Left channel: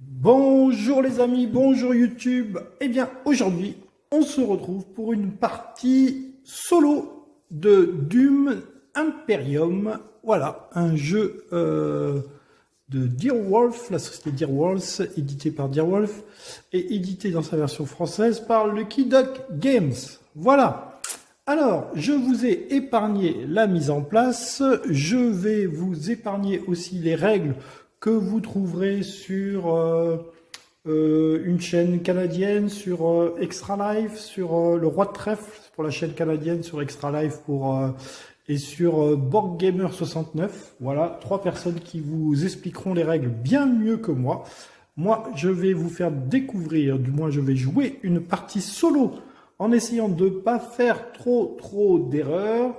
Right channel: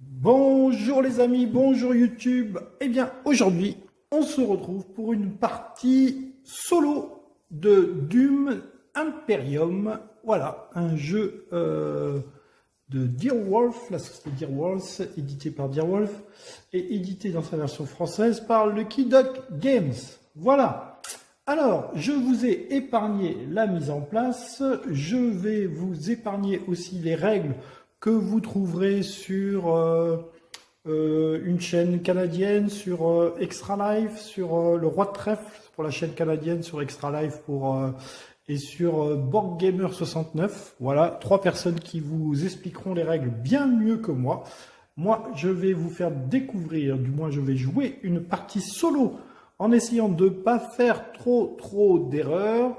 Bonjour les amis, bonjour YouTube. Eh bien, aujourd'hui, on se retrouve pour une partie solo de Doom Imperium. Voilà, un jeu de Dearwolf, la société Dearwolf, édité par Dearwolf et édité dans sa version française par Lucky Duck Games. Voilà. Alors, je vous ai épargné la mise en place. Je vais vous épargner aussi les règles que vous trouverez sur une chaîne canadienne, sur Extra Life, sur le Roi de Trèfle pour la chaîne canadienne, sur Extra Life et sur Board Gamer 69. Voilà, trois personnes qui vous expliqueront les règles bien mieux que moi. Moi, je vais vous faire découvrir, du moins je vais jouer une partie solo en essayant de ne pas faire trop d'erreurs.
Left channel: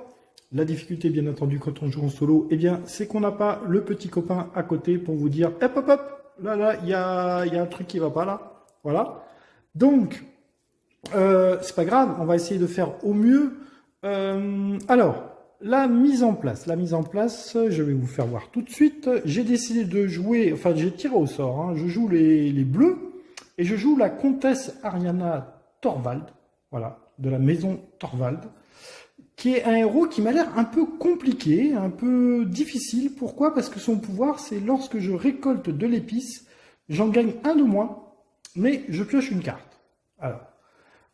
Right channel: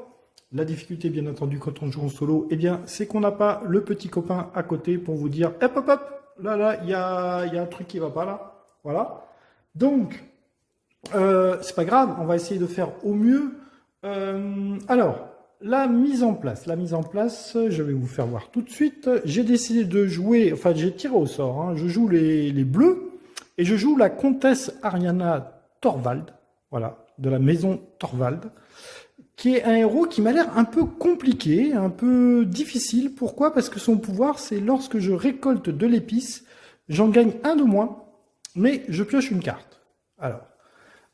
La difficulté, bien entendu, quand on joue en solo, eh bien, c'est qu'on n'a pas le petit copain à côté pour vous dire hop, hop, hop, là, il y a un truc qui va pas là. Voilà. Donc, c'est pas grave, on va essayer de faire au mieux. Alors, la mise en place. La mise en place, je vais vous faire voir tout de suite. J'ai décidé de jouer, enfin, j'ai tiré au sort. Hein. Je joue les bleus et je joue la comtesse Ariana Thorvald, voilà, de la maison Thorvald, qui est un héros qui m'a l'air un peu compliqué, un peu difficile. Pourquoi? Parce que son pouvoir, c'est lorsque je récolte de l'épice, j'en gagne un de moins, mais je pioche une carte. Alors,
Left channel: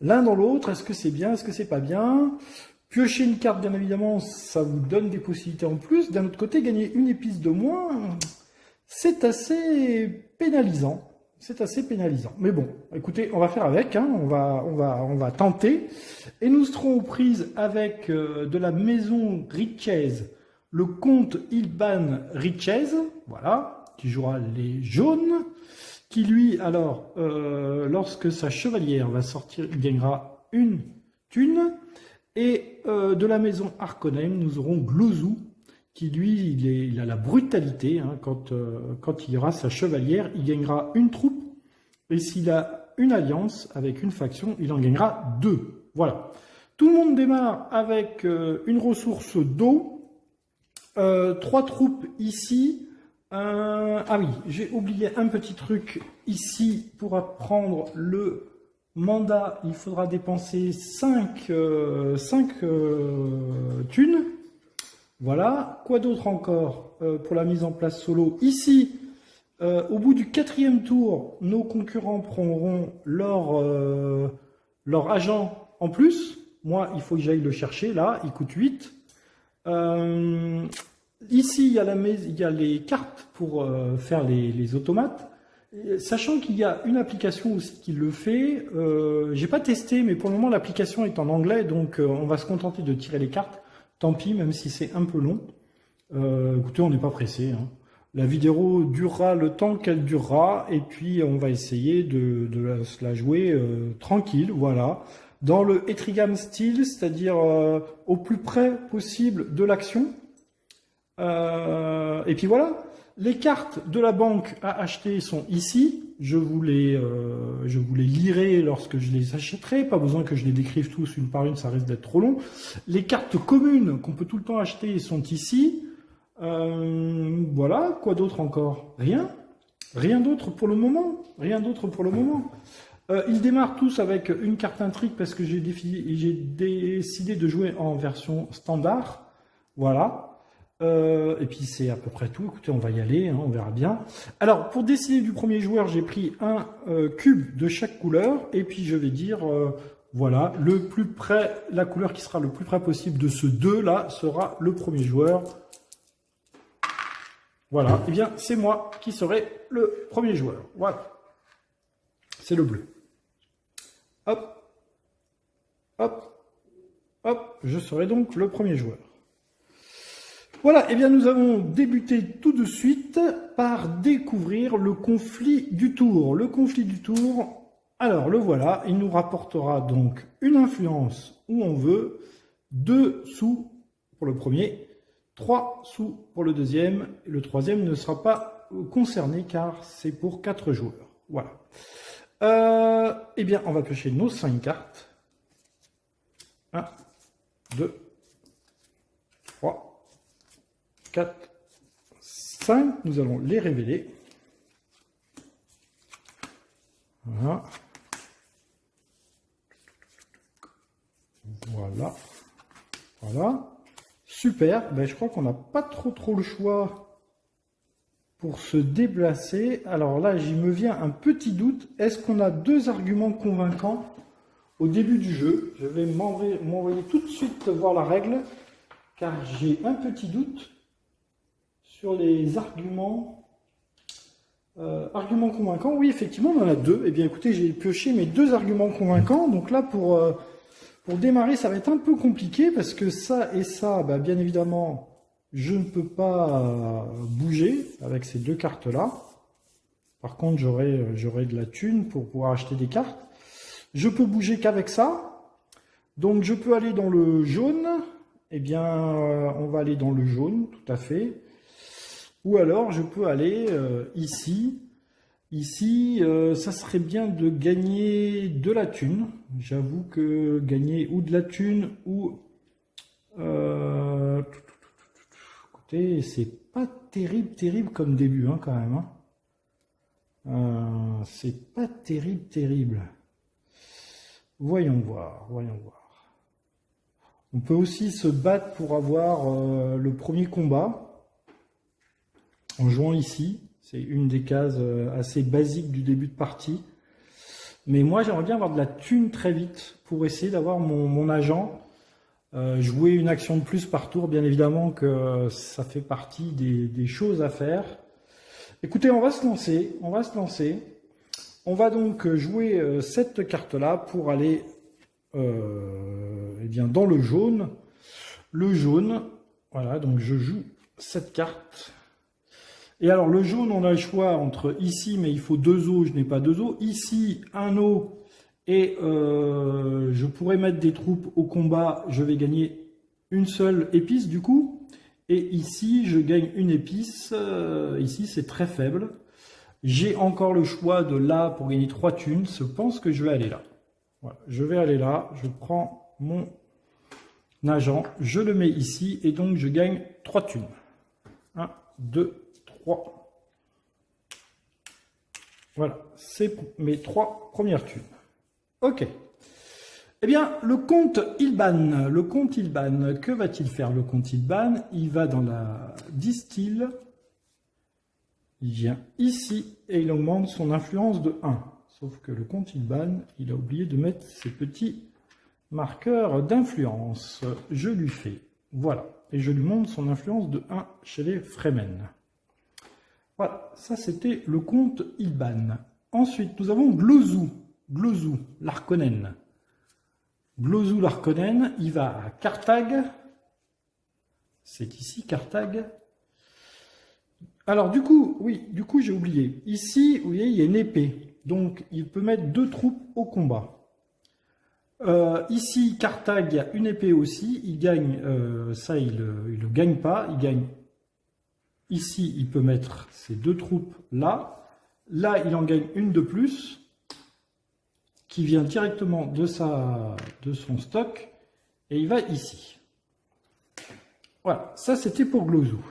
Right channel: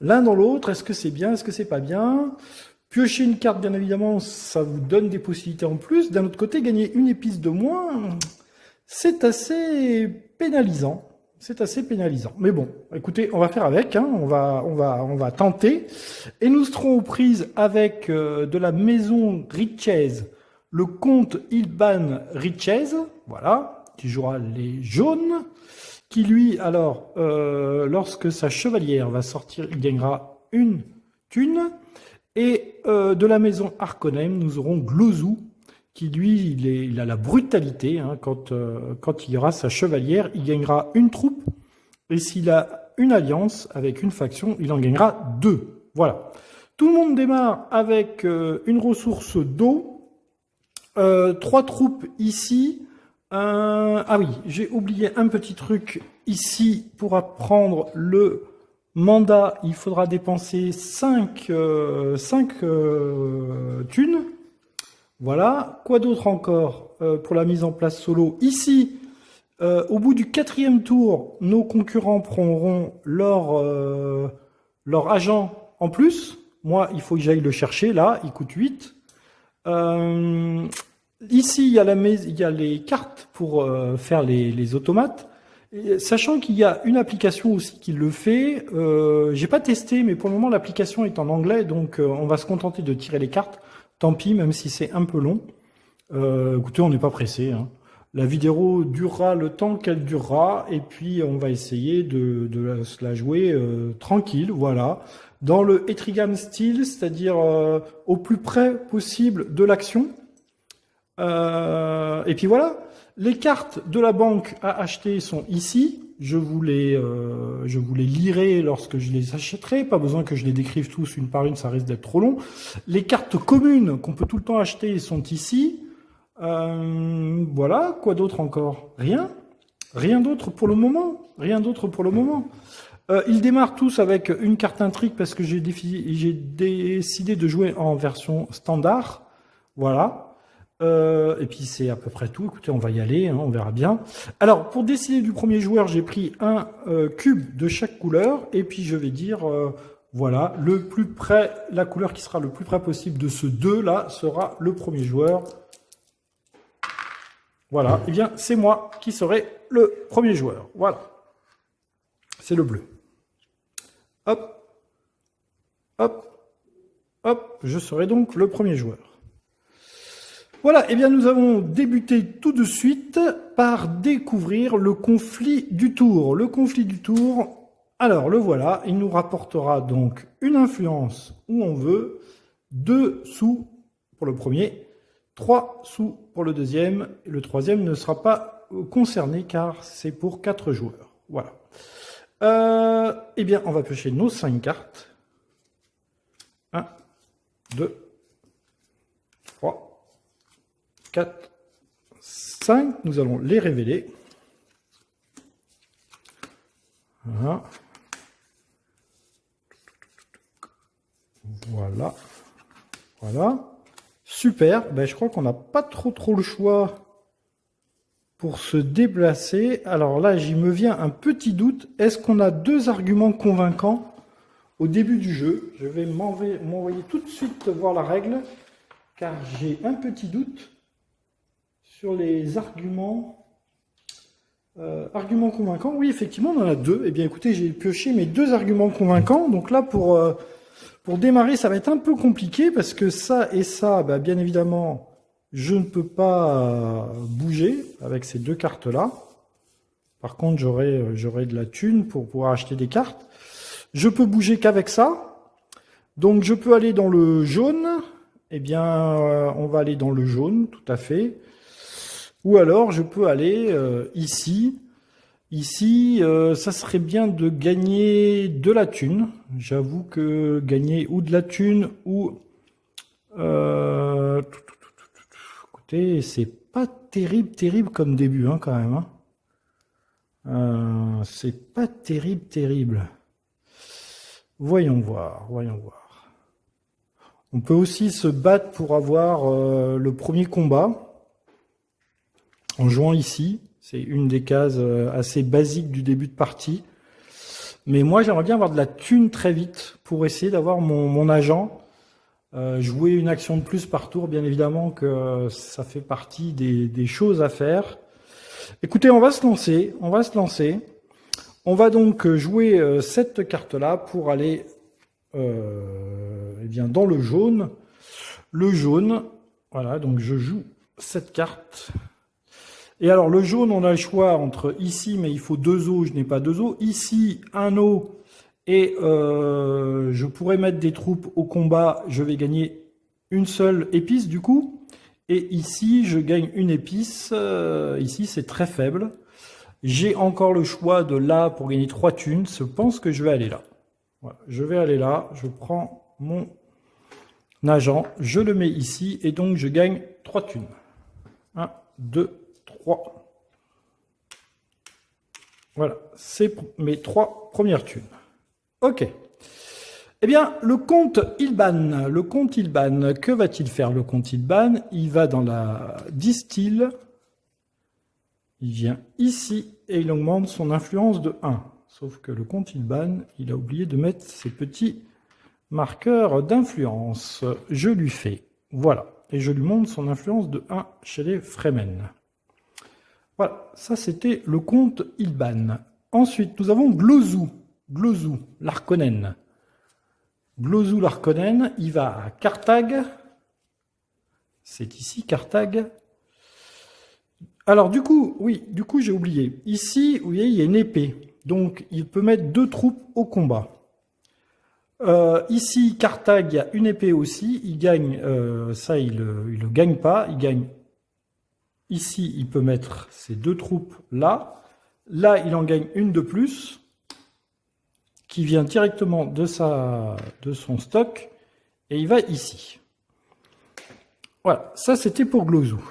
l'un dans l'autre, est-ce que c'est bien, est-ce que c'est pas bien? Piocher une carte, bien évidemment, ça vous donne des possibilités en plus. D'un autre côté, gagner une épice de moins, c'est assez pénalisant. C'est assez pénalisant. Mais bon, écoutez, on va faire avec, hein, on va tenter. Et nous serons aux prises avec de la maison Richez, le comte Ilban Richez, voilà, qui jouera les jaunes, qui lui, alors, lorsque sa chevalière va sortir, il gagnera une thune. Et de la maison Harkonnen, nous aurons Glozou, qui lui, il a la brutalité. Hein, quand il y aura sa chevalière, il gagnera une troupe. Et s'il a une alliance avec une faction, il en gagnera deux. Voilà. Tout le monde démarre avec une ressource d'eau, trois troupes ici. Ah oui, j'ai oublié un petit truc ici pour apprendre le mandat. Il faudra dépenser 5 thunes. Voilà. Quoi d'autre encore pour la mise en place solo? Ici, au bout du quatrième tour, nos concurrents prendront leur agent en plus. Moi, il faut que j'aille le chercher là, il coûte 8. Euh, Ici, il y a les cartes pour faire les automates. Et sachant qu'il y a une application aussi qui le fait, j'ai pas testé, mais pour le moment l'application est en anglais, donc on va se contenter de tirer les cartes. Tant pis, même si c'est un peu long. Écoutez, on n'est pas pressé. Hein. La vidéo durera le temps qu'elle durera, et puis on va essayer de se la jouer tranquille, voilà, dans le Etrigan style, c'est-à-dire au plus près possible de l'action. Et puis voilà, les cartes de la banque à acheter sont ici. Je vous les lirai lorsque je les achèterai. Pas besoin que je les décrive tous une par une, ça risque d'être trop long. Les cartes communes qu'on peut tout le temps acheter sont ici. Voilà, quoi d'autre encore? Rien. Rien d'autre pour le moment. Rien d'autre pour le moment. Ils démarrent tous avec une carte intrigue parce que j'ai décidé de jouer en version standard. Voilà. Et puis c'est à peu près tout. Écoutez, on va y aller, hein, on verra bien. Alors, pour décider du premier joueur, j'ai pris un cube de chaque couleur. Et puis je vais dire, voilà, le plus près, la couleur qui sera le plus près possible de ce 2-là sera le premier joueur. Voilà, et bien c'est moi qui serai le premier joueur. Voilà, c'est le bleu. Hop, hop, hop, je serai donc le premier joueur. Voilà, et bien nous allons débuter tout de suite par découvrir le conflit du tour. Le conflit du tour, alors le voilà, il nous rapportera donc une influence où on veut, 2 sous pour le premier, 3 sous pour le deuxième. Le troisième ne sera pas concerné car c'est pour 4 joueurs. Voilà. Eh bien, on va piocher nos 5 cartes. 1, 2, 3, 4, 5. Nous allons les révéler. Voilà. Voilà. Voilà. Super. Ben, je crois qu'on n'a pas trop le choix pour se déplacer. Alors là, j'y me vient un petit doute. Est-ce qu'on a deux arguments convaincants au début du jeu? Je vais m'envoyer tout de suite voir la règle, car j'ai un petit doute sur les arguments. Arguments convaincants, oui, effectivement, on en a deux. Eh bien, écoutez, j'ai pioché mes deux arguments convaincants. Donc là, pour démarrer, ça va être un peu compliqué, parce que ça et ça, bah, bien évidemment, je ne peux pas bouger avec ces deux cartes-là. Par contre, j'aurai de la thune pour pouvoir acheter des cartes. Je peux bouger qu'avec ça. Donc, je peux aller dans le jaune. Eh bien, on va aller dans le jaune, tout à fait. Ou alors, je peux aller ici. Ici, ça serait bien de gagner de la thune. J'avoue que gagner ou de la thune ou... écoutez, c'est pas terrible comme début, hein, quand même. Hein. C'est pas terrible. Voyons voir. On peut aussi se battre pour avoir le premier combat en jouant ici. C'est une des cases assez basiques du début de partie. Mais moi, j'aimerais bien avoir de la thune très vite pour essayer d'avoir mon agent. Jouer une action de plus par tour, bien évidemment que ça fait partie des choses à faire. Écoutez, on va se lancer. On va donc jouer cette carte-là pour aller eh bien, dans le jaune. Le jaune, voilà, donc je joue cette carte. Et alors, le jaune, on a le choix entre ici, mais il faut 2 os, je n'ai pas 2 os. Ici, 1 os, et je pourrais mettre des troupes au combat, je vais gagner une seule épice, du coup. Et ici, je gagne une épice. Ici, c'est très faible. J'ai encore le choix de là pour gagner 3 thunes. Je pense que je vais aller là. Voilà, je vais aller là. Je prends mon agent, je le mets ici, et donc je gagne 3 thunes. 1, 2, 3. Voilà, c'est mes 3 premières thunes. Ok. Eh bien, le comte Ilban. Le comte Ilban, que va-t-il faire le comte Ilban? Il va dans la distille. Il vient ici et il augmente son influence de 1. Sauf que le comte Ilban, il a oublié de mettre ses petits marqueurs d'influence. Je lui fais. Voilà. Et je lui montre son influence de 1 chez les Fremen. Voilà, ça c'était le comte Ilban. Ensuite, nous avons Glozou. Glozou, l'Harkonnen. Glozou, l'Harkonnen, il va à Carthage. C'est ici, Carthage. Alors, du coup, j'ai oublié. Ici, vous voyez, il y a une épée. Donc, il peut mettre 2 troupes au combat. Ici, Carthage, il y a une épée aussi. Il gagne, ça, il le gagne pas. Il gagne. Ici, il peut mettre ces 2 troupes là. Là, il en gagne une de plus, qui vient directement de son stock. Et il va ici. Voilà, ça c'était pour Glozou.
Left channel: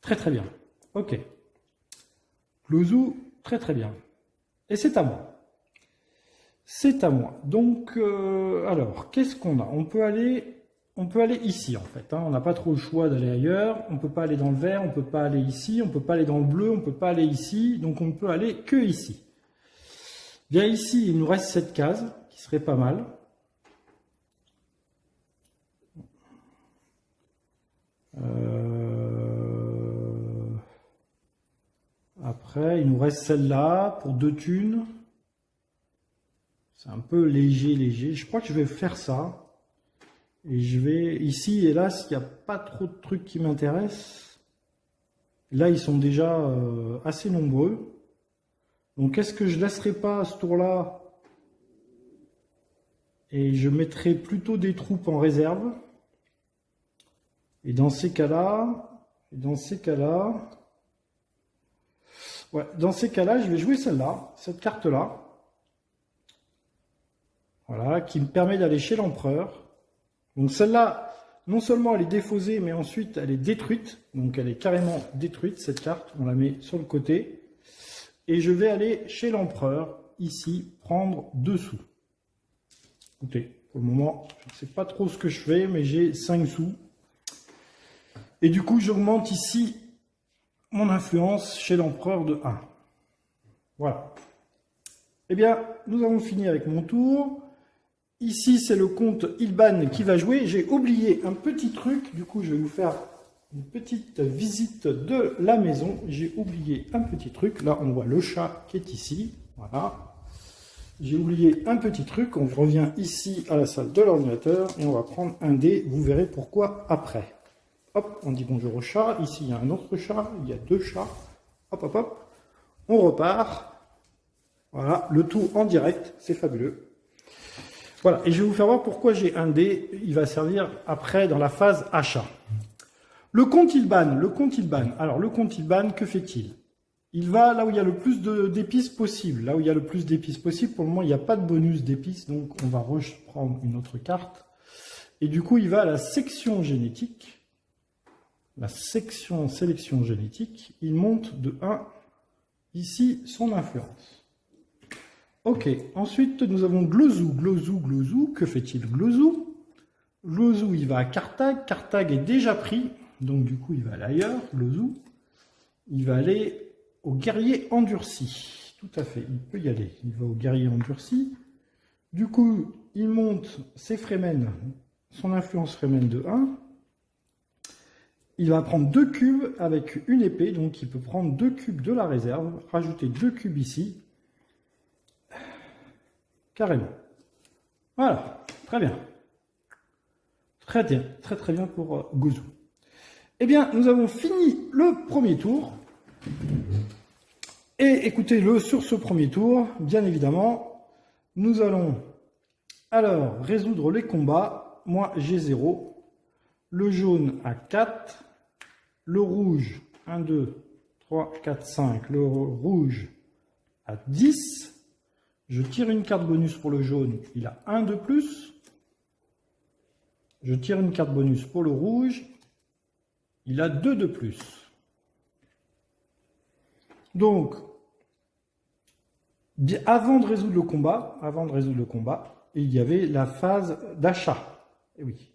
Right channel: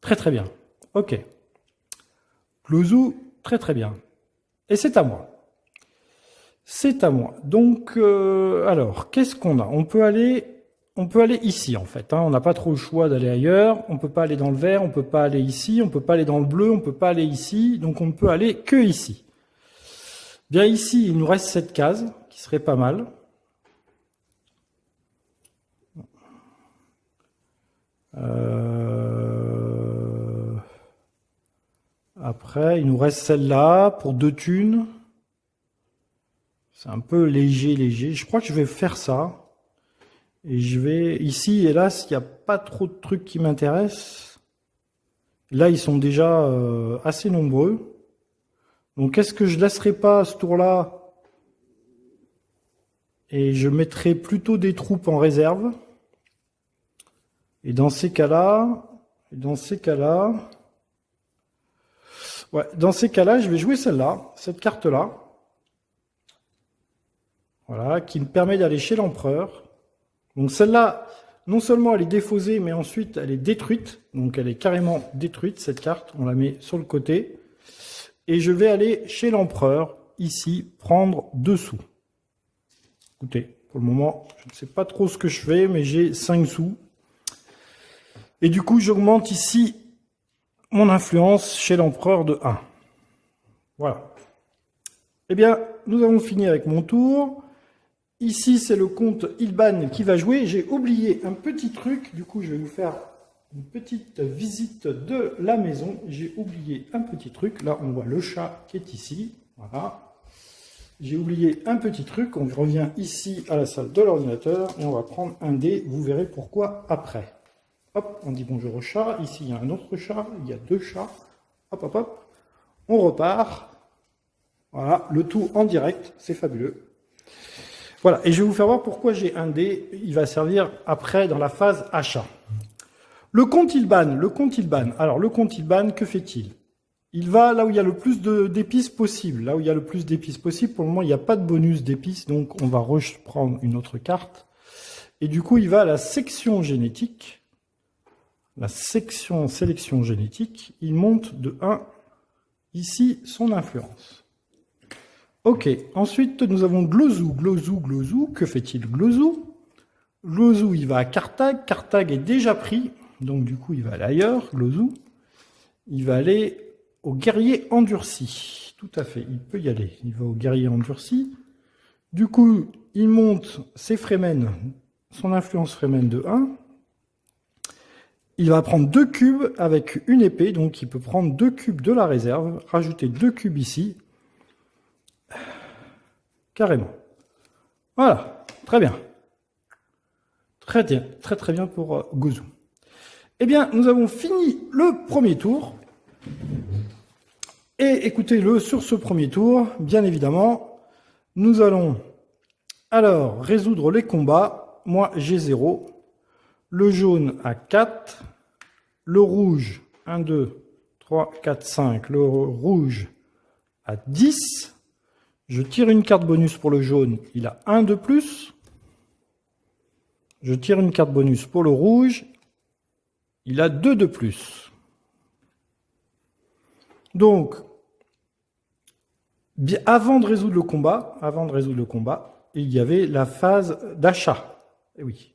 Très bien. Ok. Glozou, très bien. Et c'est à moi. C'est à moi. Donc, alors, qu'est-ce qu'on a? On peut aller ici, en fait. Hein. On n'a pas trop le choix d'aller ailleurs. On ne peut pas aller dans le vert, on ne peut pas aller ici, on ne peut pas aller dans le bleu, on ne peut pas aller ici. Donc, on ne peut aller que ici. Bien, ici, il nous reste cette case, qui serait pas mal. Après, il nous reste celle-là pour 2 thunes. C'est un peu léger. Je crois que je vais faire ça. Et je vais... Ici, hélas, il n'y a pas trop de trucs qui m'intéressent. Là, ils sont déjà assez nombreux. Donc, est-ce que je ne laisserai pas ce tour-là et je mettrai plutôt des troupes en réserve? Et dans ces cas-là... Ouais, dans ces cas-là, je vais jouer celle-là, cette carte-là. Voilà, qui me permet d'aller chez l'empereur. Donc celle-là, non seulement elle est défaussée, mais ensuite elle est détruite. Donc elle est carrément détruite, cette carte. On la met sur le côté. et je vais aller chez l'empereur, ici, prendre 2 sous. Écoutez, pour le moment, je ne sais pas trop ce que je fais, mais j'ai 5 sous. Et du coup, j'augmente ici mon influence chez l'empereur de 1. Voilà. Eh bien, nous avons fini avec mon tour. Ici, c'est le comte Ilban qui va jouer. J'ai oublié un petit truc. Du coup, je vais vous faire une petite visite de la maison. J'ai oublié un petit truc. Là, on voit le chat qui est ici. Voilà. J'ai oublié un petit truc. On revient ici à la salle de l'ordinateur et on va prendre un dé. Vous verrez pourquoi après. Hop, on dit bonjour au chat. Ici, il y a un autre chat. Il y a 2 chats. Hop, hop, hop. On repart. Voilà, le tout en direct. C'est fabuleux. Voilà, et je vais vous faire voir pourquoi j'ai un dé. Il va servir après dans la phase achat. Le comte Ilban. Alors, le comte Ilban, que fait-il? Il va là où il y a le plus d'épices possible. Là où il y a le plus d'épices possible, pour le moment, il n'y a pas de bonus d'épices, donc on va reprendre une autre carte. Et du coup, il va à la section génétique. La section sélection génétique. Il monte de 1, ici, son influence. Ok, ensuite, nous avons Glozou. Que fait-il, Glozou? Glozou, il va à Carthage. Carthage est déjà pris, donc du coup, il va aller ailleurs, Glozou. Il va aller au guerrier endurci. Tout à fait, il peut y aller. Il va au guerrier endurci. Du coup, il monte ses Fremen, son influence Fremen de 1. Il va prendre 2 cubes avec une épée, donc il peut prendre 2 cubes de la réserve, rajouter 2 cubes ici. Carrément. Voilà, très bien. Très bien, très bien pour Glozou. Eh bien, nous avons fini le premier tour. Et écoutez-le, sur ce premier tour, bien évidemment, nous allons alors résoudre les combats. Moi, j'ai 0. Le jaune à 4. Le rouge, 1, 2, 3, 4, 5. Le rouge à 10. Je tire une carte bonus pour le jaune, il a 1 de plus. Je tire une carte bonus pour le rouge, il a 2 de plus. Donc, avant de résoudre le combat, il y avait la phase d'achat. Eh oui,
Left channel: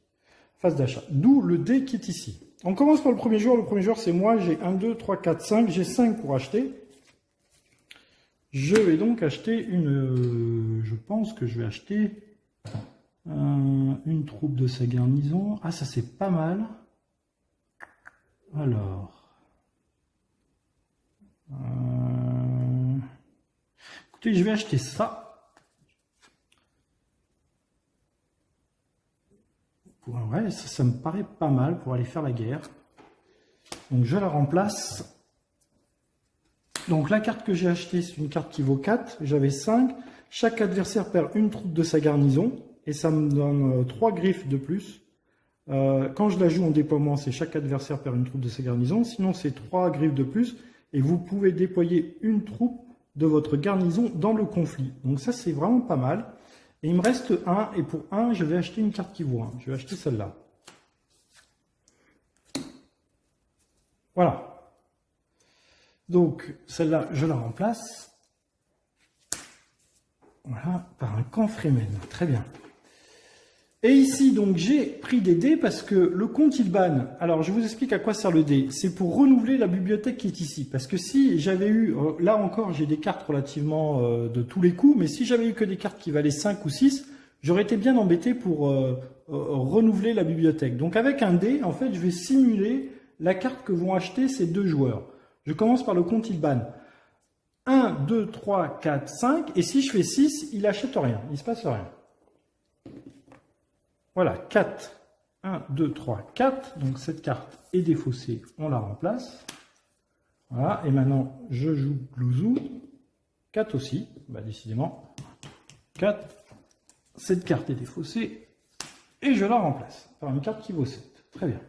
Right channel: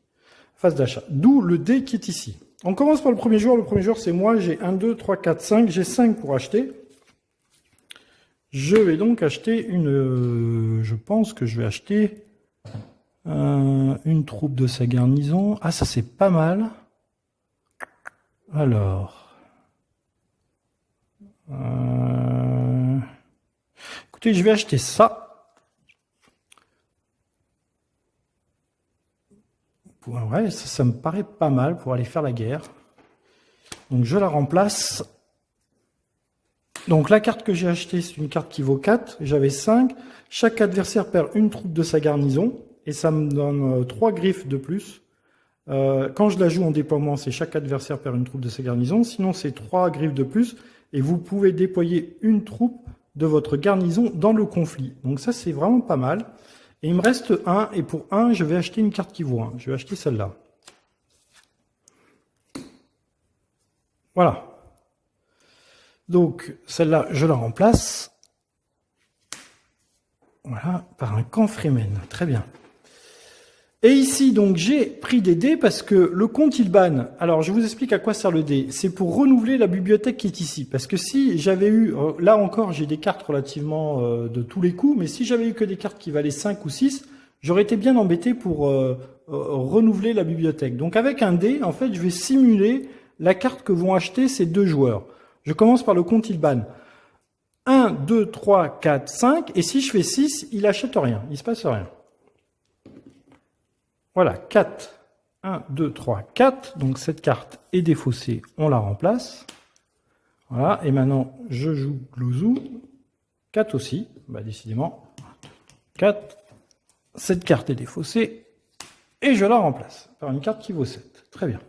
phase d'achat. D'où le dé qui est ici. On commence par le premier joueur. Le premier joueur, c'est moi. J'ai 1, 2, 3, 4, 5. J'ai 5 pour acheter. Je vais donc acheter une... je pense que je vais acheter une troupe de sa garnison. Ah, ça c'est pas mal. Alors... écoutez, je vais acheter ça. Ouais, ça me paraît pas mal pour aller faire la guerre. Donc je la remplace. Donc la carte que j'ai achetée, c'est une carte qui vaut 4. J'avais 5. Chaque adversaire perd une troupe de sa garnison. Et ça me donne 3 griffes de plus. Quand je la joue en déploiement, c'est chaque adversaire perd une troupe de sa garnison. Sinon, c'est 3 griffes de plus. Et vous pouvez déployer une troupe de votre garnison dans le conflit. Donc ça, c'est vraiment pas mal. Et il me reste 1. Et pour 1, je vais acheter une carte qui vaut 1. Je vais acheter celle-là. Voilà. Donc, celle-là, je la remplace. Voilà, par un camp Fremen. Très bien. Et ici, donc, j'ai pris des dés parce que le comte Ilban, alors je vous explique à quoi sert le dé. C'est pour renouveler la bibliothèque qui est ici. Parce que si j'avais eu, là encore, j'ai des cartes relativement de tous les coups, mais si j'avais eu que des cartes qui valaient 5 ou 6, j'aurais été bien embêté pour renouveler la bibliothèque. Donc avec un dé, en fait, je vais simuler la carte que vont acheter ces 2 joueurs. Je commence par le comte Ilban. 1, 2, 3, 4, 5. Et si je fais 6, il n'achète rien. Il ne se passe rien. Voilà, 4. 1, 2, 3, 4. Donc cette carte est défaussée. On la remplace. Voilà. Et maintenant, je joue Glozou. 4 aussi. Bah, décidément. 4. Cette carte est défaussée. Et je la remplace par une carte qui vaut 7. Très bien.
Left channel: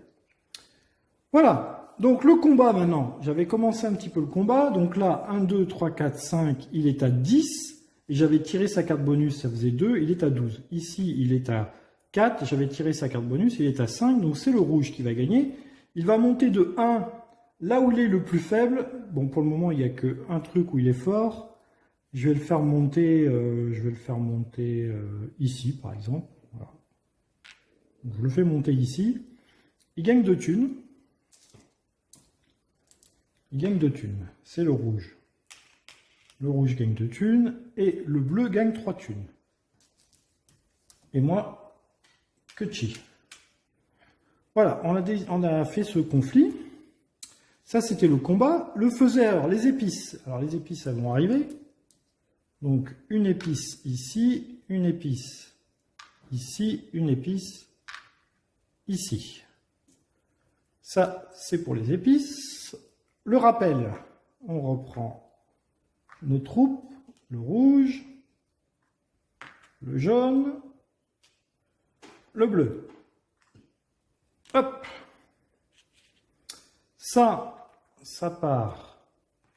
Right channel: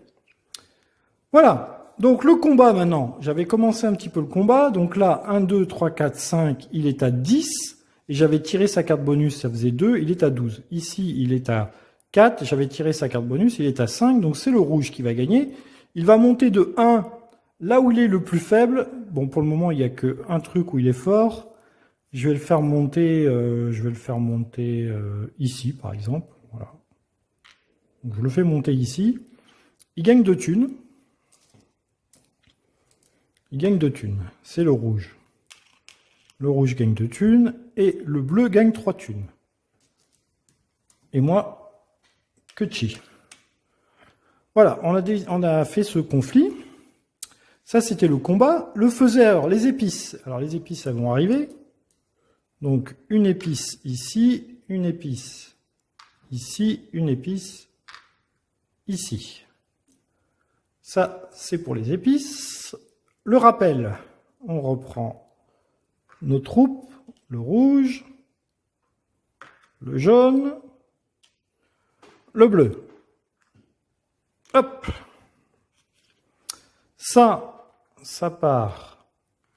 Voilà. Donc le combat maintenant, j'avais commencé un petit peu le combat, donc là 1, 2, 3, 4, 5, il est à 10, et j'avais tiré sa carte bonus, ça faisait 2, il est à 12. Ici il est à 4, j'avais tiré sa carte bonus, il est à 5, donc c'est le rouge qui va gagner. Il va monter de 1 là où il est le plus faible, bon, pour le moment, il n'y a qu'un truc où il est fort. Je vais le faire monter, ici, par exemple. Voilà. Donc, je le fais monter ici. Il gagne 2 thunes. Il gagne 2 thunes. C'est le rouge. Le rouge gagne 2 thunes et le bleu gagne 3 thunes. Et moi, que chi. Voilà, on a fait ce conflit. Ça, c'était le combat. Le faisait alors les épices. Alors les épices, elles vont arriver. Donc une épice ici, une épice ici, une épice ici. Ça, c'est pour les épices. Le rappel, on reprend nos troupes, le rouge, le jaune, le bleu. Hop. Ça part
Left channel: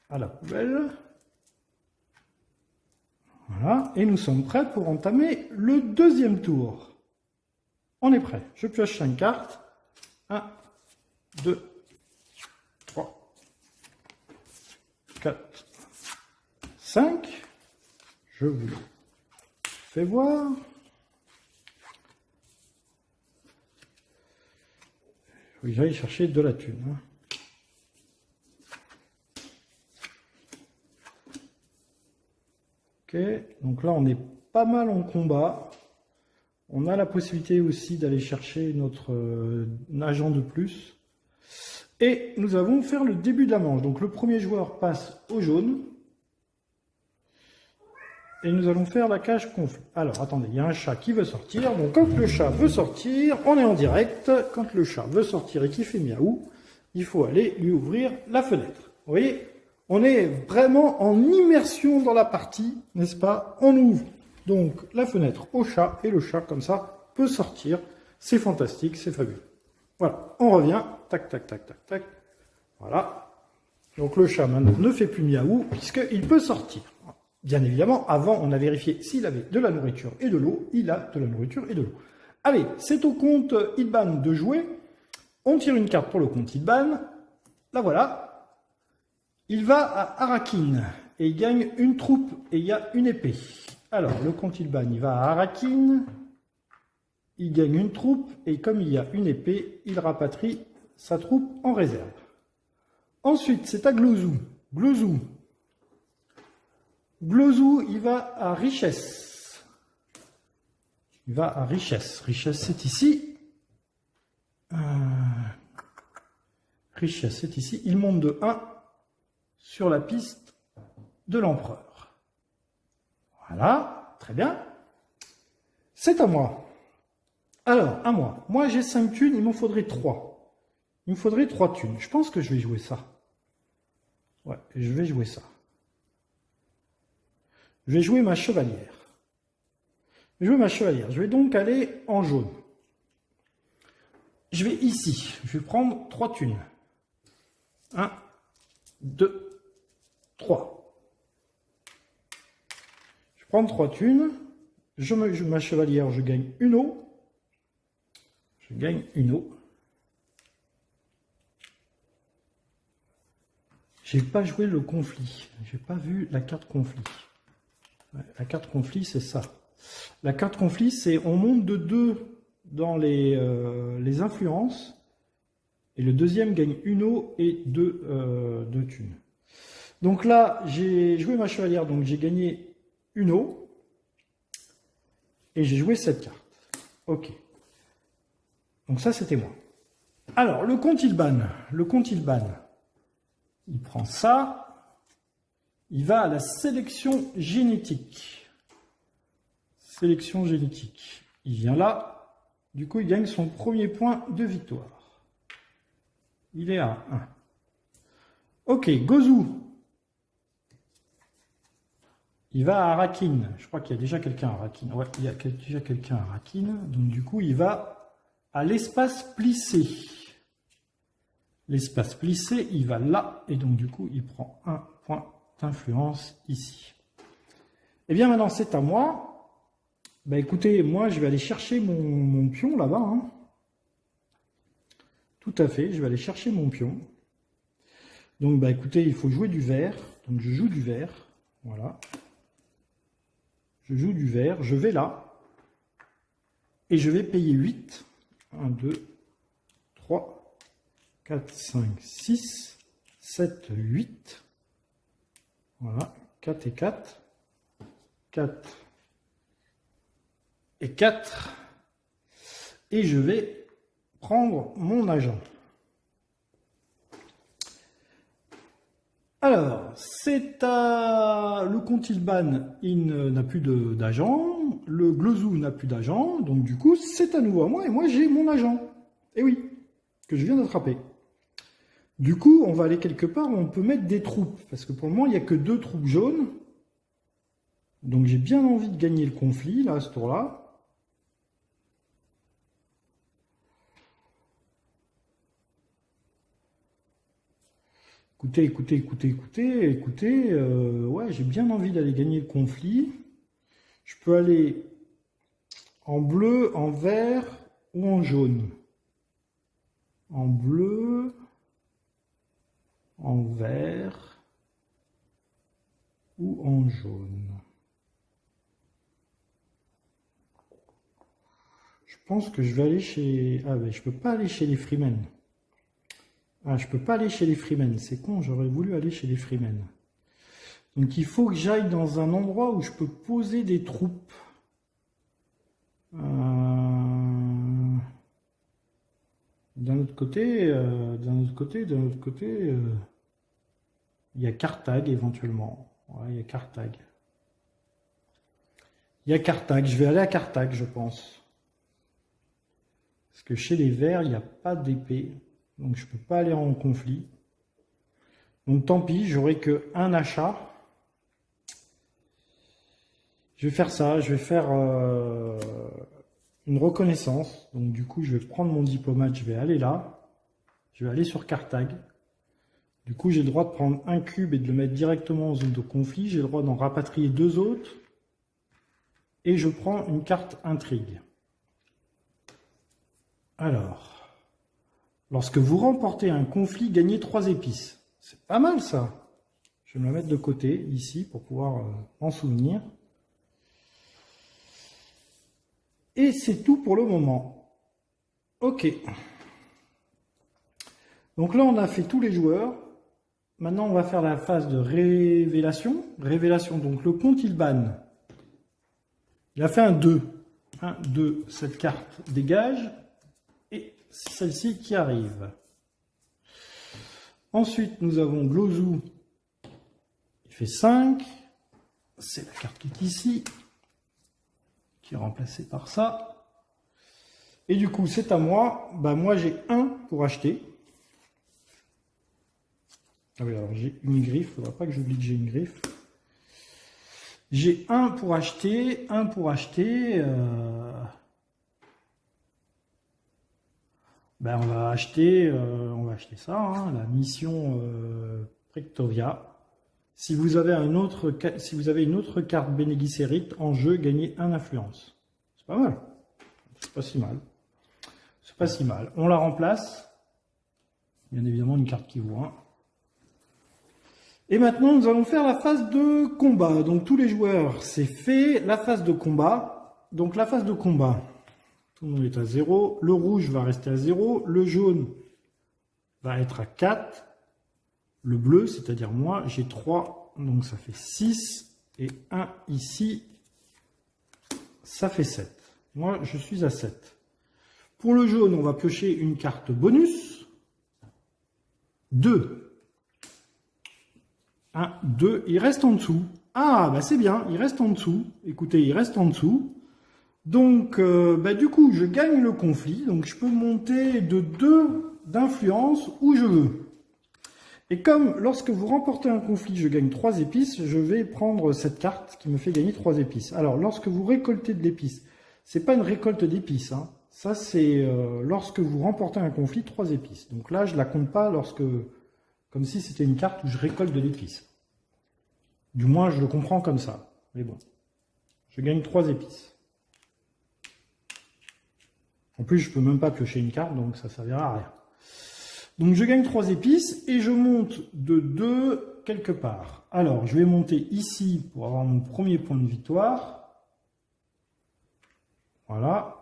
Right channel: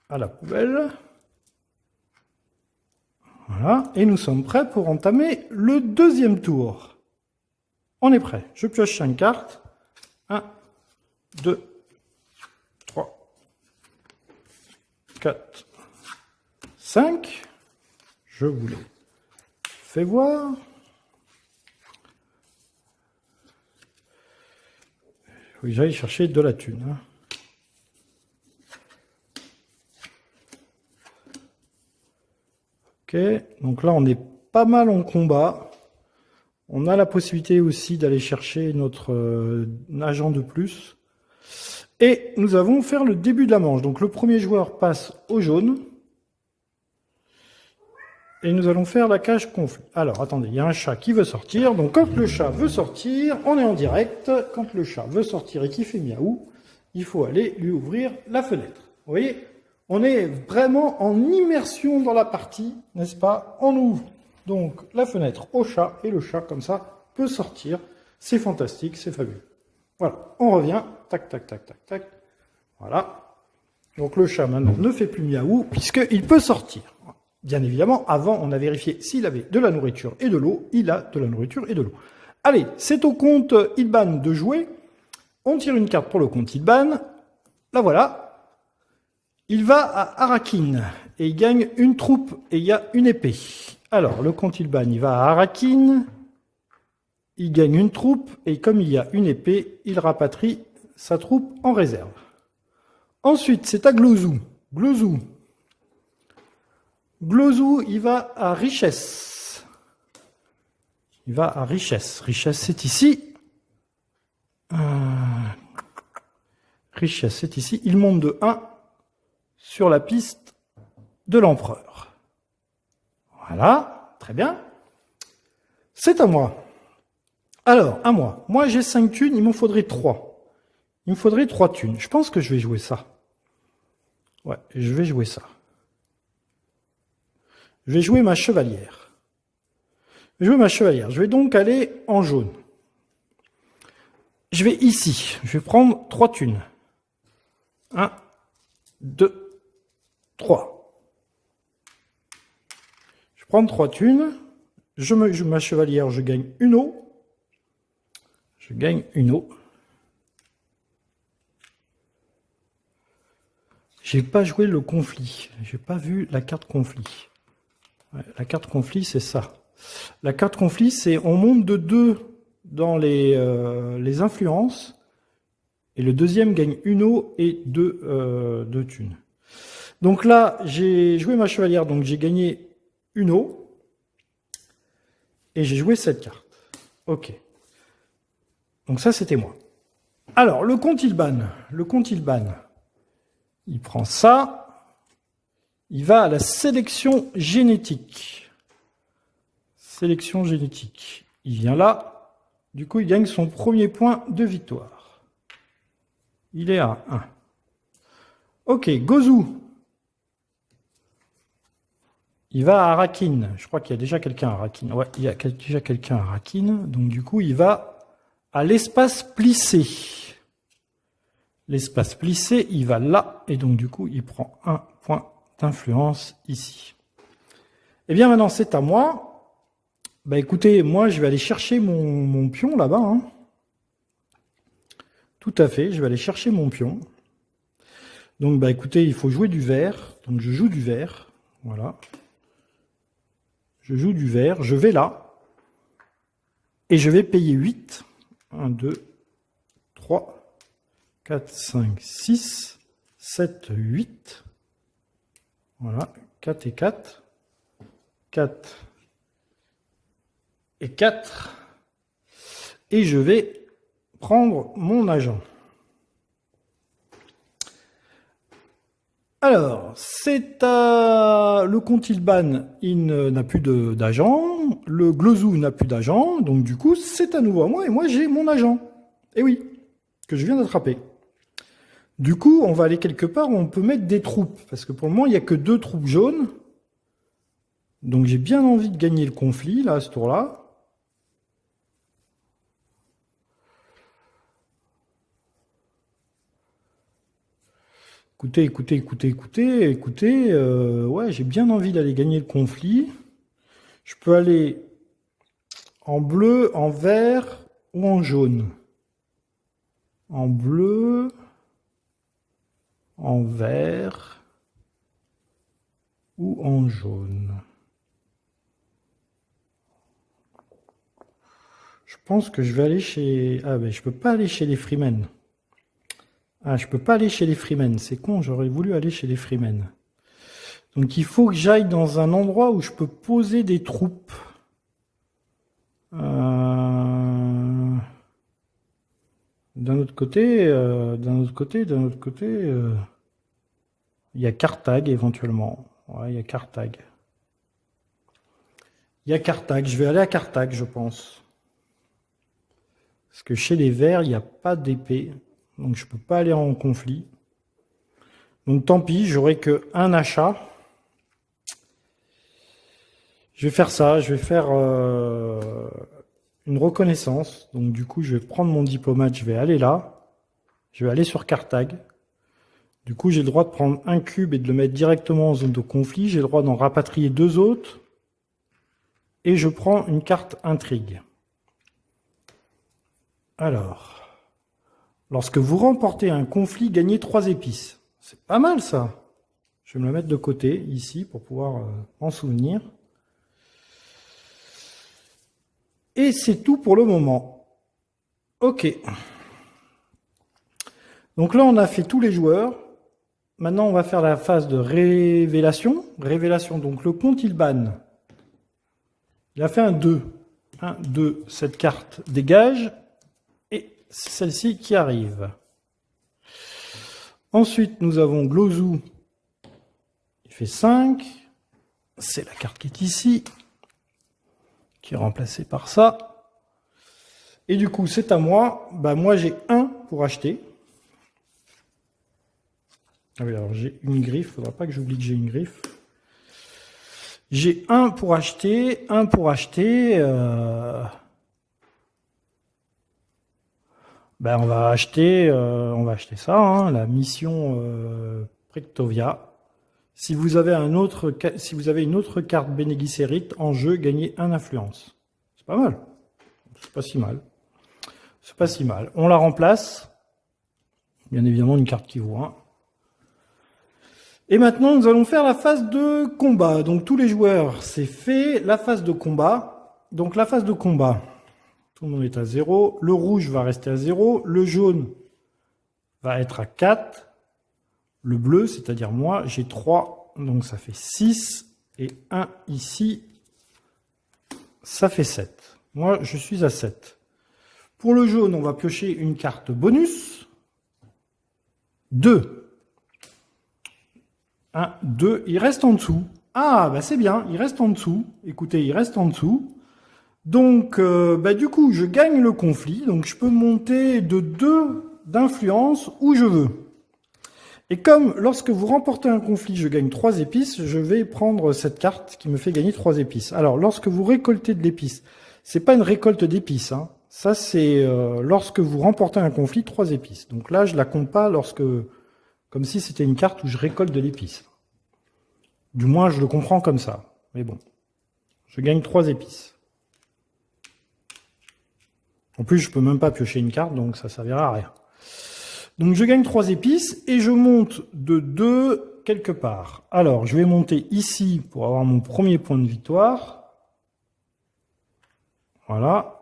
à la poubelle. Voilà. Et nous sommes prêts pour entamer le deuxième tour. On est prêt. Je pioche 5 cartes. 1, 2, 3, 4, 5. Je vous le fais voir. Il faut que j'aille chercher de la thune. Ok, donc là on est pas mal en combat. On a la possibilité aussi d'aller chercher notre agent de plus. Et nous allons faire le début de la manche. Donc le premier joueur passe au jaune. Et nous allons faire la cage conflit. Alors attendez, il y a un chat qui veut sortir. Donc quand le chat veut sortir, on est en direct. Quand le chat veut sortir et qu'il fait miaou, il faut aller lui ouvrir la fenêtre. Vous voyez ? On est vraiment en immersion dans la partie, n'est-ce pas? On ouvre donc la fenêtre au chat et le chat, comme ça, peut sortir. C'est fantastique, c'est fabuleux. Voilà, on revient. Tac, tac, tac, tac, tac. Voilà. Donc le chat maintenant ne fait plus miaou puisqu'il peut sortir. Bien évidemment, avant, on a vérifié s'il avait de la nourriture et de l'eau. Il a de la nourriture et de l'eau. Allez, c'est au compte Ilban de jouer. On tire une carte pour le compte Ilban. La voilà. Il va à Arakin et il gagne une troupe et il y a une épée. Alors, le comte Ilban, il va à Arakin, il gagne une troupe et comme il y a une épée, il rapatrie sa troupe en réserve. Ensuite, c'est à Glozou. Glozou, il va à Richesse. Il va à Richesse. Richesse, c'est ici. Richesse, c'est ici. Il monte de 1 sur la piste de l'empereur. Voilà, très bien. C'est à moi. Alors, à moi. Moi, j'ai 5 thunes, il m'en faudrait 3. Il me faudrait 3 thunes. Je pense que je vais jouer ça. Ouais, je vais jouer ça. Je vais jouer ma chevalière. Je vais jouer ma chevalière. Je vais donc aller en jaune. Je vais ici. Je vais prendre 3 thunes. 1, 2, 3. Je prends 3 thunes. Je joue ma chevalière, je gagne une eau. Je gagne une eau. J'ai pas joué le conflit. J'ai pas vu la carte conflit. Ouais, la carte conflit, c'est ça. La carte conflit, c'est on monte de 2 dans les influences. Et le deuxième gagne une eau et 2 thunes. Donc là, j'ai joué ma chevalière, donc j'ai gagné une eau. Et j'ai joué cette carte. Ok. Donc ça, c'était moi. Alors, le comte Ilban. Le comte Ilban, il prend ça. Il va à la sélection génétique. Sélection génétique. Il vient là. Du coup, il gagne son premier point de victoire. Il est à 1. Ok, Gozou. Il va à Arakin. Je crois qu'il y a déjà quelqu'un à Arakin. Ouais, il y a déjà quelqu'un à Arakin. Donc du coup, il va à l'espace plissé. L'espace plissé, il va là. Et donc du coup, il prend un point d'influence ici. Eh bien maintenant, c'est à moi. Bah écoutez, moi, je vais aller chercher mon pion là-bas. Hein. Tout à fait, je vais aller chercher mon pion. Donc, bah écoutez, il faut jouer du vert. Donc, je joue du vert. Voilà. Je joue du vert. Je vais là. Et je vais payer 8. 1, 2, 3, 4, 5, 6, 7, 8. Voilà. 4 et 4. 4 et 4. Et je vais prendre mon agent. Alors, c'est le compte ILBAN, il n'a plus d'agent. Le Glozou n'a plus d'agent. Donc, du coup, c'est à nouveau à moi. Et moi, j'ai mon agent. Et oui, que je viens d'attraper. Du coup, on va aller quelque part où on peut mettre des troupes. Parce que pour le moment, il n'y a que 2 troupes jaunes. Donc, j'ai bien envie de gagner le conflit, là, à ce tour-là. Écoutez. Ouais, j'ai bien envie d'aller gagner le conflit. Je peux aller en bleu, en vert ou en jaune. En bleu, en vert ou en jaune. Je pense que je vais aller chez... Ah ben je peux pas aller chez les Freemen. Ah, je peux pas aller chez les Freemen. C'est con, j'aurais voulu aller chez les Freemen. Donc il faut que j'aille dans un endroit où je peux poser des troupes. D'un autre côté, il y a Carthage éventuellement. Ouais, il y a Carthage. Il y a Carthage. Je vais aller à Carthage, je pense. Parce que chez les Verts, il n'y a pas d'épée. Donc je ne peux pas aller en conflit. Donc tant pis, j'aurai qu'un achat. Je vais faire ça. Je vais faire une reconnaissance. Donc du coup, je vais prendre mon diplomate. Je vais aller là. Je vais aller sur Carthage. Du coup, j'ai le droit de prendre un cube et de le mettre directement en zone de conflit. J'ai le droit d'en rapatrier 2 autres. Et je prends une carte intrigue. Alors, lorsque vous remportez un conflit, gagnez 3 épices. C'est pas mal ça. Je vais me le mettre de côté ici pour pouvoir en souvenir. Et c'est tout pour le moment. Ok. Donc là, on a fait tous les joueurs. Maintenant, on va faire la phase de révélation. Révélation, donc le compte ILBAN. Il a fait un 2. 1, 2, cette carte dégage. Et c'est celle-ci qui arrive. Ensuite, nous avons Glozou. Il fait 5. C'est la carte qui est ici. Qui est remplacée par ça. Et du coup, c'est à moi. Bah, moi, j'ai 1 pour acheter. Ah oui, alors j'ai une griffe. Il ne faudra pas que j'oublie que j'ai une griffe. J'ai 1 pour acheter. 1 pour acheter. Ben, on va acheter ça, hein, la mission Prectovia. Si vous avez une autre carte Bene Gesserit en jeu, gagnez 1 influence. C'est pas mal. C'est pas si mal. C'est pas si mal. On la remplace. Bien évidemment, une carte qui vaut 1. Et maintenant, nous allons faire la phase de combat. Donc, tous les joueurs, c'est fait. La phase de combat. Donc, la phase de combat. Tout le monde est à 0. Le rouge va rester à 0. Le jaune va être à 4. Le bleu, c'est-à-dire moi, j'ai 3. Donc, ça fait 6. Et 1 ici, ça fait 7. Moi, je suis à 7. Pour le jaune, on va piocher une carte bonus. 2. 1, 2. Il reste en dessous. Ah, bah c'est bien. Il reste en dessous. Écoutez, il reste en dessous. Donc, du coup, je gagne le conflit. Donc, je peux monter de 2 d'influence où je veux. Et comme lorsque vous remportez un conflit, je gagne 3 épices, je vais prendre cette carte qui me fait gagner 3 épices. Alors, lorsque vous récoltez de l'épice, c'est pas une récolte d'épices. Hein. Ça, c'est lorsque vous remportez un conflit, 3 épices. Donc là, je la compte pas comme si c'était une carte où je récolte de l'épice. Du moins, je le comprends comme ça. Mais bon, je gagne 3 épices. En plus, je peux même pas piocher une carte, donc ça servira à rien. Donc je gagne 3 épices et je monte de 2 quelque part. Alors je vais monter ici pour avoir mon premier point de victoire. Voilà.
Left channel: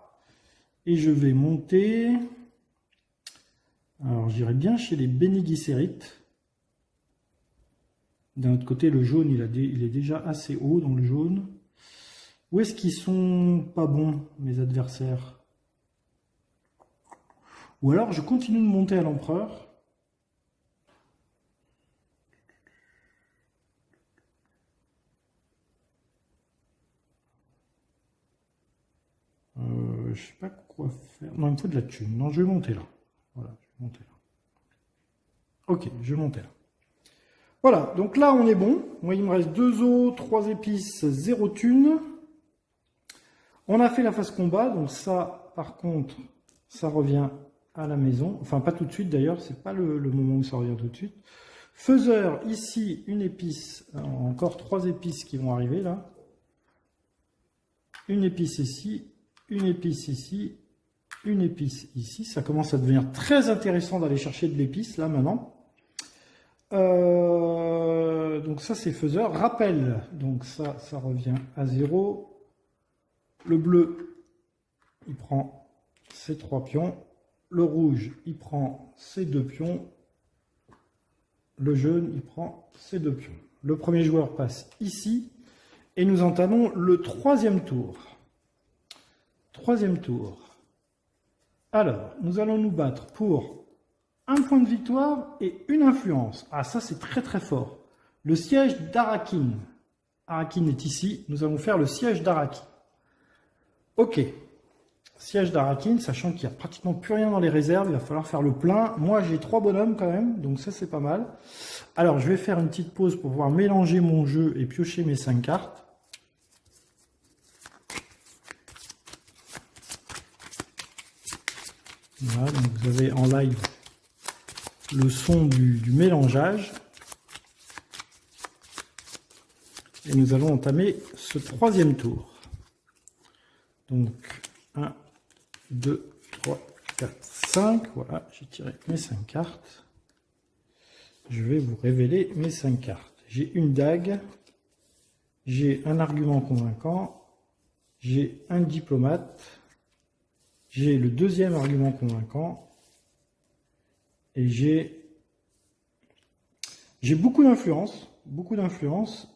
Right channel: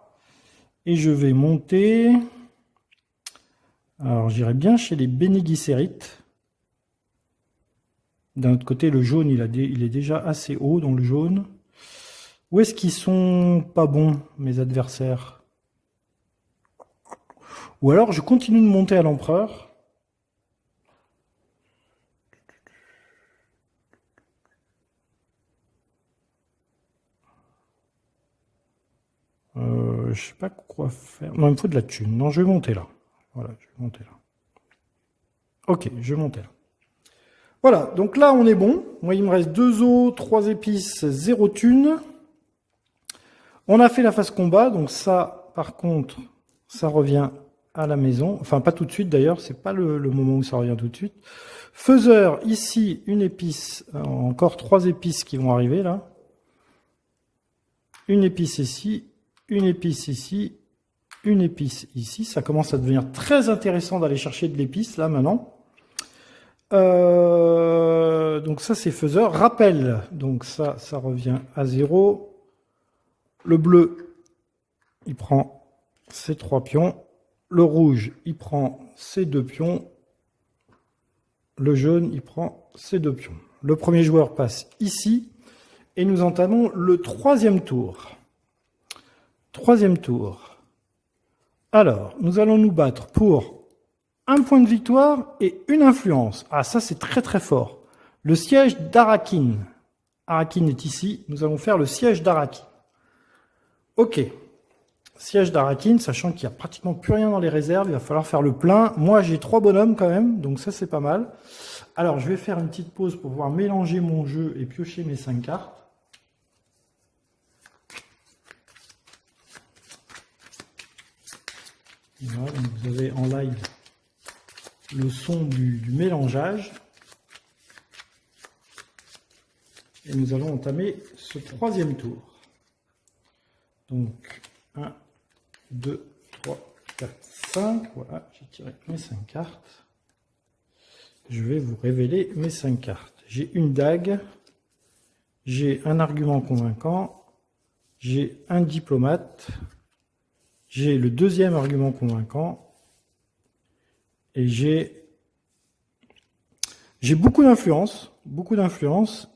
Et je vais monter... Alors j'irai bien chez les Bénigicérites. D'un autre côté, le jaune, il est déjà assez haut dans le jaune. Où est-ce qu'ils sont pas bons, mes adversaires? Ou alors, je continue de monter à l'empereur. Je sais pas quoi faire. Non, il me faut de la thune. Non, je vais monter là. Voilà, je vais monter là. Ok, je vais monter là. Voilà, donc là, on est bon. Moi, il me reste 2 os, 3 épices, 0 thune. On a fait la phase combat, donc ça, par contre, ça revient à la maison. Enfin, pas tout de suite d'ailleurs, c'est pas le moment où ça revient tout de suite. Faiseur, ici, une épice, encore 3 épices qui vont arriver là. Une épice ici, une épice ici, une épice ici. Ça commence à devenir très intéressant d'aller chercher de l'épice là maintenant. Donc ça c'est faiseur. Rappel, donc ça revient à 0. Le bleu, il prend ses 3 pions. Le rouge, il prend ses 2 pions. Le jaune, il prend ses 2 pions. Le premier joueur passe ici. Et nous entamons le 3e tour. 3e tour. Alors, nous allons nous battre pour un point de victoire et une influence. Ah, ça c'est très très fort. Le siège d'Arakin. Arakin est ici. Nous allons faire le siège d'Arakin. Ok. Siège d'Arakin, sachant qu'il n'y a pratiquement plus rien dans les réserves. Il va falloir faire le plein. Moi, j'ai 3 bonhommes quand même. Donc ça, c'est pas mal. Alors, je vais faire une petite pause pour pouvoir mélanger mon jeu et piocher mes 5 cartes. Voilà, donc vous avez en live le son du mélangeage. Et nous allons entamer ce 3e tour. Donc 1, 2, 3, 4, 5. Voilà, j'ai tiré mes 5 cartes. Je vais vous révéler mes 5 cartes. J'ai une dague, j'ai un argument convaincant, j'ai un diplomate, j'ai le 2e argument convaincant et j'ai beaucoup d'influence,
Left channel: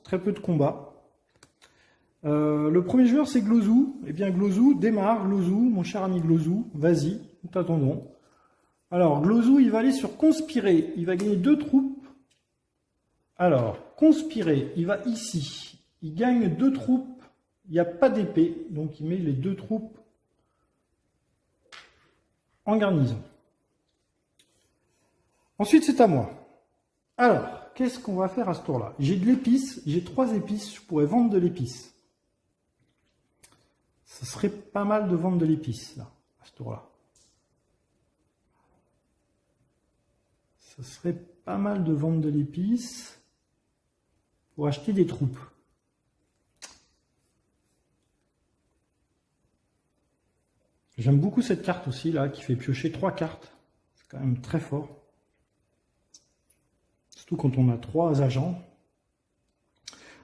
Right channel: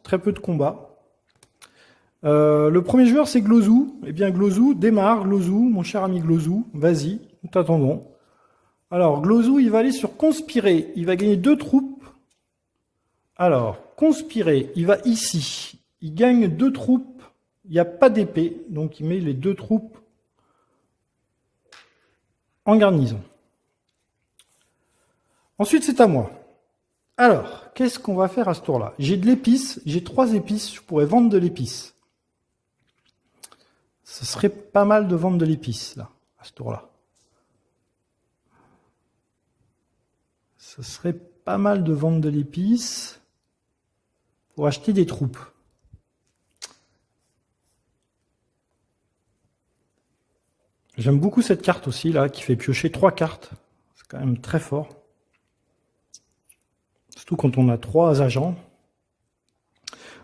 très peu de combat. Le premier joueur c'est Glozou. Eh bien Glozou, démarre Glozou, mon cher ami Glozou, vas-y, nous t'attendons. Alors Glozou, il va aller sur conspirer, il va gagner 2 troupes. Alors, conspirer, il va ici, il gagne 2 troupes, il n'y a pas d'épée, donc il met les 2 troupes en garnison. Ensuite, c'est à moi. Alors, qu'est-ce qu'on va faire à ce tour-là? J'ai de l'épice, j'ai 3 épices, je pourrais vendre de l'épice. Ce serait pas mal de vendre de l'épice, là, à ce tour-là. Ce serait pas mal de vendre de l'épice pour acheter des troupes. J'aime beaucoup cette carte aussi, là, qui fait piocher 3 cartes. C'est quand même très fort. Surtout quand on a 3 agents.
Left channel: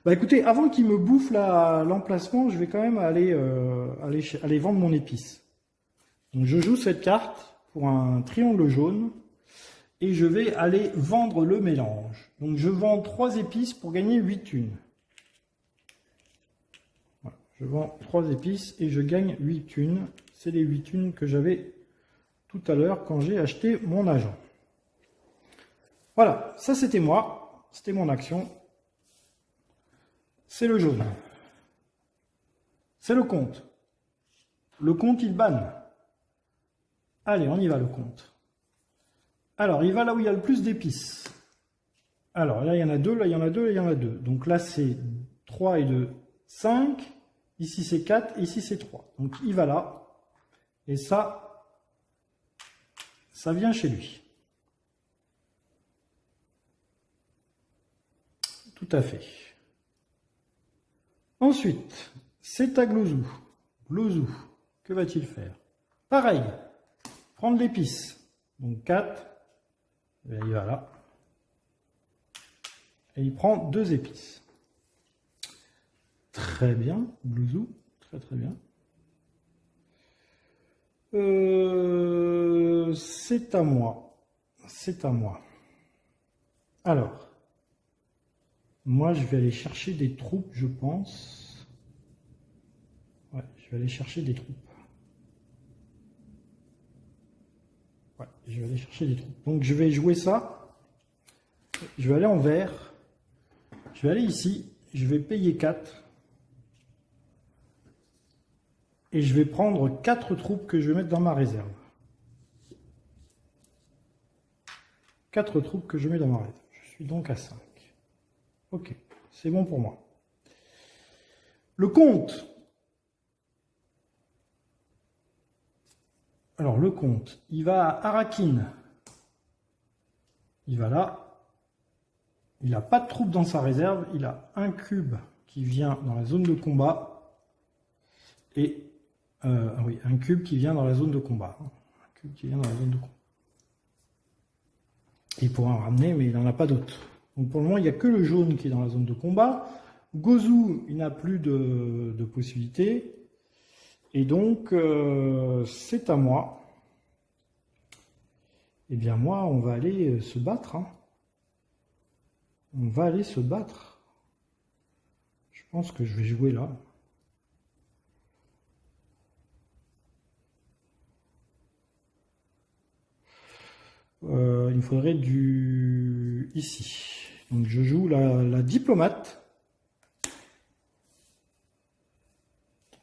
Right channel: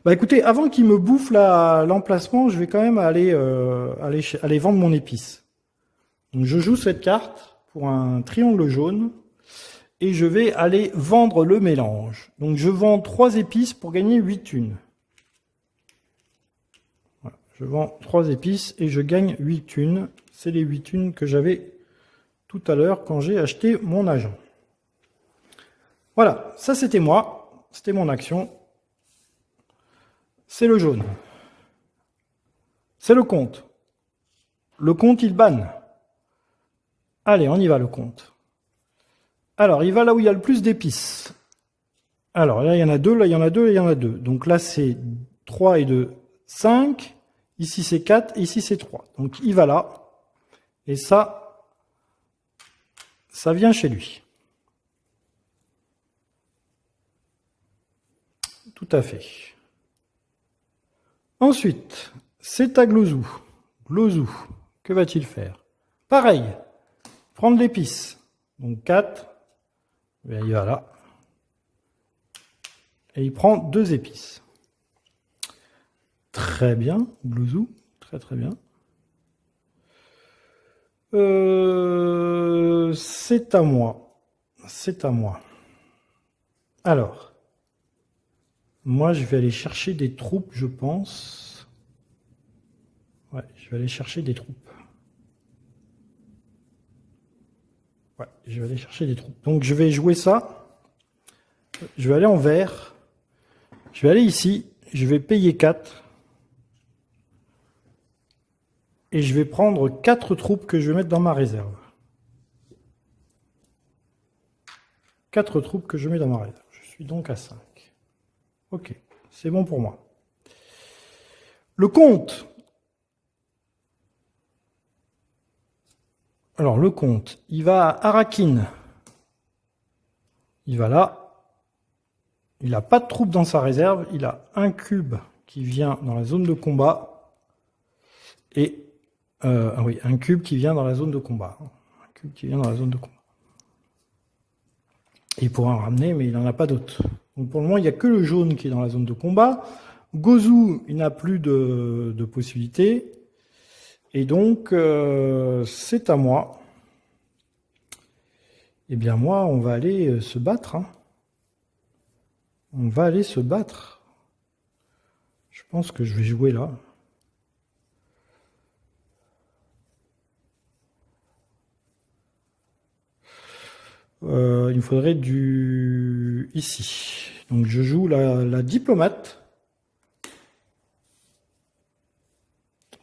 Bah écoutez, avant qu'il me bouffe l'emplacement, je vais quand même aller vendre mon épice. Donc je joue cette carte pour un triangle jaune. Et je vais aller vendre le mélange. Donc je vends 3 épices pour gagner 8 thunes. Voilà, je vends 3 épices et je gagne 8 thunes. C'est les 8 thunes que j'avais tout à l'heure quand j'ai acheté mon agent. Voilà, ça c'était moi. C'était mon action. C'est le jaune. C'est le comte. Le comte, il banne. Allez, on y va le comte. Alors, il va là où il y a le plus d'épices. Alors, là, il y en a 2, là, il y en a 2, et il y en a 2. Donc là, c'est 3 et 2, 5. Ici, c'est 4, et ici, c'est 3. Donc, il va là. Et ça vient chez lui. Tout à fait. Ensuite, c'est à Glozou. Glozou, que va-t-il faire? Pareil, prendre l'épice. Donc 4, bien, il va là. Et il prend 2 épices. Très bien, Glouzou. Très très bien. C'est à moi. C'est à moi. Alors, moi je vais aller chercher des troupes, je pense. Ouais, je vais aller chercher des troupes. Ouais, je vais aller chercher des troupes. Donc je vais jouer ça. Je vais aller en vert. Je vais aller ici. Je vais payer 4. Et je vais prendre 4 troupes que je vais mettre dans ma réserve. 4 troupes que je mets dans ma réserve. Je suis donc à 5. Ok, c'est bon pour moi. Le comte. Alors le comte, il va à Arakin. Il va là. Il n'a pas de troupes dans sa réserve. Il a un cube qui vient dans la zone de combat. Et oui, un cube qui vient dans la zone de combat. Un cube qui vient dans la zone de combat. Il pourra en ramener, mais il n'en a pas d'autres. Donc pour le moment, il n'y a que le jaune qui est dans la zone de combat. Gozu, il n'a plus de possibilités. Et donc, c'est à moi. Eh bien moi, on va aller se battre. Hein. On va aller se battre. Je pense que je vais jouer là. Il me faudrait du... ici. Donc je joue la diplomate.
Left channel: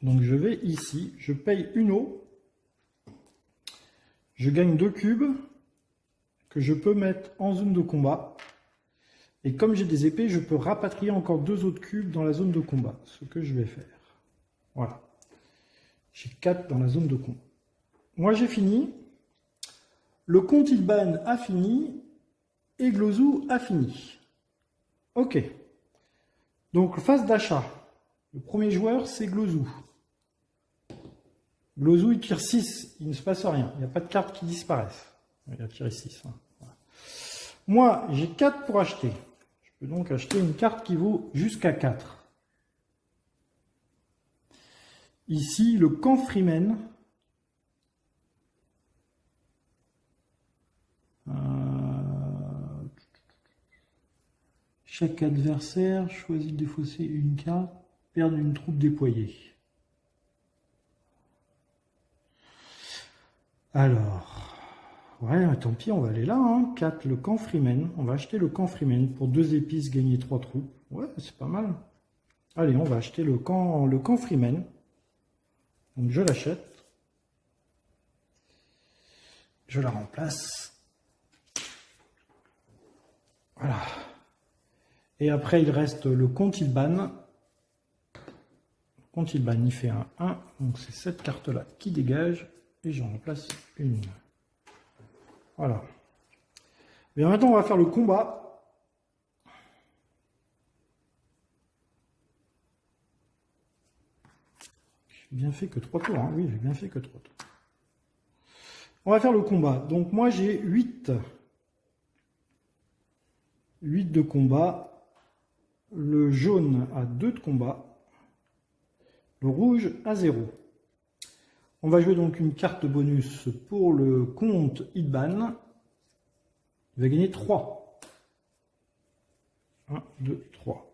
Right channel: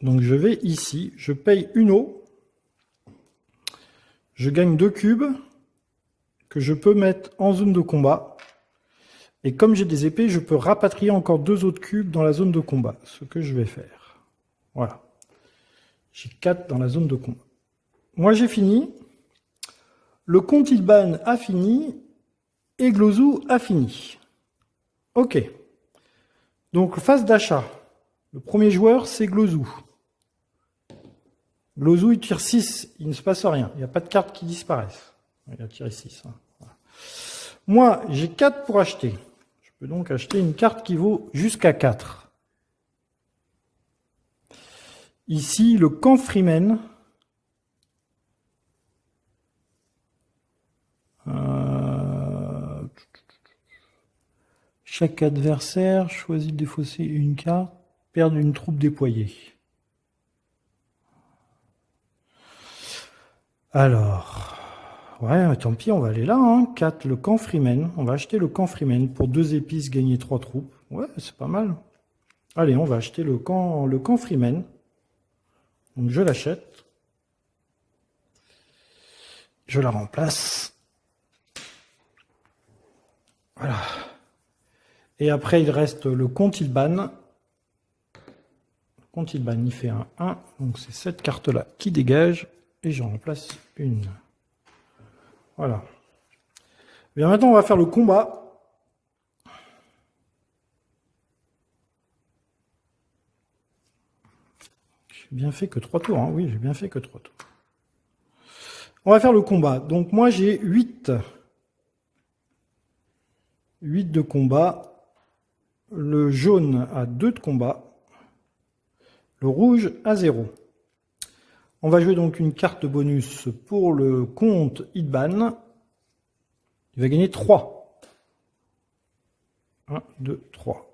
Donc je vais ici. Je paye une eau. Je gagne 2 cubes que je peux mettre en zone de combat. Et comme j'ai des épées, je peux rapatrier encore 2 autres cubes dans la zone de combat. Ce que je vais faire. Voilà. J'ai 4 dans la zone de combat. Moi j'ai fini. Le comte Ilban a fini. Et Glozou a fini. Ok. Donc phase d'achat. Le premier joueur c'est Glozou. Glozou il tire 6. Il ne se passe rien. Il n'y a pas de cartes qui disparaissent. Il a tiré 6. Hein. Voilà. Moi j'ai 4 pour acheter. Je peux donc acheter une carte qui vaut jusqu'à 4. Ici, le camp Freeman. Chaque adversaire choisit de défausser une carte, perdre une troupe déployée. Alors, ouais, tant pis, on va aller là. Hein. 4, le camp Freeman. On va acheter le camp Freeman pour 2 épices, gagner 3 troupes. Ouais, c'est pas mal. Allez, on va acheter le camp Freeman. Donc je l'achète. Je la remplace. Voilà. Et après, il reste le comte Ilban. Le comte Ilban, il fait un 1. Donc c'est cette carte-là qui dégage. Et j'en remplace une. Voilà. Bien, maintenant, on va faire le combat. J'ai bien fait que 3 tours. Hein. Oui, j'ai bien fait que 3 tours. On va faire le combat. Donc moi, j'ai 8. 8 de combat. Le jaune a 2 de combat. Le rouge a 0. On va jouer donc une carte bonus pour le comte Ilban. Il va gagner 3. 1, 2, 3.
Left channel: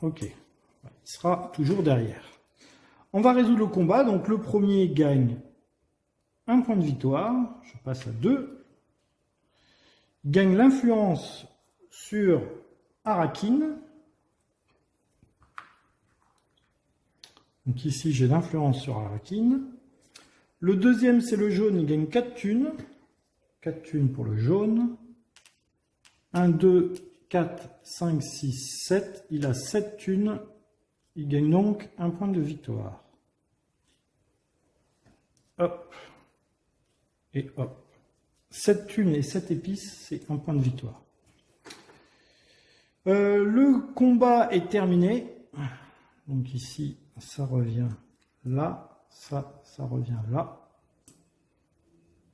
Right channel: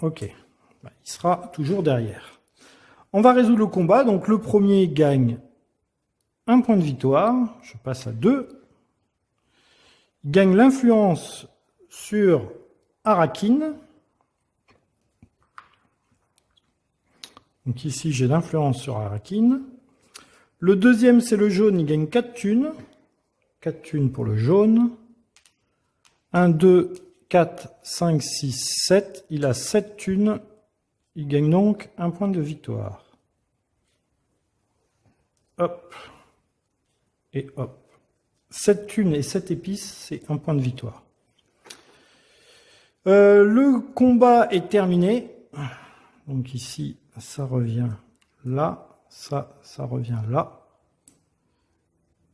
Ok. Il sera toujours derrière. On va résoudre le combat. Donc le premier gagne 1 point de victoire. Je passe à 2. Il gagne l'influence sur Arakin. Donc ici, j'ai l'influence sur Arakin. Le deuxième, c'est le jaune. Il gagne 4 thunes. 4 thunes pour le jaune. 1, 2, 4, 5, 6, 7. Il a 7 thunes. Il gagne donc 1 point de victoire. Hop. Et hop. 7 thunes et 7 épices, c'est 1 point de victoire. Le combat est terminé. Donc ici, ça revient là. Ça revient là.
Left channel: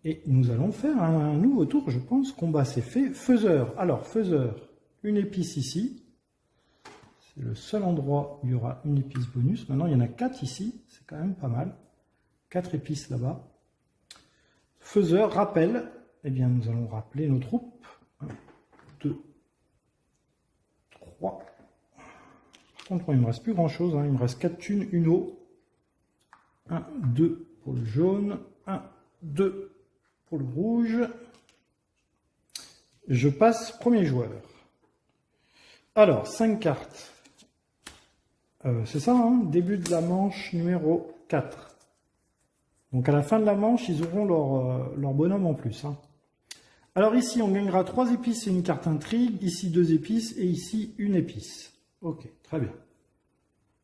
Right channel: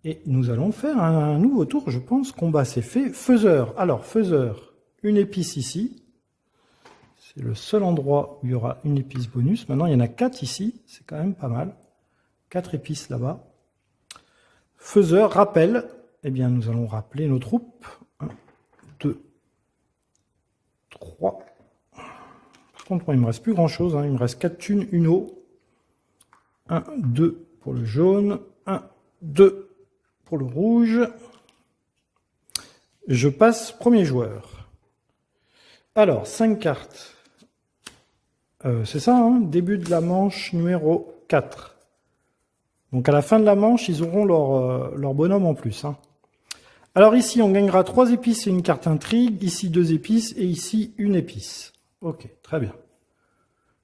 Et nous allons faire un nouveau tour, je pense. Combat, c'est fait. Faiseur. Alors, faiseur, une épice ici. C'est le seul endroit où il y aura une épice bonus. Maintenant, il y en a 4 ici. C'est quand même pas mal. 4 épices là-bas. Faiseur, rappel. Eh bien, nous allons rappeler nos troupes. 1, 2, 3. Par contre, il ne me reste plus grand-chose. Il me reste 4 thunes, une eau. 1, 2 pour le jaune. 1, 2 pour le rouge. Je passe premier joueur. Alors, 5 cartes. C'est ça, début de la manche numéro 4. Donc à la fin de la manche, ils auront leur bonhomme en plus. Alors ici, on gagnera 3 épices et une carte intrigue. Ici, 2 épices et ici, une épice. Ok, très bien.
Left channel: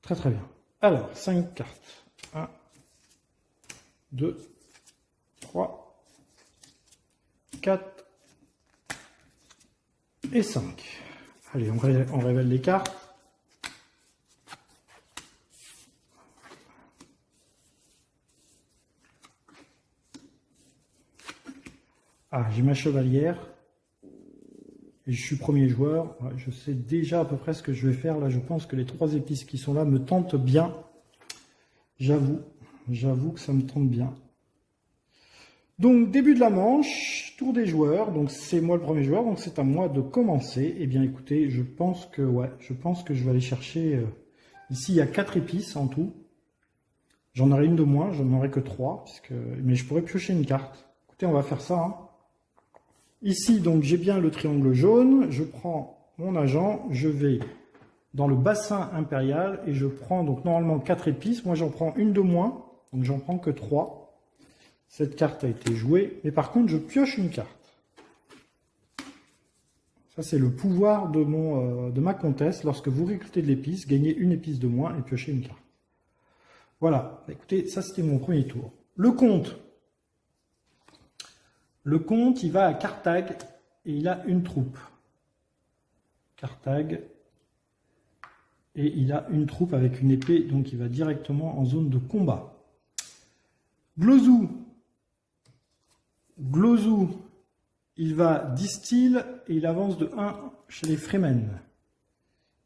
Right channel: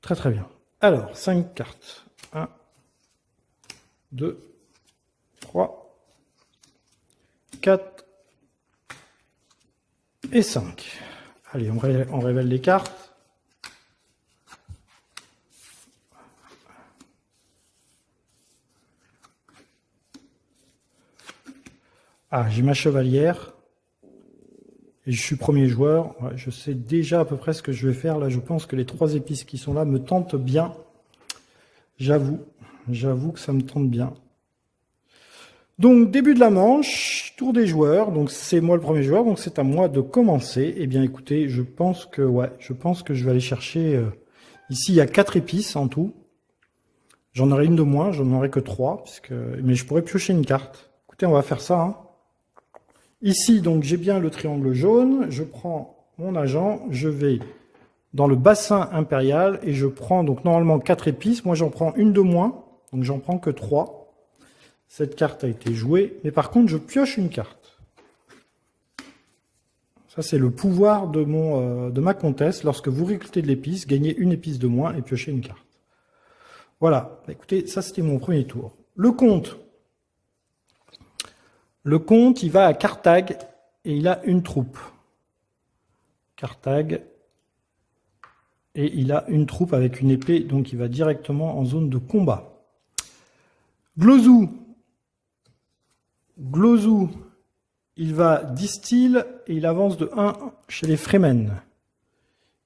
Très très bien. Alors, 5 cartes. 1, 2, 3, 4 et 5. Allez, on révèle les cartes. Ah, j'ai ma chevalière. Et je suis premier joueur. Ouais, je sais déjà à peu près ce que je vais faire. Là, je pense que les 3 épices qui sont là me tentent bien. J'avoue que ça me tente bien. Donc, début de la manche, tour des joueurs. Donc, c'est moi le premier joueur, donc c'est à moi de commencer. Eh bien, écoutez, je pense que je vais aller chercher... ici, il y a 4 épices en tout. J'en aurai une de moins, j'en aurai que 3, mais je pourrais piocher une carte. Écoutez, on va faire ça. Ici, donc, j'ai bien le triangle jaune. Je prends mon agent, je vais dans le bassin impérial et je prends donc normalement 4 épices. Moi, j'en prends une de moins, donc j'en prends que 3. Cette carte a été jouée, mais par contre, je pioche une carte. Ça, c'est le pouvoir de ma comtesse. Lorsque vous récoltez de l'épice, gagnez une épice de moins et piochez une carte. Voilà. Écoutez, ça, c'était mon premier tour. Le comte. Le comte, il va à Carthage et il a une troupe. Carthage. Et il a une troupe avec une épée, donc il va directement en zone de combat. Glozou. Glozou, il va distil et il avance de 1 chez les Fremen.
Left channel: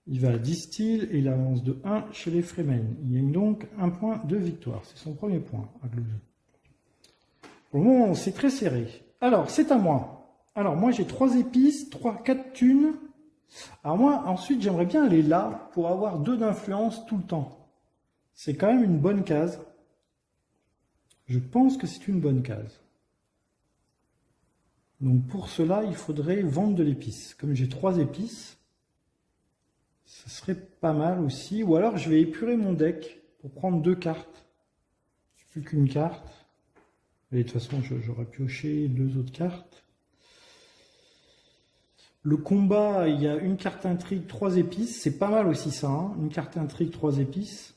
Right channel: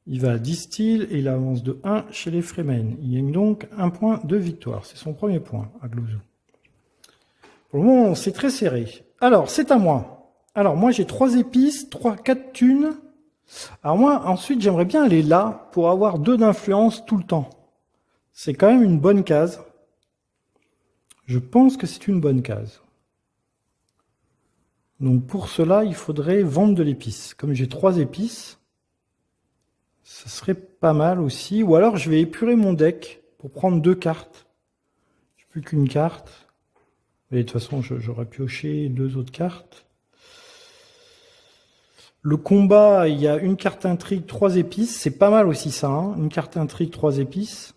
Il va distil et il avance de 1 chez les Fremen. Il gagne donc un point de victoire. C'est son premier point à Glozou. Pour le moment, c'est très serré. Alors, c'est à moi. Alors, moi, j'ai 3 épices, 4 thunes. Alors moi, ensuite, j'aimerais bien aller là pour avoir 2 d'influence tout le temps. C'est quand même une bonne case. Je pense que c'est une bonne case. Donc pour cela, il faudrait vendre de l'épice. Comme j'ai 3 épices, ça serait pas mal aussi. Ou alors, je vais épurer mon deck pour prendre 2 cartes. Je n'ai plus qu'une carte. Et de toute façon, j'aurais pioché 2 autres cartes. Le combat, il y a une carte intrigue, 3 épices. C'est pas mal aussi ça. Une carte intrigue, 3 épices.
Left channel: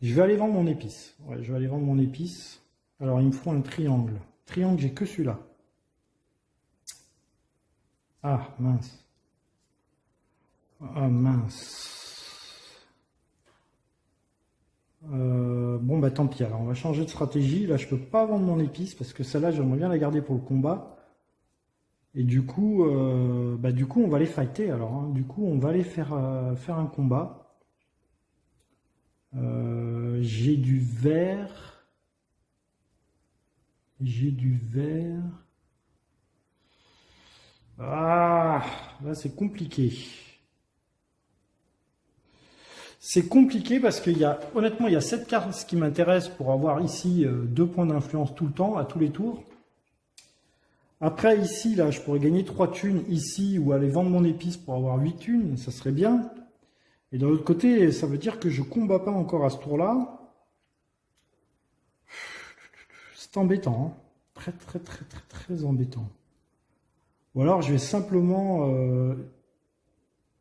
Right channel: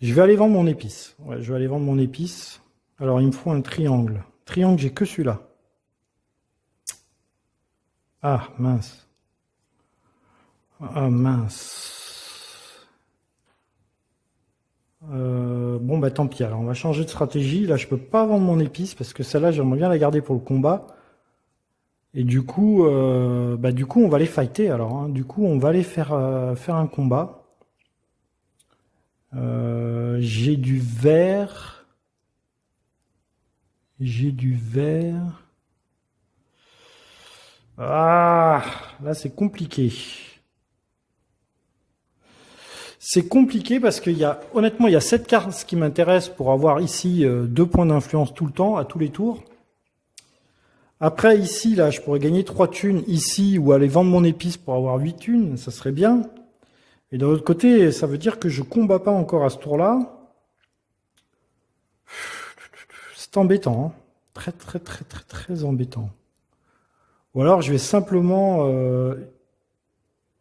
Je vais aller vendre mon épice. Ouais, je vais aller vendre mon épice. Alors, il me faut un triangle. Triangle, j'ai que celui-là. Ah, mince. Ah, mince. Bon, bah tant pis. Alors, on va changer de stratégie. Là, je peux pas vendre mon épice parce que celle-là, j'aimerais bien la garder pour le combat. Et du coup, on va les fighter alors. Du coup, on va aller faire un combat. J'ai du vert. J'ai du vert. Ah, là, c'est compliqué. C'est compliqué parce qu'il y a, honnêtement, il y a 7 cartes qui m'intéressent pour avoir ici 2 points d'influence tout le temps, à tous les tours. Après, ici, là, je pourrais gagner 3 thunes ici ou aller vendre mon épice pour avoir 8 thunes, ça serait bien. Et de l'autre côté, ça veut dire que je ne combats pas encore à ce tour-là. C'est embêtant. Très, très, très, très, très embêtant. Ou alors, je vais simplement...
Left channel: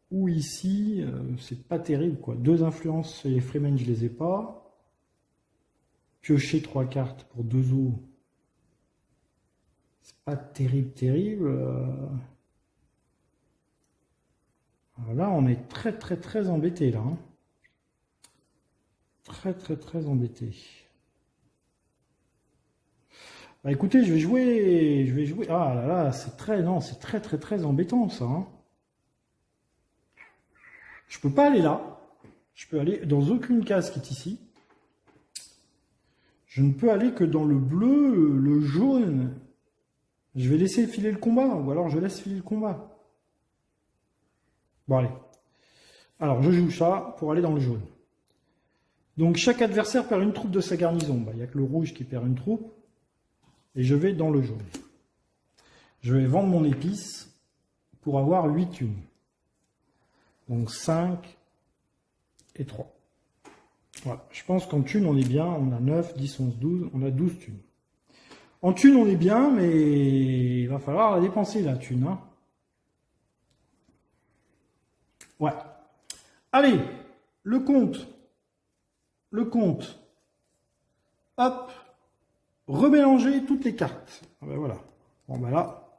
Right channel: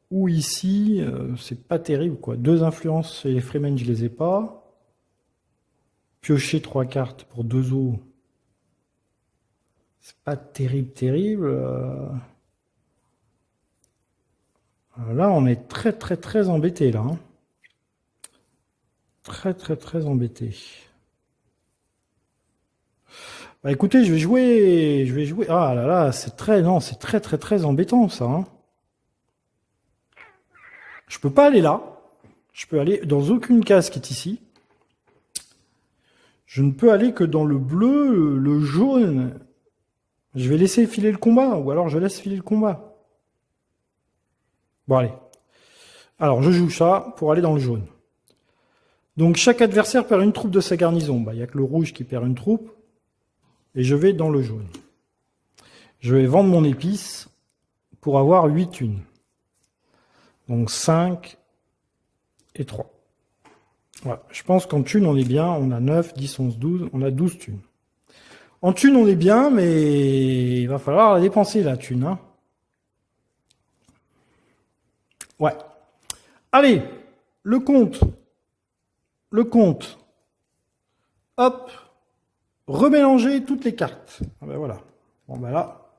ou ici, c'est pas terrible, quoi. 2 influences et les Fremen, je les ai pas. Piocher 3 cartes pour 2 eaux. C'est pas terrible, terrible. Là, on est très, très, très embêté, là. Très, très, très embêté. Bah, écoutez, je vais jouer. Je vais jouer. Ah là là, c'est très. Non, c'est très, très, très embêtant, ça. Hein. Je peux pas aller là. Je peux aller dans aucune case qui est ici. Je ne peux aller que dans le bleu, le jaune. Je vais laisser filer le combat, ou alors je laisse filer le combat. Bon, allez. Alors, je joue ça pour aller dans le jaune. Donc, chaque adversaire perd une troupe de sa garnison. Bah, il n'y a que le rouge qui perd une troupe. Et je vais dans le jaune. Je vais vendre mon épice pour avoir 8 thunes. Donc, 5 et 3. Voilà. Je pense qu'en thunes, on est bien. On a 9, 10, 11, 12. On a 12 thunes. En thunes, on est bien, mais il va falloir la dépenser, la thune. Hein. Ouais. Allez, le compte. Le compte. Hop. Remélanger toutes les cartes. Ah ben voilà. Bon ben là,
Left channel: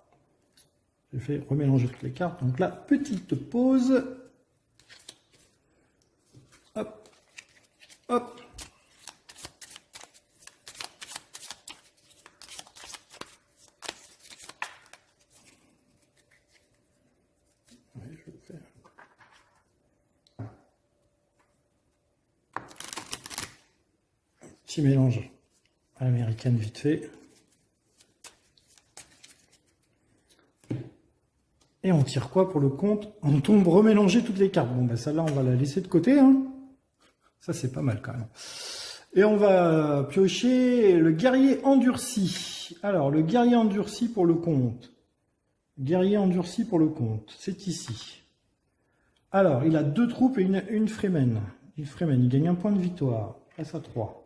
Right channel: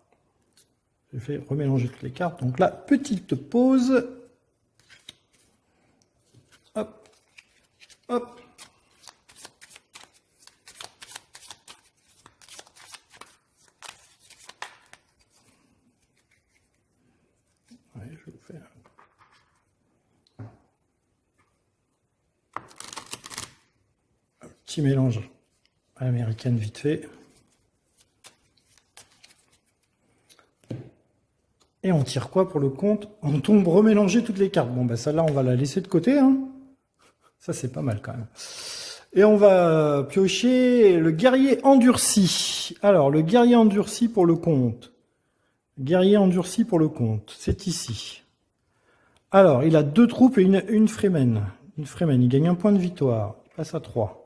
j'ai fait remélanger toutes les cartes. Donc là, petite pause. Hop. Hop. Ouais, je vais vous faire un petit mélange à l'américaine vite fait. Et on tire quoi pour le compte? On tombe remélanger toutes les cartes. Bon, ben celle-là, on va la laisser de côté. Hein. Ça, c'est pas mal quand même. Et on va piocher le guerrier endurci. Alors, le guerrier endurci pour le compte. Guerrier endurci pour le compte. C'est ici. Alors, il a 2 troupes et une Fremen. Une Fremen. Il gagne 1 point de victoire. Il passe à 3.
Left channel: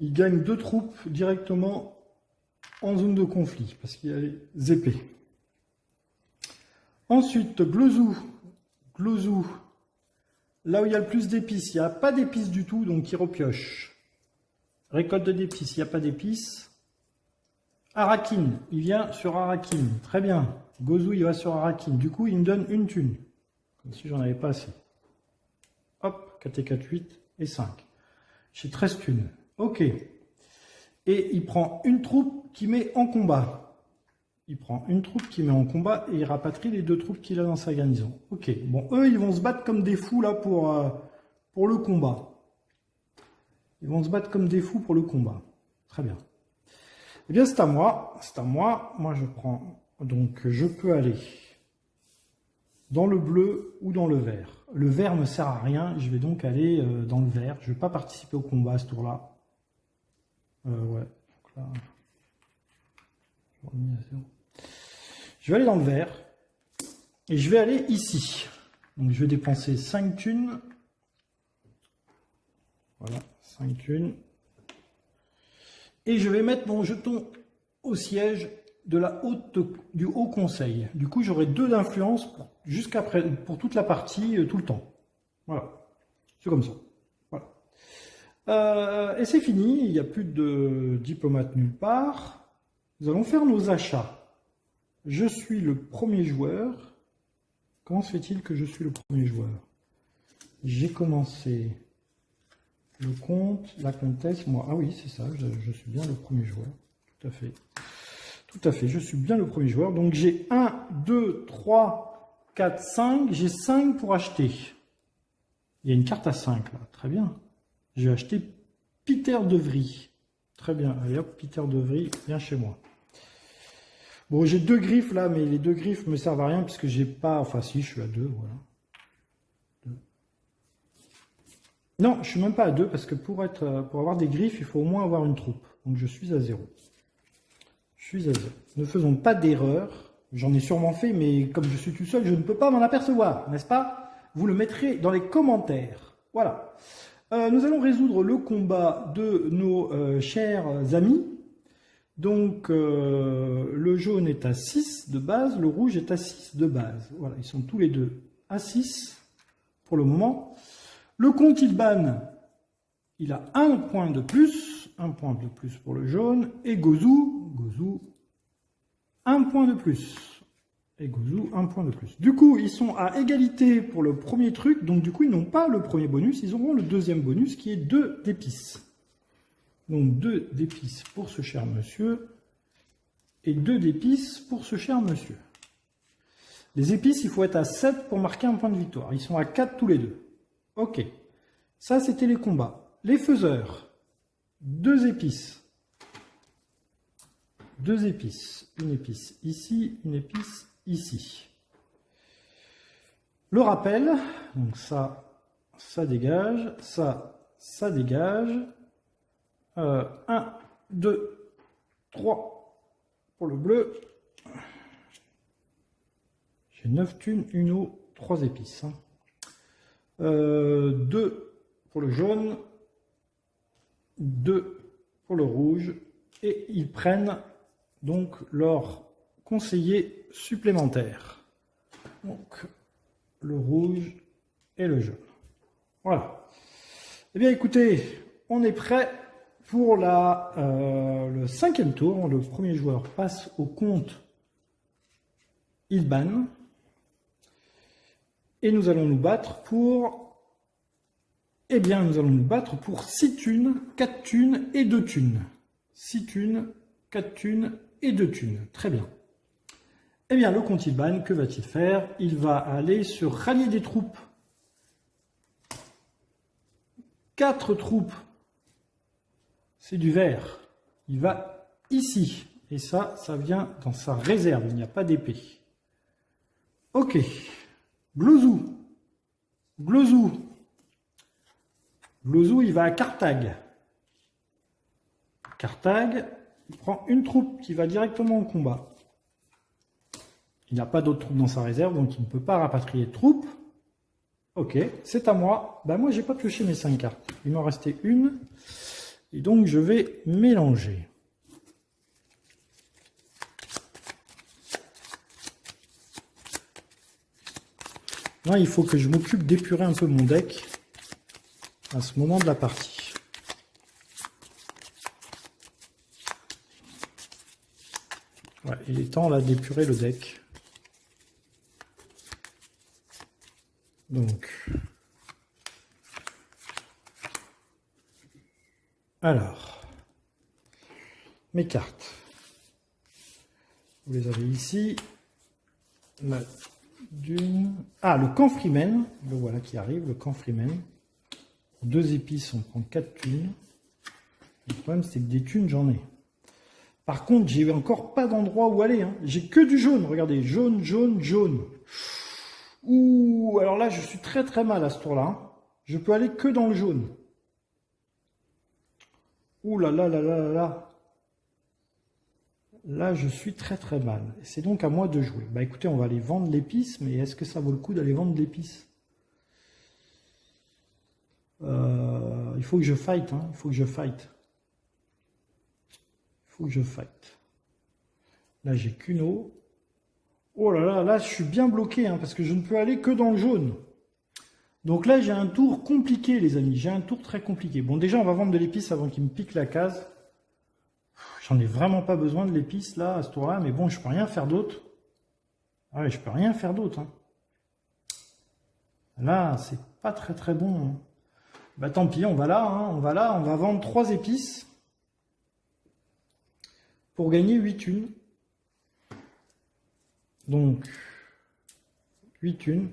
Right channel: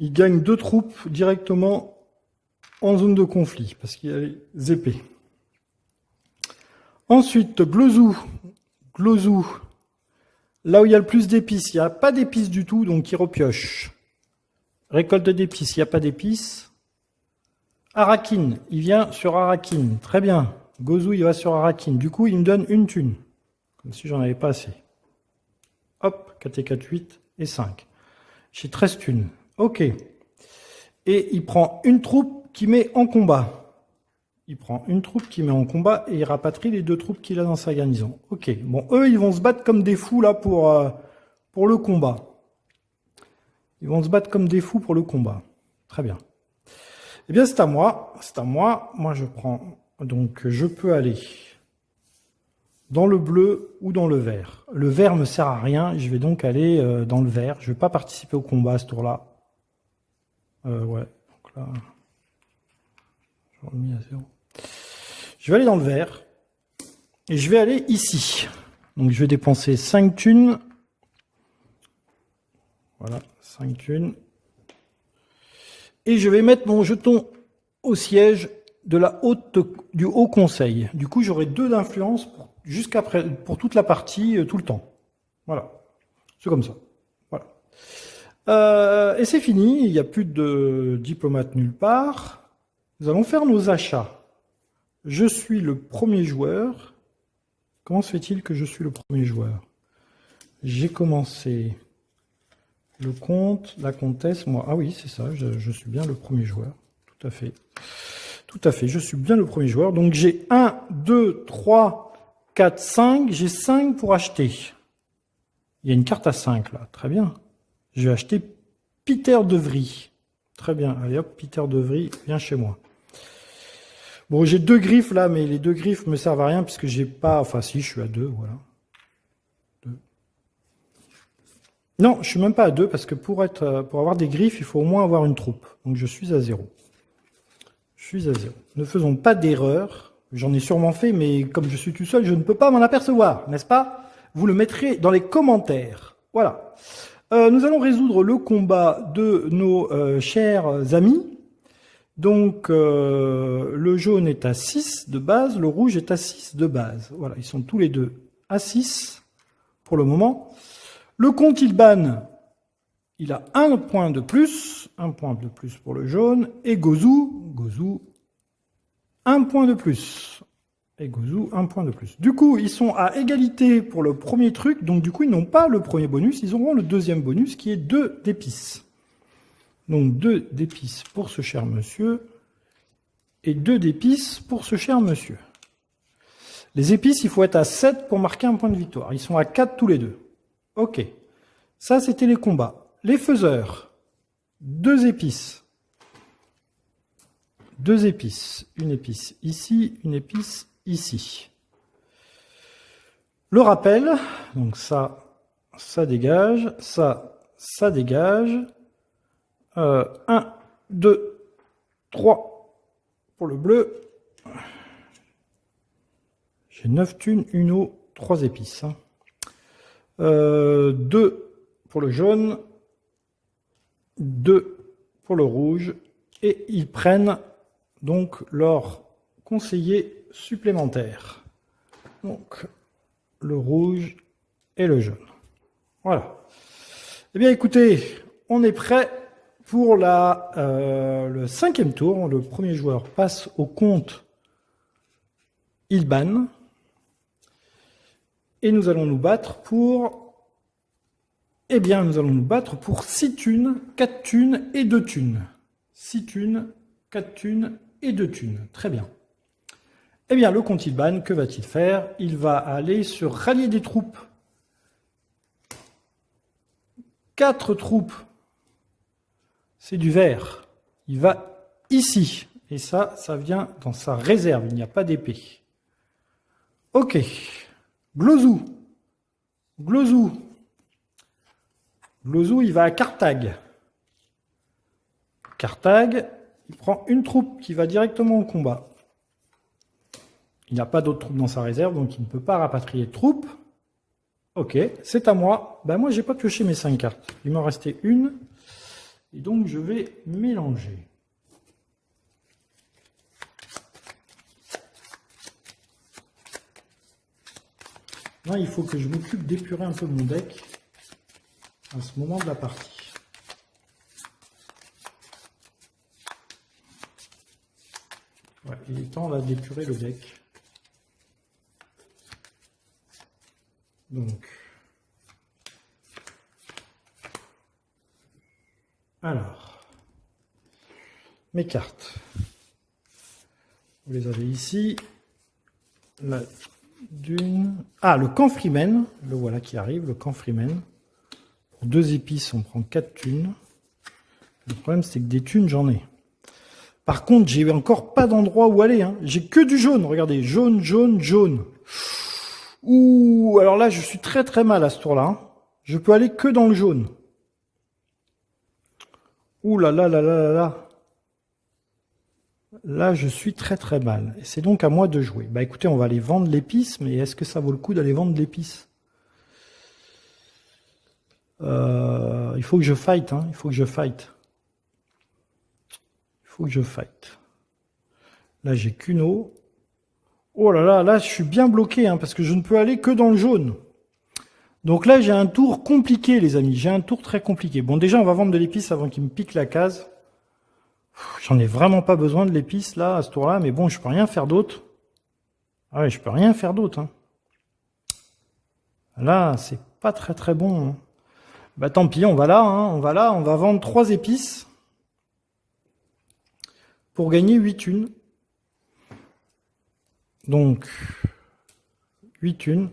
Il gagne 2 troupes directement en zone de conflit. Parce qu'il y a les épées. Ensuite, Glozou. Glozou. Là où il y a le plus d'épices, il n'y a pas d'épices du tout, donc il repioche. Récolte d'épices, il n'y a pas d'épices. Arakin, il vient sur Arakin. Très bien. Gozou, il va sur Arakin. Du coup, il me donne une thune. Comme si j'en avais pas assez. Hop, 4 et 4, 8 et 5. J'ai 13 thunes. Ok. Et il prend une troupe qui met en combat. Il prend une troupe qui met en combat et il rapatrie les 2 troupes qu'il a dans sa garnison. Ok. Bon, eux, ils vont se battre comme des fous là pour le combat. Ils vont se battre comme des fous pour le combat. Très bien. Eh bien, c'est à moi. C'est à moi. Moi, je prends... Donc, je peux aller dans le bleu ou dans le vert. Le vert ne me sert à rien. Je vais donc aller dans le vert. Je ne vais pas participer au combat à ce tour-là. Ouais. Donc là... Je remis à 0. Je vais aller dans le vert. Et je vais aller ici. Donc, je vais dépenser 5 thunes. Voilà, 5 thunes. Et je vais mettre mon jeton au siège du Haut Conseil. Du coup, j'aurai 2 d'influence pour toute la partie, tout le temps. Voilà. C'est comme ça. Voilà. Et c'est fini. Il n'y a plus de diplomate nulle part. Nous allons faire nos achats. Je suis le premier joueur. Comment se fait-il que je suis le premier joueur? J'ai commencé le comte, la comtesse, moi. Ah oui, c'est ça, je suis bien le premier joueur. Tout à fait. Tout à fait, je suis bien le premier joueur. Donc j'ai 1, 2, 3, 4, 5. J'ai 5 pour acheter. Il y a une carte à 5 là, très bien. Je vais acheter Peter de Vries. Très bien, allez hop, Peter de Vries, viens chez moi. Bon, j'ai 2 griffes là, mais les 2 griffes me servent à rien puisque j'ai pas... Enfin si, je suis à 2, voilà. 2. Non, je suis même pas à 2 parce que pour avoir des griffes, il faut au moins avoir une troupe. Donc je suis à 0. Je suis à 0. Ne faisons pas d'erreur. J'en ai sûrement fait, mais comme je suis tout seul, je ne peux pas m'en apercevoir, n'est-ce pas? Vous le mettrez dans les commentaires. Voilà. Nous allons résoudre le combat de nos chers amis. Donc, le jaune est à 6 de base, le rouge est à 6 de base. Voilà, ils sont tous les deux à 6 pour le moment. Le comte Ilban, il a 1 point de plus, 1 point de plus pour le jaune. Et Gozou, 1 point de plus. Et Gozu, un point de plus. Du coup, ils sont à égalité pour le premier truc. Donc, du coup, ils n'ont pas le premier bonus. Ils auront le deuxième bonus qui est 2 d'épices. Donc, 2 d'épices pour ce cher monsieur. Et 2 d'épices pour ce cher monsieur. Les épices, il faut être à 7 pour marquer un point de victoire. Ils sont à 4 tous les deux. Ok. Ça, c'était les combats. Les faiseurs. 2 épices. 2 épices. Une épice ici, une épice ici. Le rappel. Donc ça, ça dégage. Ça dégage. 1, 2, 3 pour le bleu. J'ai 9 thunes, une eau, 3 épices. 2 pour le jaune, 2 pour le rouge. Et ils prennent donc leur conseiller supplémentaire. Donc, le rouge et le jaune. Voilà. Eh bien, écoutez, on est prêt pour le 5e tour. Le premier joueur passe au compte Ilban. Et nous allons nous battre pour... Eh bien, nous allons nous battre pour 6 thunes, 4 thunes et 2 thunes. 6 thunes, 4 thunes et 2 thunes. Très bien. Eh bien, le comte Ilban, que va-t-il faire? Il va aller sur rallier des troupes. 4 troupes. C'est du vert. Il va ici. Et ça, ça vient dans sa réserve. Il n'y a pas d'épée. Ok. Glozou. Glozou. Glozou, il va à Carthage. Carthage, il prend une troupe qui va directement au combat. Il n'a pas d'autres troupes dans sa réserve, donc il ne peut pas rapatrier de troupes. Ok, c'est à moi. Ben moi, j'ai pas pioché mes 5 cartes. Il m'en restait une. Et donc, je vais mélanger. Moi, il faut que je m'occupe d'épurer un peu mon deck à ce moment de la partie. Ouais, il est temps là d'épurer le deck. Donc, alors, mes cartes. Vous les avez ici. La dune. Ah, le camp Freeman. Le voilà qui arrive, le camp Freeman. Pour 2 épices, on prend 4 thunes. Le problème, c'est que des thunes, j'en ai. Par contre, j'ai encore pas d'endroit où aller. Hein. J'ai que du jaune. Regardez, jaune, jaune, jaune. Ouh, alors là, je suis très très mal à ce tour-là. Hein. Je peux aller que dans le jaune. Ouh là là là là là là. Là, je suis très très mal. Et c'est donc à moi de jouer. Bah écoutez, on va aller vendre l'épice, mais est-ce que ça vaut le coup d'aller vendre l'épice? Il faut que je fight, hein. Il faut que je fight. Il faut que je fight. Là, j'ai qu'une eau. Oh là là, là, je suis bien bloqué, hein, parce que je ne peux aller que dans le jaune. Donc là, j'ai un tour compliqué, les amis. J'ai un tour très compliqué. Bon, déjà, on va vendre de l'épice avant qu'il me pique la case. J'en ai vraiment pas besoin de l'épice, là, à ce tour-là. Mais bon, je peux rien faire d'autre. Ah ouais, je peux rien faire d'autre. Hein. Là, c'est pas très très bon. Hein. Bah tant pis, on va là. Hein, on va là. On va vendre 3 épices. Pour gagner 8 thunes. Donc, 8 thunes.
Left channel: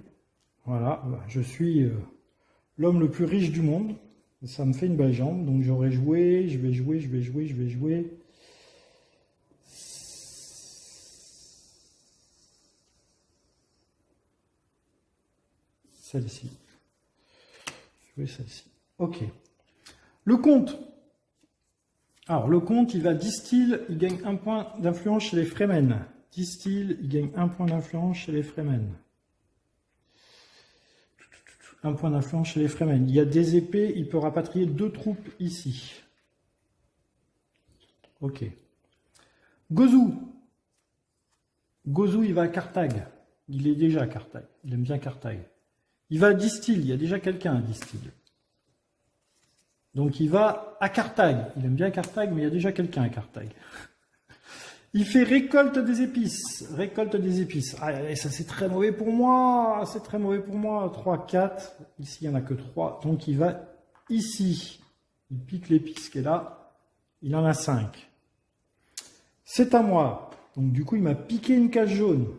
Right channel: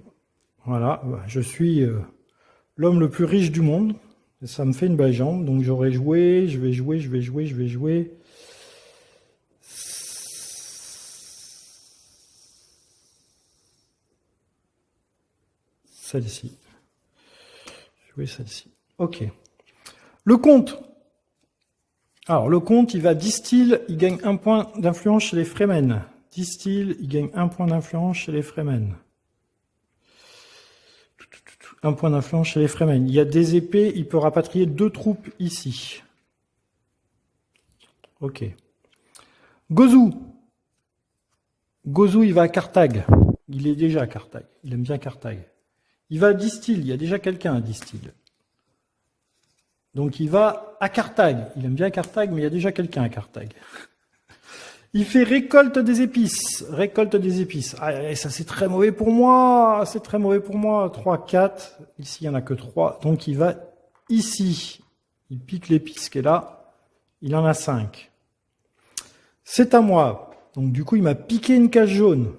Voilà, je suis l'homme le plus riche du monde. Et ça me fait une belle jambe. Donc j'aurais joué, je vais jouer. Celle-ci. Jouer celle-ci. Ok. Le comte. Alors, le comte, il va distill, il gagne 1 point d'influence chez les Fremen. Distill, il gagne 1 point d'influence chez les Fremen. 1 point d'influence chez les Fremen. Il y a des épées, il peut rapatrier 2 troupes ici. Ok. Gozu. Gozu, il va à Carthage. Il est déjà à Carthage. Il aime bien Carthage. Il va à Distill. Il y a déjà quelqu'un à Distill. Donc il va à Carthage. Il aime bien Carthage, mais il y a déjà quelqu'un à Carthage. Il fait récolte des épices. Récolte des épices. Ah, et ça, c'est très mauvais pour moi. C'est très mauvais pour moi. 3, 4. Ici, il n'y en a que 3. Donc, il va ici. Il pique l'épice qui est là. Il en a 5. C'est à moi. Donc, du coup, il m'a piqué une case jaune.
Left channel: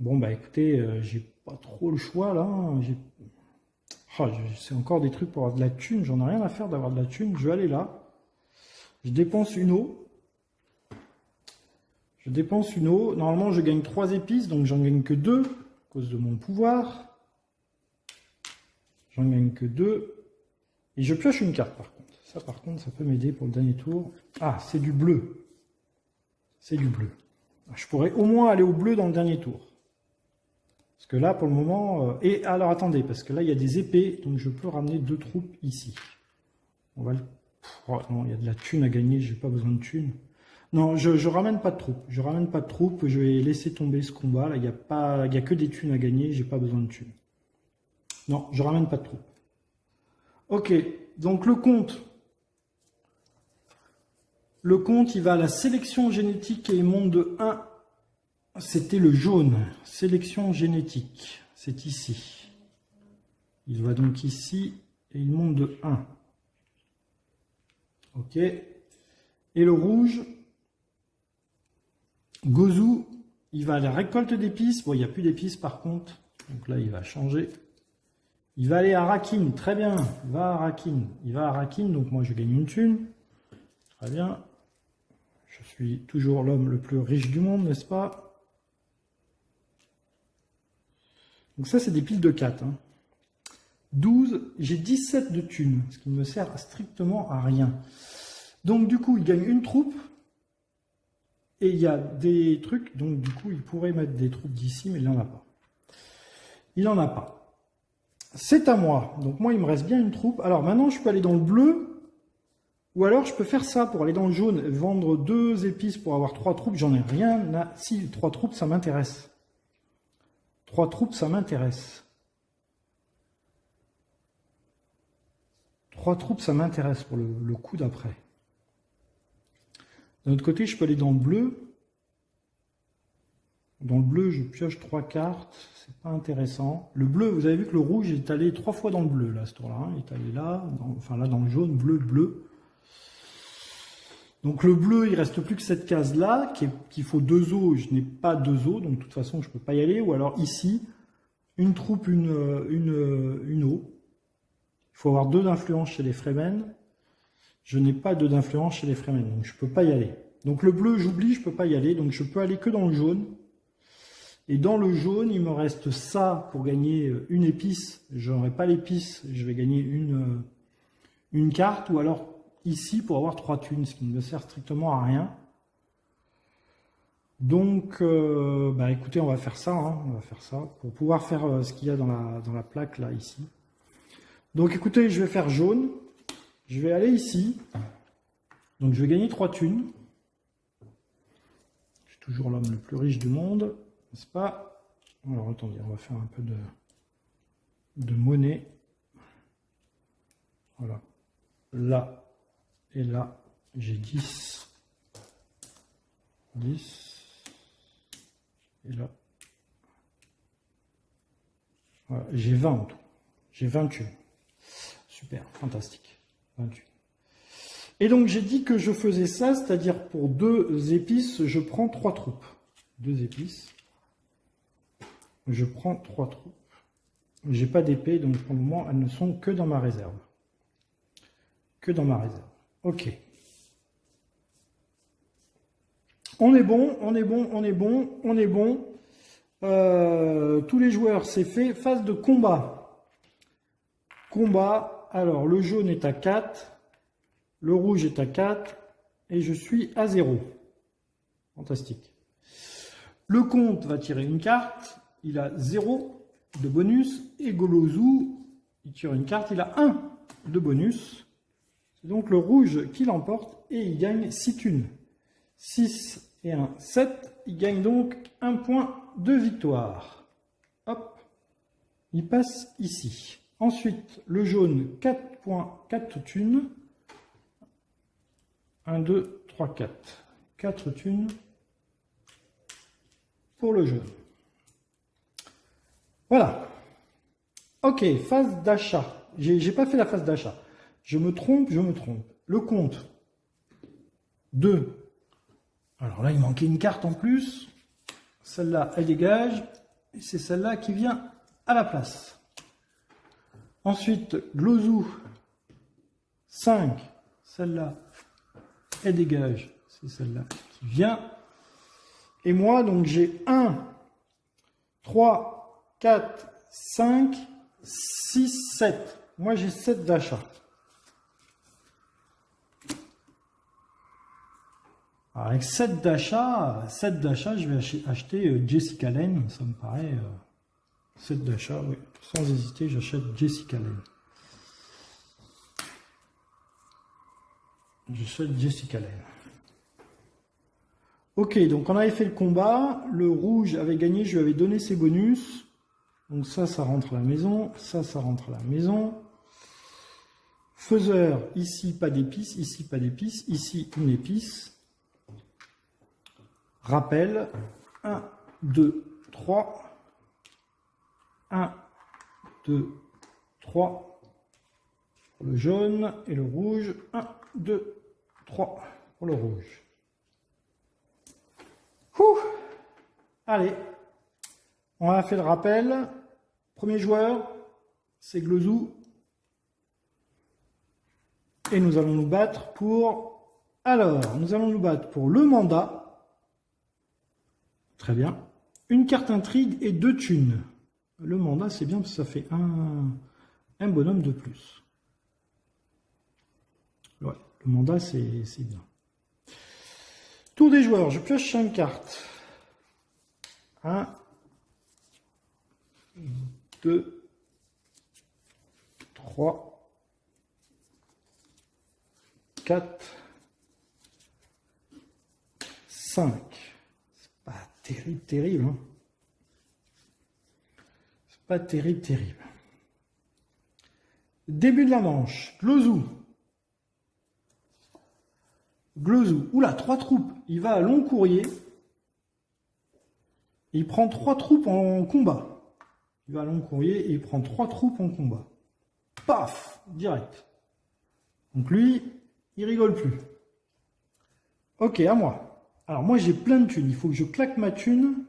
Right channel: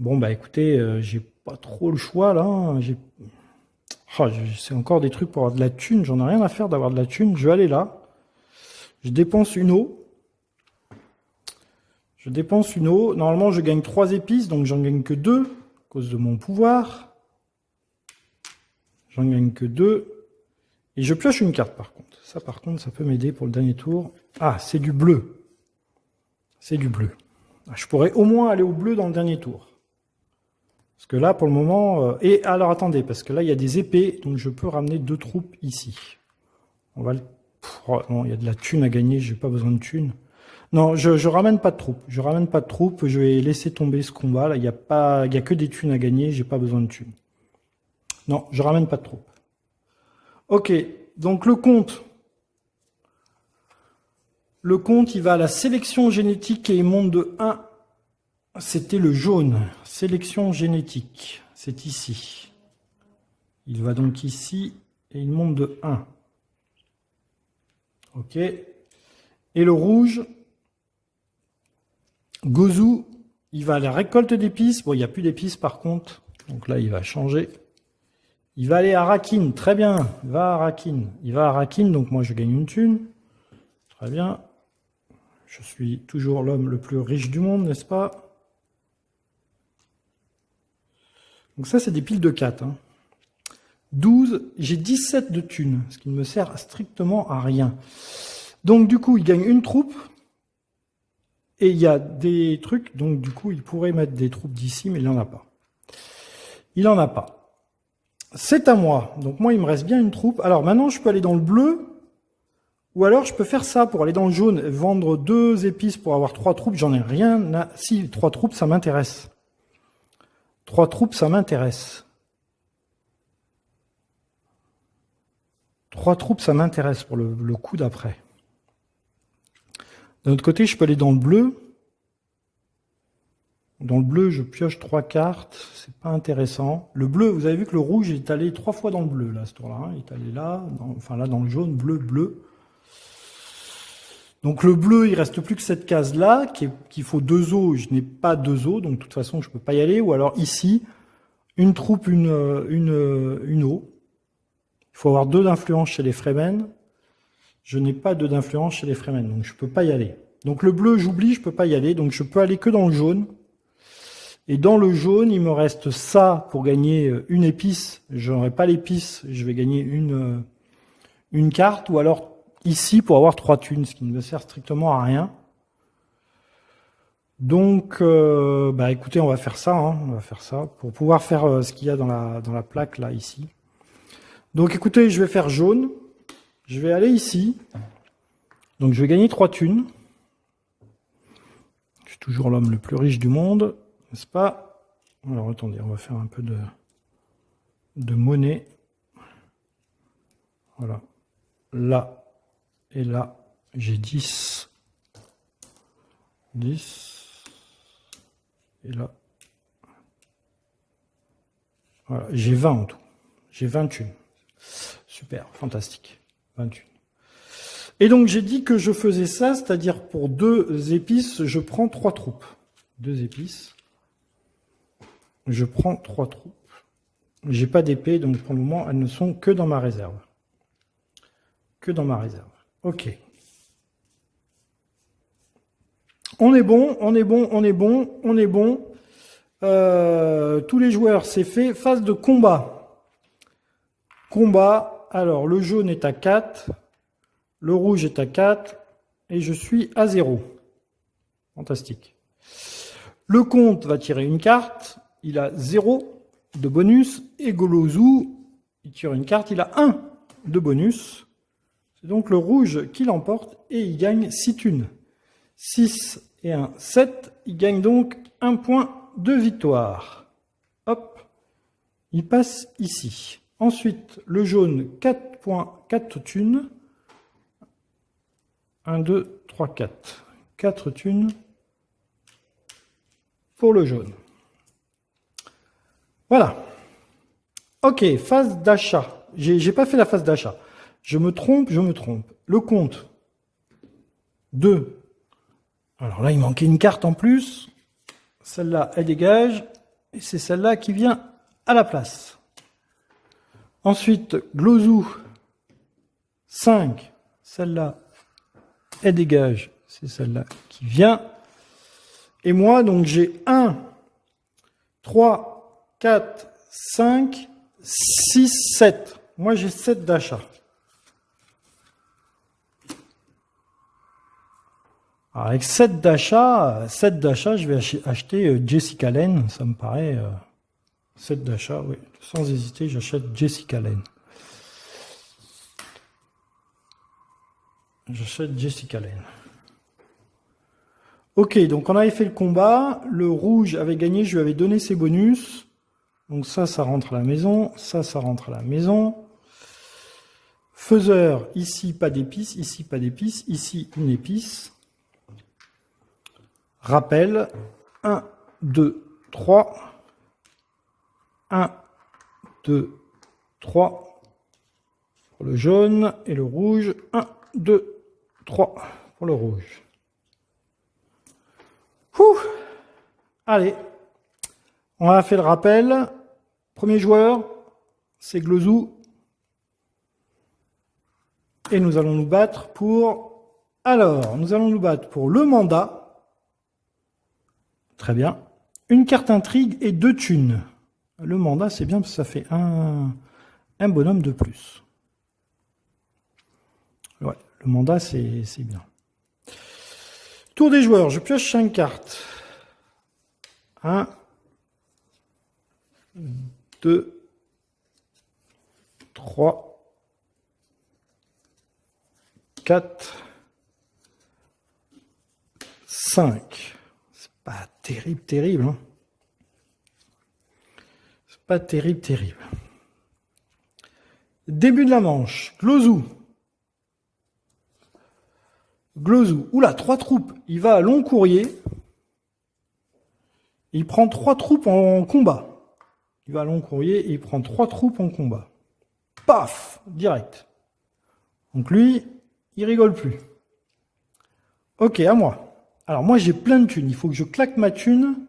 Bon, bah écoutez, j'ai pas trop le choix là. C'est encore des trucs pour avoir de la thune. J'en ai rien à faire d'avoir de la thune. Je vais aller là. Je dépense une eau. Je dépense une eau. Normalement, je gagne 3 épices, donc j'en gagne que 2 à cause de mon pouvoir. J'en gagne que 2. Et je pioche une carte par contre. Ça, par contre, ça peut m'aider pour le dernier tour. Ah, c'est du bleu. C'est du bleu. Je pourrais au moins aller au bleu dans le dernier tour. Parce que là, pour le moment... Et alors, attendez, parce que là, il y a des épées, donc je peux ramener 2 troupes ici. On va le... Oh, non, il y a de la thune à gagner, j'ai pas besoin de thune. Non, je ramène pas de troupes. Je ramène pas de troupes, je vais laisser tomber ce combat. Là, il y a que des thunes à gagner, j'ai pas besoin de thunes. Non, je ramène pas de troupes. Ok, donc le compte. Le compte, il va à la sélection génétique et il monte de 1. C'était le jaune. Sélection génétique. C'est ici. Il va donc ici et il monte de 1. Ok. Et le rouge, Gozu, il va à la récolte d'épices. Bon, il n'y a plus d'épices par contre. Donc là, il va changer. Il va aller à Rakin. Très bien. Il va à Rakin. Il va à Rakin. Donc moi, je gagne une thune. Très bien. Je suis toujours l'homme le plus riche du monde, n'est-ce pas? Donc ça, c'est des piles de 4. 12, j'ai 17 de thunes, ce qui ne me sert strictement à rien. Donc du coup, il gagne une troupe. Et il y a des trucs, donc du coup, il pourrait mettre des troupes d'ici, mais il n'en a pas. Il n'en a pas. C'est à moi. Donc moi, il me reste bien une troupe. Alors maintenant, je peux aller dans le bleu. Ou alors, je peux faire ça pour aller dans le jaune, vendre 2 épices pour avoir 3 troupes. J'en ai rien à... Si, 3 troupes, ça m'intéresse. 3 troupes, ça m'intéresse. 3 troupes, ça m'intéresse pour le coup d'après. D'un autre côté, je peux aller dans le bleu. Dans le bleu, je pioche 3 cartes. C'est pas intéressant. Le bleu, vous avez vu que le rouge est allé 3 fois dans le bleu, là, ce tour-là. Il est allé là, enfin là, dans le jaune, bleu, bleu. Donc le bleu, il reste plus que cette case-là, qu'il faut 2 os. Je n'ai pas 2 os, donc de toute façon, je ne peux pas y aller. Ou alors ici, une troupe, une eau. Il faut avoir 2 d'influence chez les Fremen. Je n'ai pas 2 d'influence chez les Fremen, donc je ne peux pas y aller. Donc le bleu, j'oublie, je ne peux pas y aller. Donc je peux aller que dans le jaune. Et dans le jaune, il me reste ça pour gagner une épice. Je n'aurai pas l'épice, je vais gagner une carte. Ou alors ici pour avoir 3 thunes, ce qui ne me sert strictement à rien. Donc, bah écoutez, on va faire ça. On va faire ça pour pouvoir faire ce qu'il y a dans la plaque là, ici. Donc écoutez, je vais faire jaune. Je vais aller ici. Donc je vais gagner 3 thunes. Je suis toujours l'homme le plus riche du monde, n'est-ce pas? Alors attendez, on va faire un peu de monnaie. Voilà. Là et là, j'ai 10. 10. Et là. Voilà, j'ai 20 en tout. J'ai 20 thunes. Super, fantastique. 20 thunes. Et donc j'ai dit que je faisais ça, c'est-à-dire pour 2 épices, je prends 3 troupes. 2 épices. Je prends 3 troupes. J'ai pas d'épée, donc pour le moment, elles ne sont que dans ma réserve. Que dans ma réserve. Ok. On est bon, on est bon, on est bon, on est bon. Tous les joueurs, c'est fait. Phase de combat. Combat. Alors, le jaune est à 4. Le rouge est à 4. Et je suis à 0. Fantastique. Le comte va tirer une carte. Il a 0 de bonus. Et Golozu, il tire une carte. Il a 1 de bonus. C'est donc le rouge qui l'emporte. Et il gagne 6 thunes. 6 et 1, 7. Il gagne donc 1 point de victoire. Hop. Il passe ici. Ensuite, le jaune, 4 points, 4 thunes. 1, 2, 3, 4. 4 thunes pour le jaune. Voilà. Ok, phase d'achat. J'ai pas fait la phase d'achat. Je me trompe. Le compte 2. Alors là, il manquait une carte en plus. Celle-là, elle dégage. Et c'est celle-là qui vient à la place. Ensuite, Glozou 5. Celle-là, elle dégage. C'est celle-là qui vient. Et moi, donc j'ai 1, 3, 4, 5, 6, 7. Moi, j'ai 7 d'achat. Avec 7 d'achat, je vais acheter Jessica Lange. Ça me paraît 7 d'achat, oui. Sans hésiter, j'achète Jessica Lange. J'achète Jessica Lange. Ok, donc on avait fait le combat. Le rouge avait gagné, je lui avais donné ses bonus. Donc ça rentre à la maison. Ça rentre à la maison. Faiseur, ici pas d'épices, ici pas d'épices, ici une épice. Rappel, 1, 2, 3. 1, 2, 3 pour le jaune et le rouge. 1, 2, 3 pour le rouge. Ouh. Allez, on a fait le rappel. Premier joueur, c'est Glozou. Et nous allons nous battre pour... Alors, nous allons nous battre pour le mandat. Très bien. Une carte intrigue et 2 thunes. Le mandat, c'est bien parce que ça fait un bonhomme de plus. Ouais, le mandat, c'est bien. Tour des joueurs, je pioche 5 cartes. 1, 2, 3, 4, 5. C'est pas terrible. Hein. C'est pas terrible. Début de la manche. Glozou. Oula, 3 troupes. Il va à long courrier. Il prend 3 troupes en combat. Il va à long courrier et il prend 3 troupes en combat. Paf, direct. Donc lui, il rigole plus. Ok, à moi. Alors moi, j'ai plein de thunes. Il faut que je claque ma thune.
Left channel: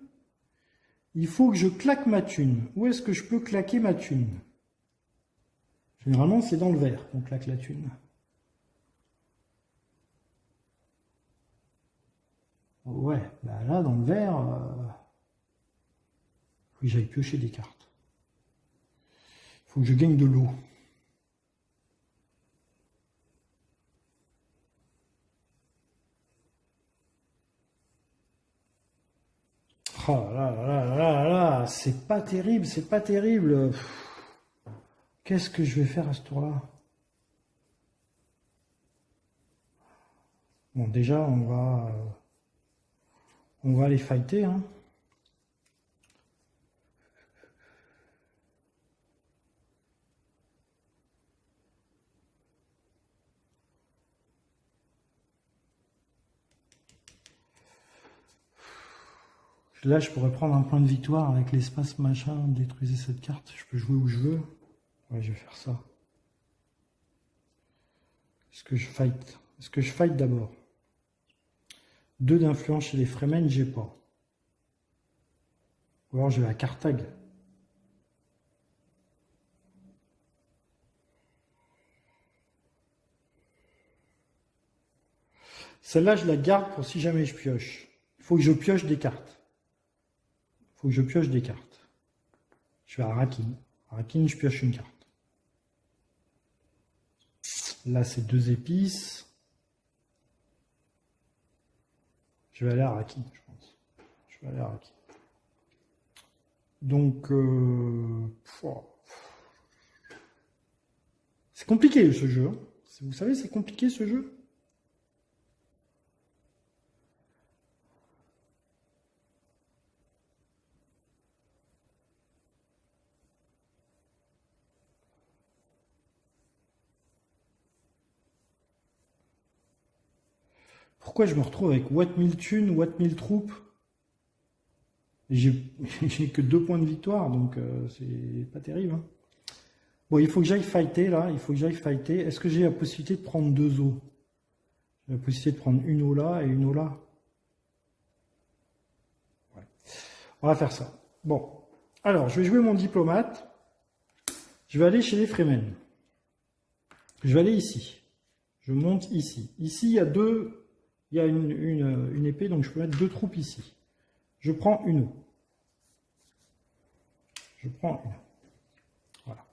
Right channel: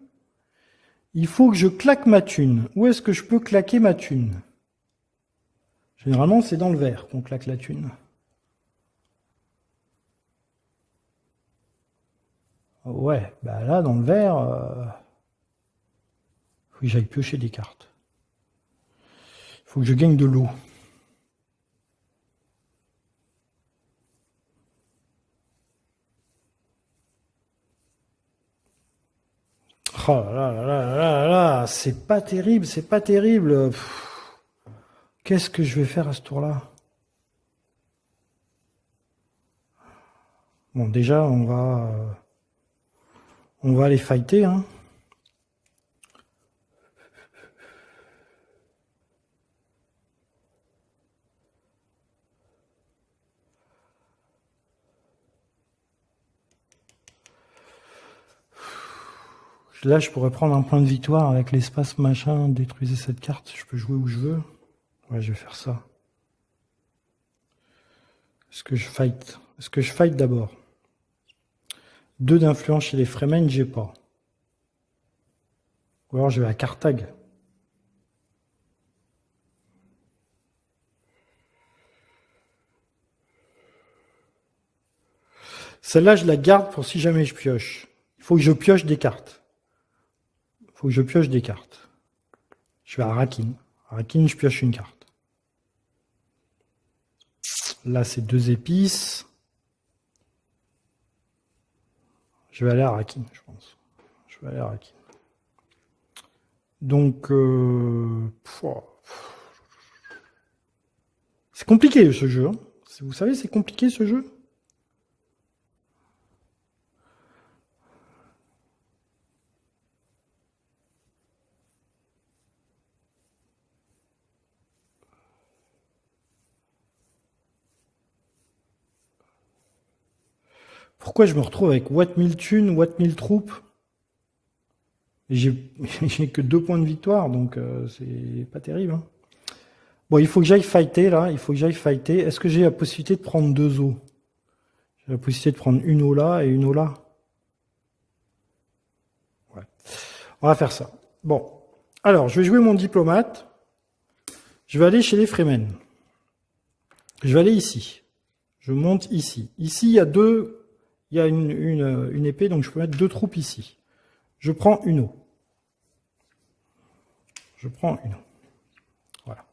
Où est-ce que je peux claquer ma thune? Généralement, c'est dans le vert qu'on claque la thune. Ouais, bah là, dans le vert, faut que j'aille piocher des cartes. Il faut que je gagne de l'eau. Oh là, c'est pas terrible. Qu'est-ce que je vais faire à ce tour-là? Bon, déjà, on va aller fighter, hein. Là, je pourrais prendre un point de victoire avec l'espace machin, détruisez cette carte, je peux jouer où je veux. Ouais, je vais faire ça. Est-ce que je fight d'abord? 2 d'influence chez les Fremen, j'ai pas. Ou alors je vais à Carthage. Celle-là, je la garde pour si jamais je pioche. Il faut que je pioche des cartes. Je vais à Rakin. Rakin, je pioche une carte. Là, c'est 2 épices. Je vais aller à Rakin, je pense. Donc, c'est compliqué ce jeu. Hein. Vous savez, c'est compliqué ce jeu. Pourquoi je me retrouve avec Watt 1000 thunes, Watt 1000 troupes? Et j'ai que 2 points de victoire, donc c'est pas terrible. Hein. Bon, il faut que j'aille fighter, là. Il faut que j'aille fighter. Est-ce que j'ai la possibilité de prendre 2 eaux? J'ai la possibilité de prendre une eau là et une eau là. Ouais. On va faire ça. Bon. Alors, je vais jouer mon diplomate. Je vais aller chez les Fremen. Je vais aller ici. Je monte ici. Ici, il y a une épée, donc je peux mettre 2 troupes ici. Je prends une eau. Je prends une eau. Voilà.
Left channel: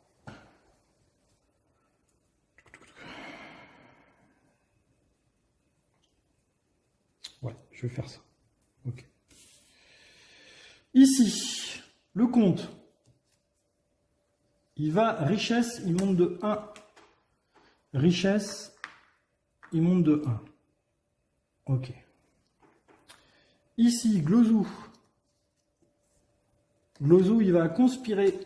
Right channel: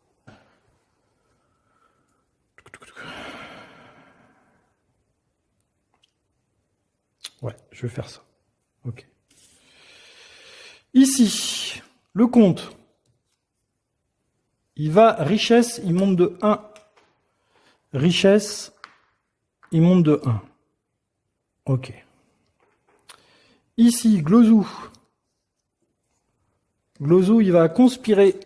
Ouais, je vais faire ça. Ok. Ici, le comte. Il va, richesse, il monte de 1. Richesse, il monte de 1. Ok. Ici, Glozou. Glozou, il va conspirer.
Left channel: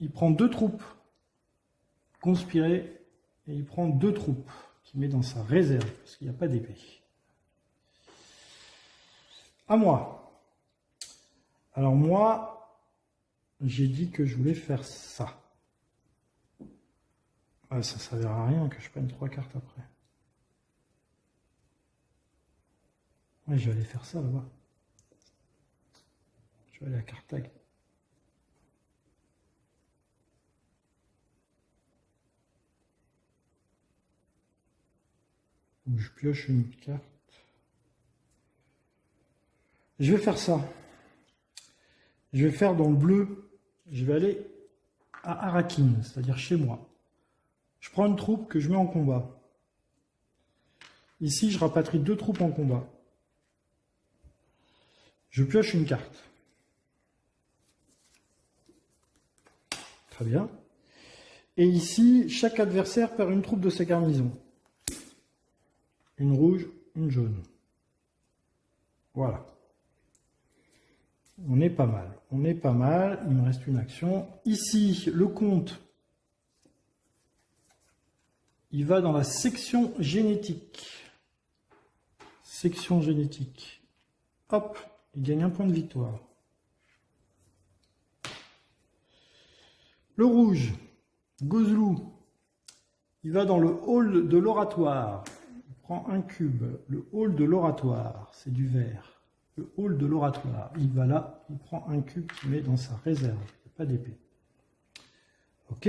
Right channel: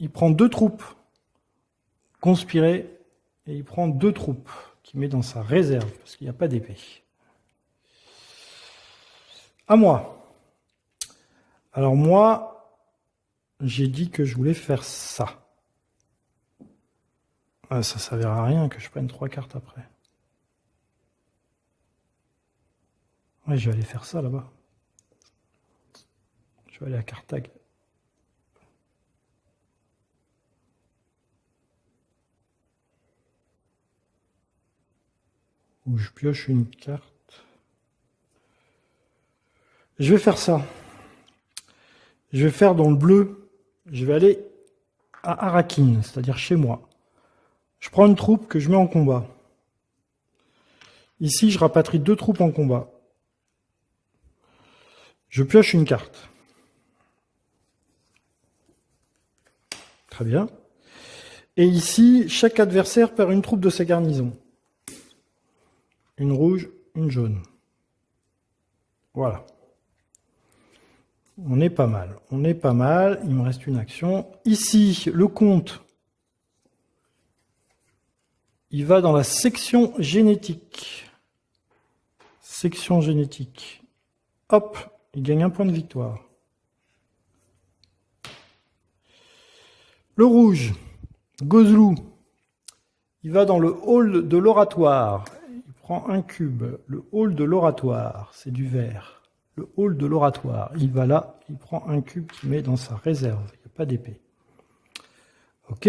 Il prend 2 troupes. Conspirer. Et il prend 2 troupes qu'il met dans sa réserve, parce qu'il n'y a pas d'épée. À moi. Alors moi, j'ai dit que je voulais faire ça. Ah, ça ne servira à rien que je prenne 3 cartes après. Ouais, je vais aller faire ça là-bas. Je vais aller à Carthage. Où je pioche une carte. Je vais faire ça. Je vais faire dans le bleu. Je vais aller à Arakin, c'est-à-dire chez moi. Je prends une troupe que je mets en combat. Ici, je rapatrie 2 troupes en combat. Je pioche une carte. Très bien. Et ici, chaque adversaire perd une troupe de sa garnison. Une rouge, une jaune. Voilà. On est pas mal. On est pas mal. Il me reste une action. Ici, le comte, il va dans la section génétique. Section génétique. Hop, il gagne 1 point de victoire. Le rouge, Gozlou, il va dans le hall de l'oratoire. Il prend un cube. Le hall de l'oratoire, c'est du vert. Le hall de l'oratoire, il va là, il prend un cube qu'il met dans sa réserve. Il n'y a pas d'épée. Ok,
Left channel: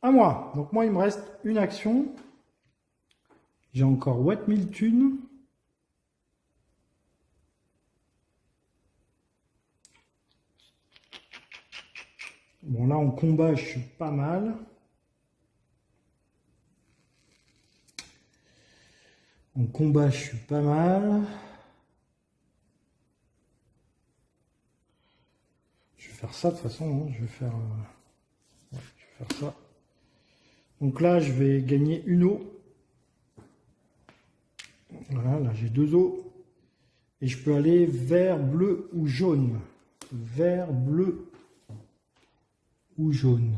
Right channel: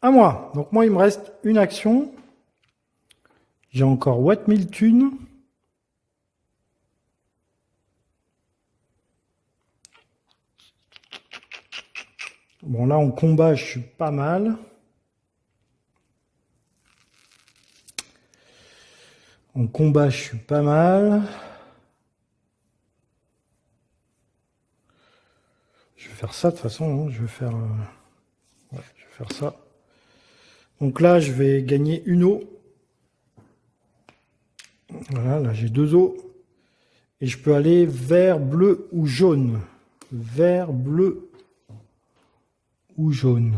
à moi. Donc moi, il me reste une action. J'ai encore Watt 1000 thunes. Bon, là, en combat, je suis pas mal. En combat, je suis pas mal. Je vais faire ça de toute façon. Hein. Je vais faire ça. Donc là, je vais gagner une eau. Voilà, là, j'ai 2 eaux. Et je peux aller vert, bleu ou jaune. Vert, bleu ou jaune.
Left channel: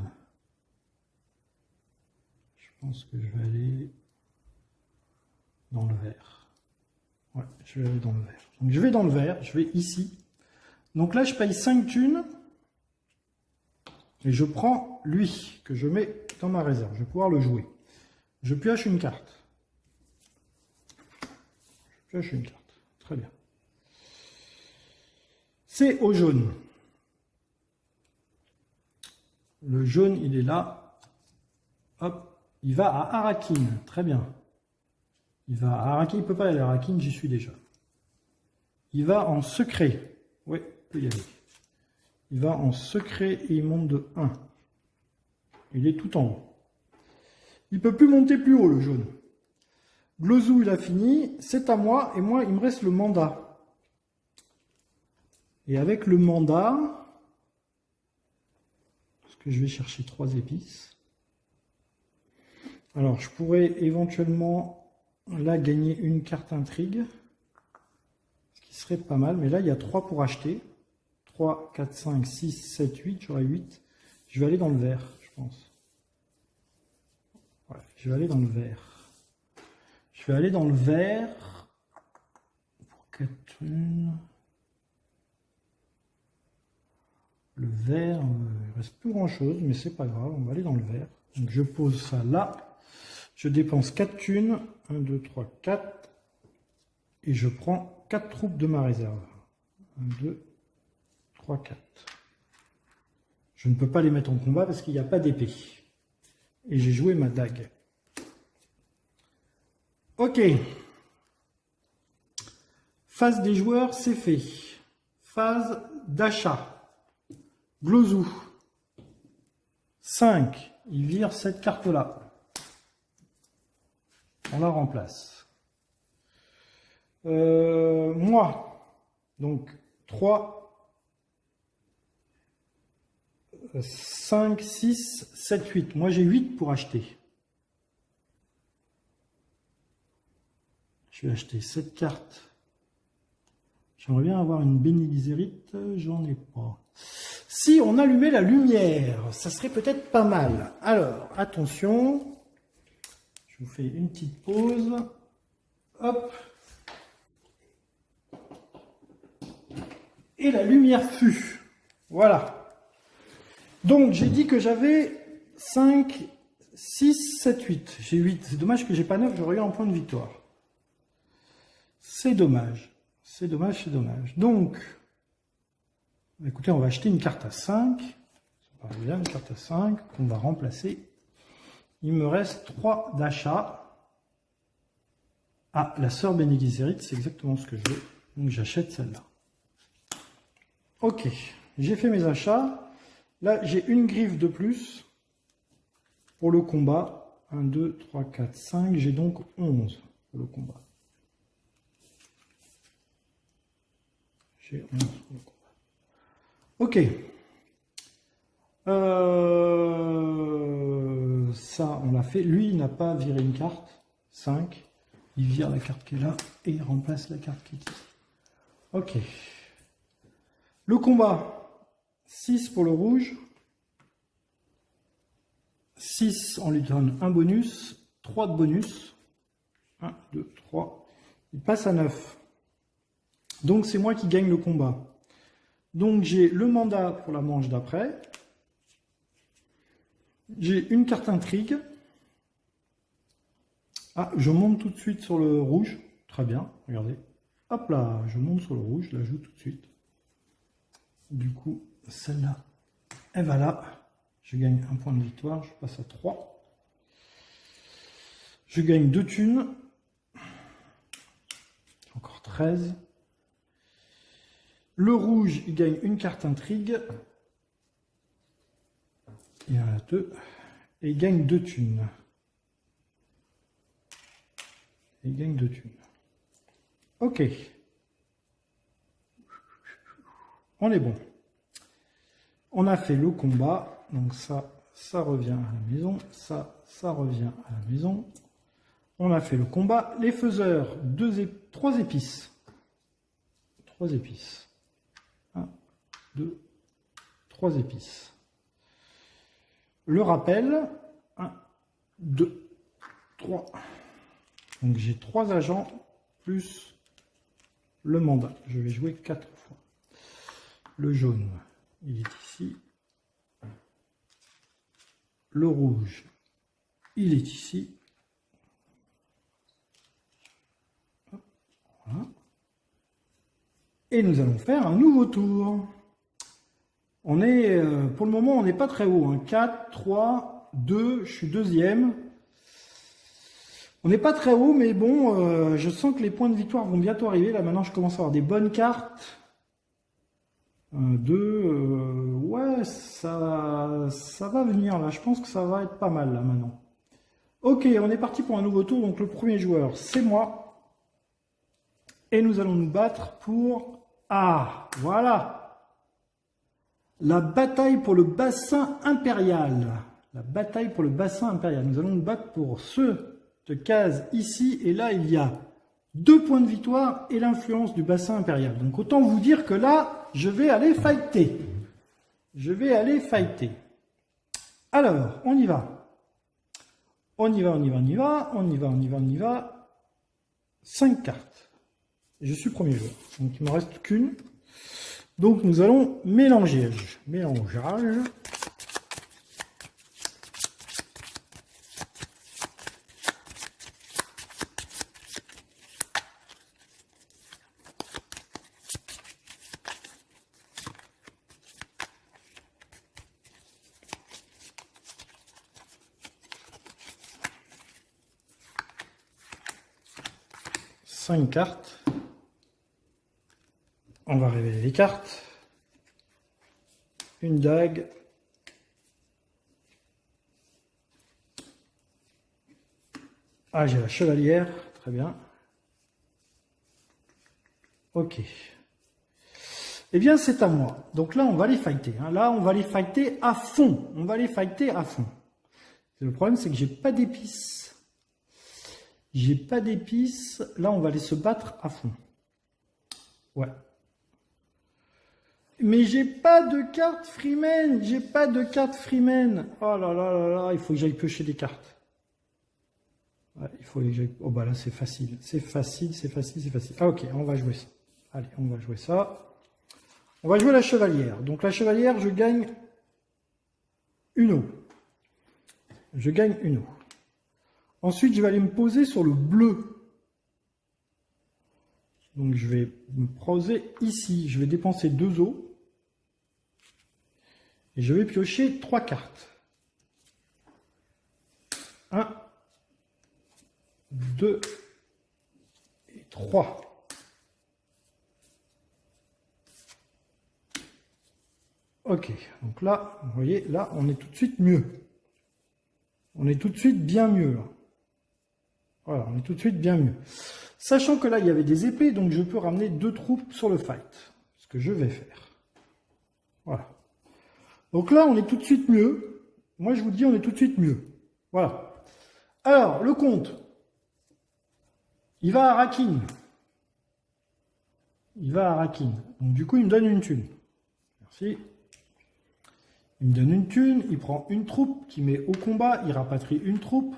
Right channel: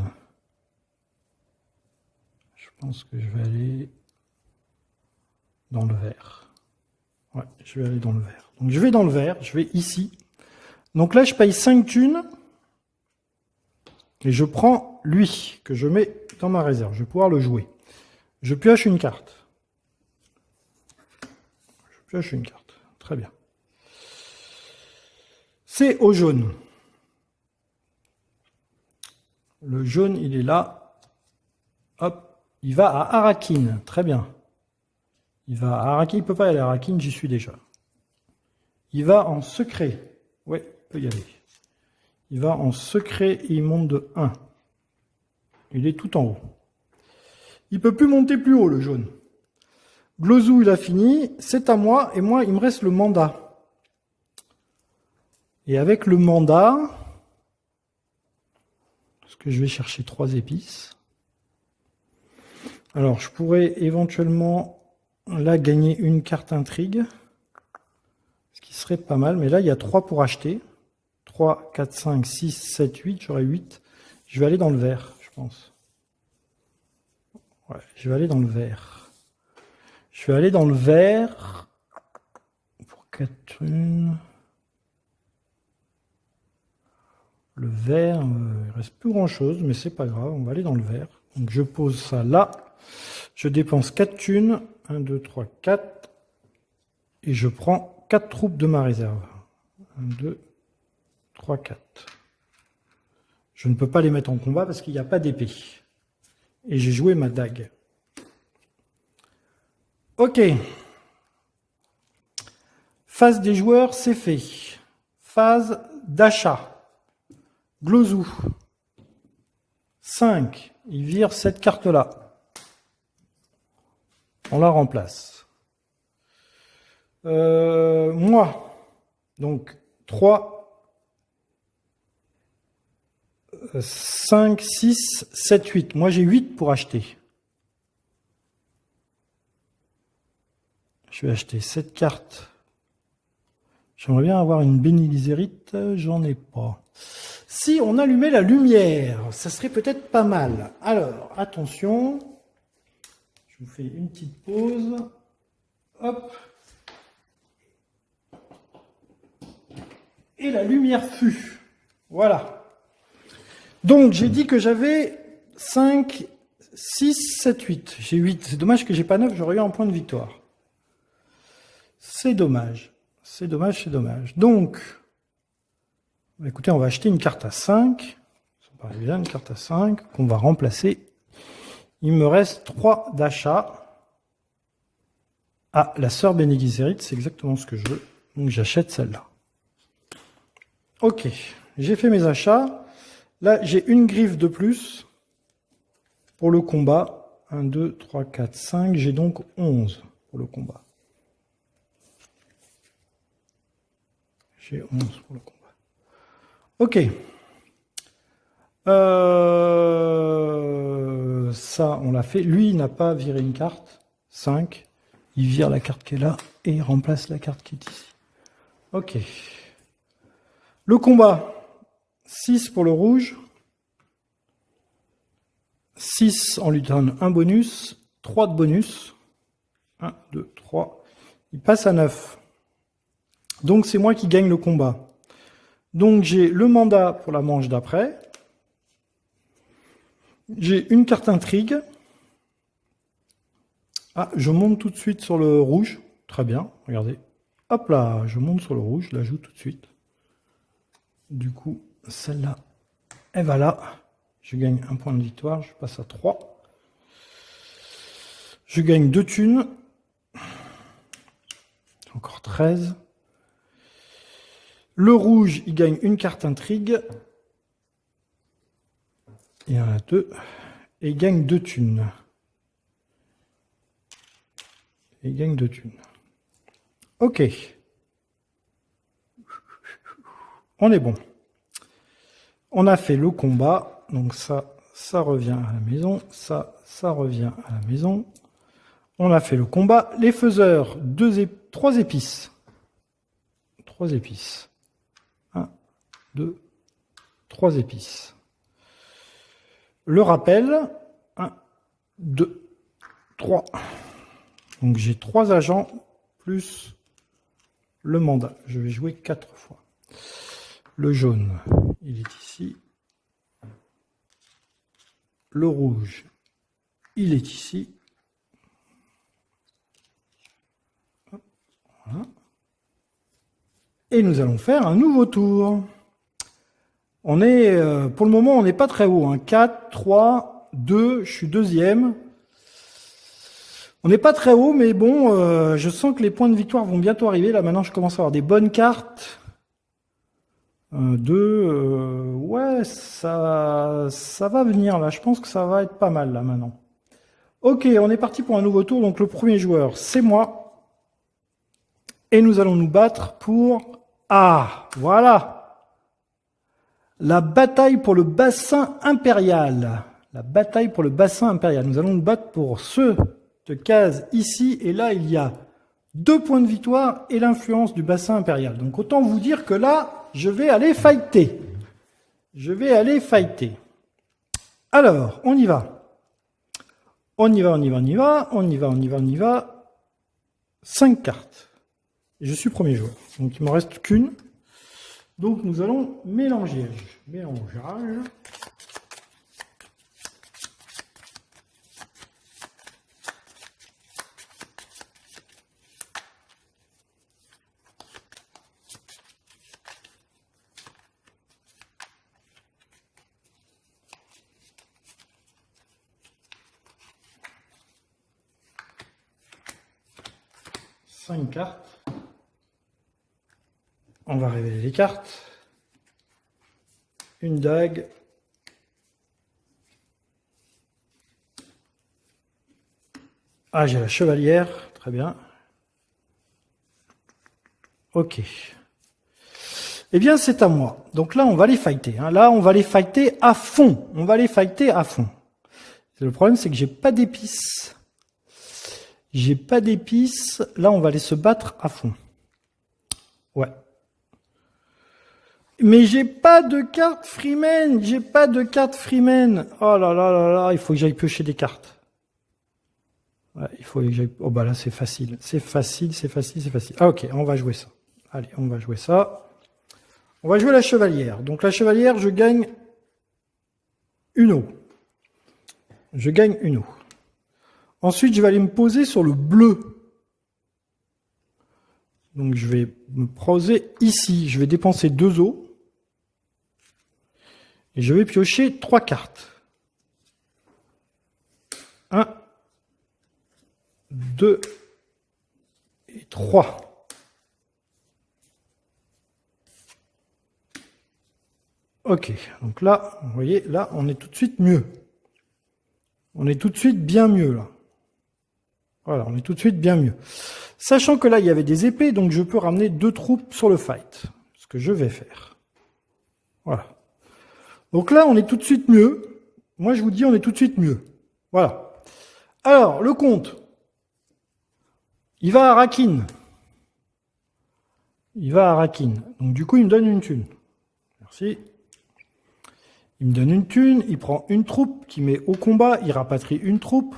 Je pense que je vais aller dans le vert. Ouais, je vais aller dans le vert. Donc je vais dans le vert, je vais ici. Donc là, je paye 5 thunes. Et je prends lui, que je mets dans ma réserve. Je vais pouvoir le jouer. Je pioche une carte. Je pioche une carte. Très bien. C'est au jaune. Le jaune, il est là. Hop, il va à Arakin. Très bien. Il va à Arakin. Il ne peut pas aller à Arakin, j'y suis déjà. Il va en secret. Oui, il peut y aller. Il va en secret et il monte de 1. Il est tout en haut. Il ne peut plus monter plus haut, le jaune. Glozou, il a fini. C'est à moi. Et moi, il me reste le mandat. Et avec le mandat, parce que je vais chercher 3 épices. Alors, je pourrais éventuellement, là, gagner une carte intrigue. Ce qui serait pas mal. Mais là, il y a 3 pour acheter. 3, 4, 5, 6, 7, 8. J'aurai 8. Je vais aller dans le vert, je pense. Ouais, je vais aller dans le vert. Je vais aller dans le vert. Pour 4 thunes. Le vert, il reste plus grand chose, mais c'est pas grave, on va aller dans le vert. Donc je pose ça là. Je dépense 4 thunes. 1, 2, 3, 4. Et je prends 4 troupes de ma réserve. 1, 2, 3, 4. Je ne peux pas les mettre en combat parce qu'il n'y a pas d'épée. Et j'ai joué ma dague. Ok. Phase des joueurs, c'est fait. Phase d'achat. Glozou. 5. Il vire cette carte-là. On la remplace. Moi. Donc, 3, 5, 6, 7, 8. Moi, j'ai 8 pour acheter. Je vais acheter cette carte. J'aimerais bien avoir une bénilizérite. J'en ai pas. Si on allumait la lumière, ça serait peut-être pas mal. Alors, attention. Je vous fais une petite pause. Hop. Et la lumière fut. Voilà. Donc, j'ai dit que j'avais 5, 6, 7, 8. J'ai 8. C'est dommage que j'ai pas 9, j'aurais eu un point de victoire. C'est dommage. C'est dommage, c'est dommage. Donc, écoutez, on va acheter une carte à 5. Ça paraît bien, une carte à 5 qu'on va remplacer. Il me reste 3 d'achat. Ah, la sœur Bene Gesserit, c'est exactement ce que je veux. Donc, j'achète celle-là. Ok, j'ai fait mes achats. Là, j'ai une griffe de plus pour le combat. 1, 2, 3, 4, 5. J'ai donc 11 pour le combat. J'ai 11 pour le combat. Ok. Ça, on l'a fait. Lui, il n'a pas viré une carte. 5. Il vire la carte qui est là et il remplace la carte qui est ici. Ok. Le combat. 6 pour le rouge. 6, on lui donne un bonus. 3 de bonus. 1, 2, 3. Il passe à 9. Donc, c'est moi qui gagne le combat. Donc, j'ai le mandat pour la manche d'après. J'ai une carte intrigue. Ah, je monte tout de suite sur le rouge. Très bien, regardez. Hop là, je monte sur le rouge, je la joue tout de suite. Du coup, celle-là, elle va là. Je gagne un point de victoire, je passe à 3. Je gagne 2 thunes. Encore 13. Le rouge, il gagne une carte intrigue. Il y en a 2. Et il gagne 2 thunes. Il gagne 2 thunes. Ok. On est bon. On a fait le combat. Donc ça revient à la maison. Ça revient à la maison. On a fait le combat. Les faiseurs, 3 épices. 3 épices. 1, 2, 3 épices. Le rappel. 1, 2, 3. Donc j'ai 3 agents plus le mandat. Je vais jouer 4 fois. Le jaune, il est ici. Le rouge, il est ici. Voilà. Et nous allons faire un nouveau tour. On est, pour le moment, on n'est pas très haut. Hein. 4, 3, 2, je suis deuxième. On n'est pas très haut, mais bon, je sens que les points de victoire vont bientôt arriver. Là, maintenant, je commence à avoir des bonnes cartes. 2, ouais, ça va venir, là. Je pense que ça va être pas mal, là, maintenant. Ok, on est parti pour un nouveau tour. Donc, le premier joueur, c'est moi. Et nous allons nous battre pour... Ah, voilà. La bataille pour le bassin impérial. La bataille pour le bassin impérial. Nous allons nous battre pour ce... case ici, et là il y a 2 points de victoire et l'influence du bassin impérial. Donc autant vous dire que là, je vais aller fighter. Je vais aller fighter. Alors, on y va. On y va, on y va, on y va, on y va, on y va, on y va. 5 cartes. Je suis premier joueur. Donc il ne me reste qu'une. Donc nous allons mélanger. Mélangeage. Cinq cartes. On va révéler les cartes. Une dague. Ah, j'ai la chevalière. Très bien. Ok. Eh bien, c'est à moi. Donc là, on va les fighter. Hein. Là, on va les fighter à fond. On va les fighter à fond. Le problème, c'est que j'ai pas d'épices. J'ai pas d'épices. Là, on va aller se battre à fond. Ouais. Mais j'ai pas de carte Freeman. J'ai pas de carte Freeman. Oh là là là là. Il faut que j'aille piocher des cartes. Ouais, il faut que j'aille... Oh bah là, c'est facile. C'est facile, c'est facile, c'est facile. Ah ok, on va jouer ça. Allez, on va jouer ça. On va jouer la chevalière. Donc la chevalière, je gagne une eau. Je gagne une eau. Ensuite, je vais aller me poser sur le bleu. Donc je vais me poser ici. Je vais dépenser 2 eaux. Et je vais piocher 3 cartes. 1, 2 et 3. Ok, donc là, vous voyez, là, on est tout de suite mieux. On est tout de suite bien mieux, là. Voilà, on est tout de suite bien mieux. Sachant que là, il y avait des épées, donc je peux ramener 2 troupes sur le fight. Ce que je vais faire. Voilà. Donc là, on est tout de suite mieux. Moi, je vous dis, on est tout de suite mieux. Voilà. Alors, le comte. Il va à Rakin. Il va à Rakin. Donc, du coup, il me donne une thune. Merci. Il me donne une thune. Il prend une troupe qui met au combat. Il rapatrie une troupe.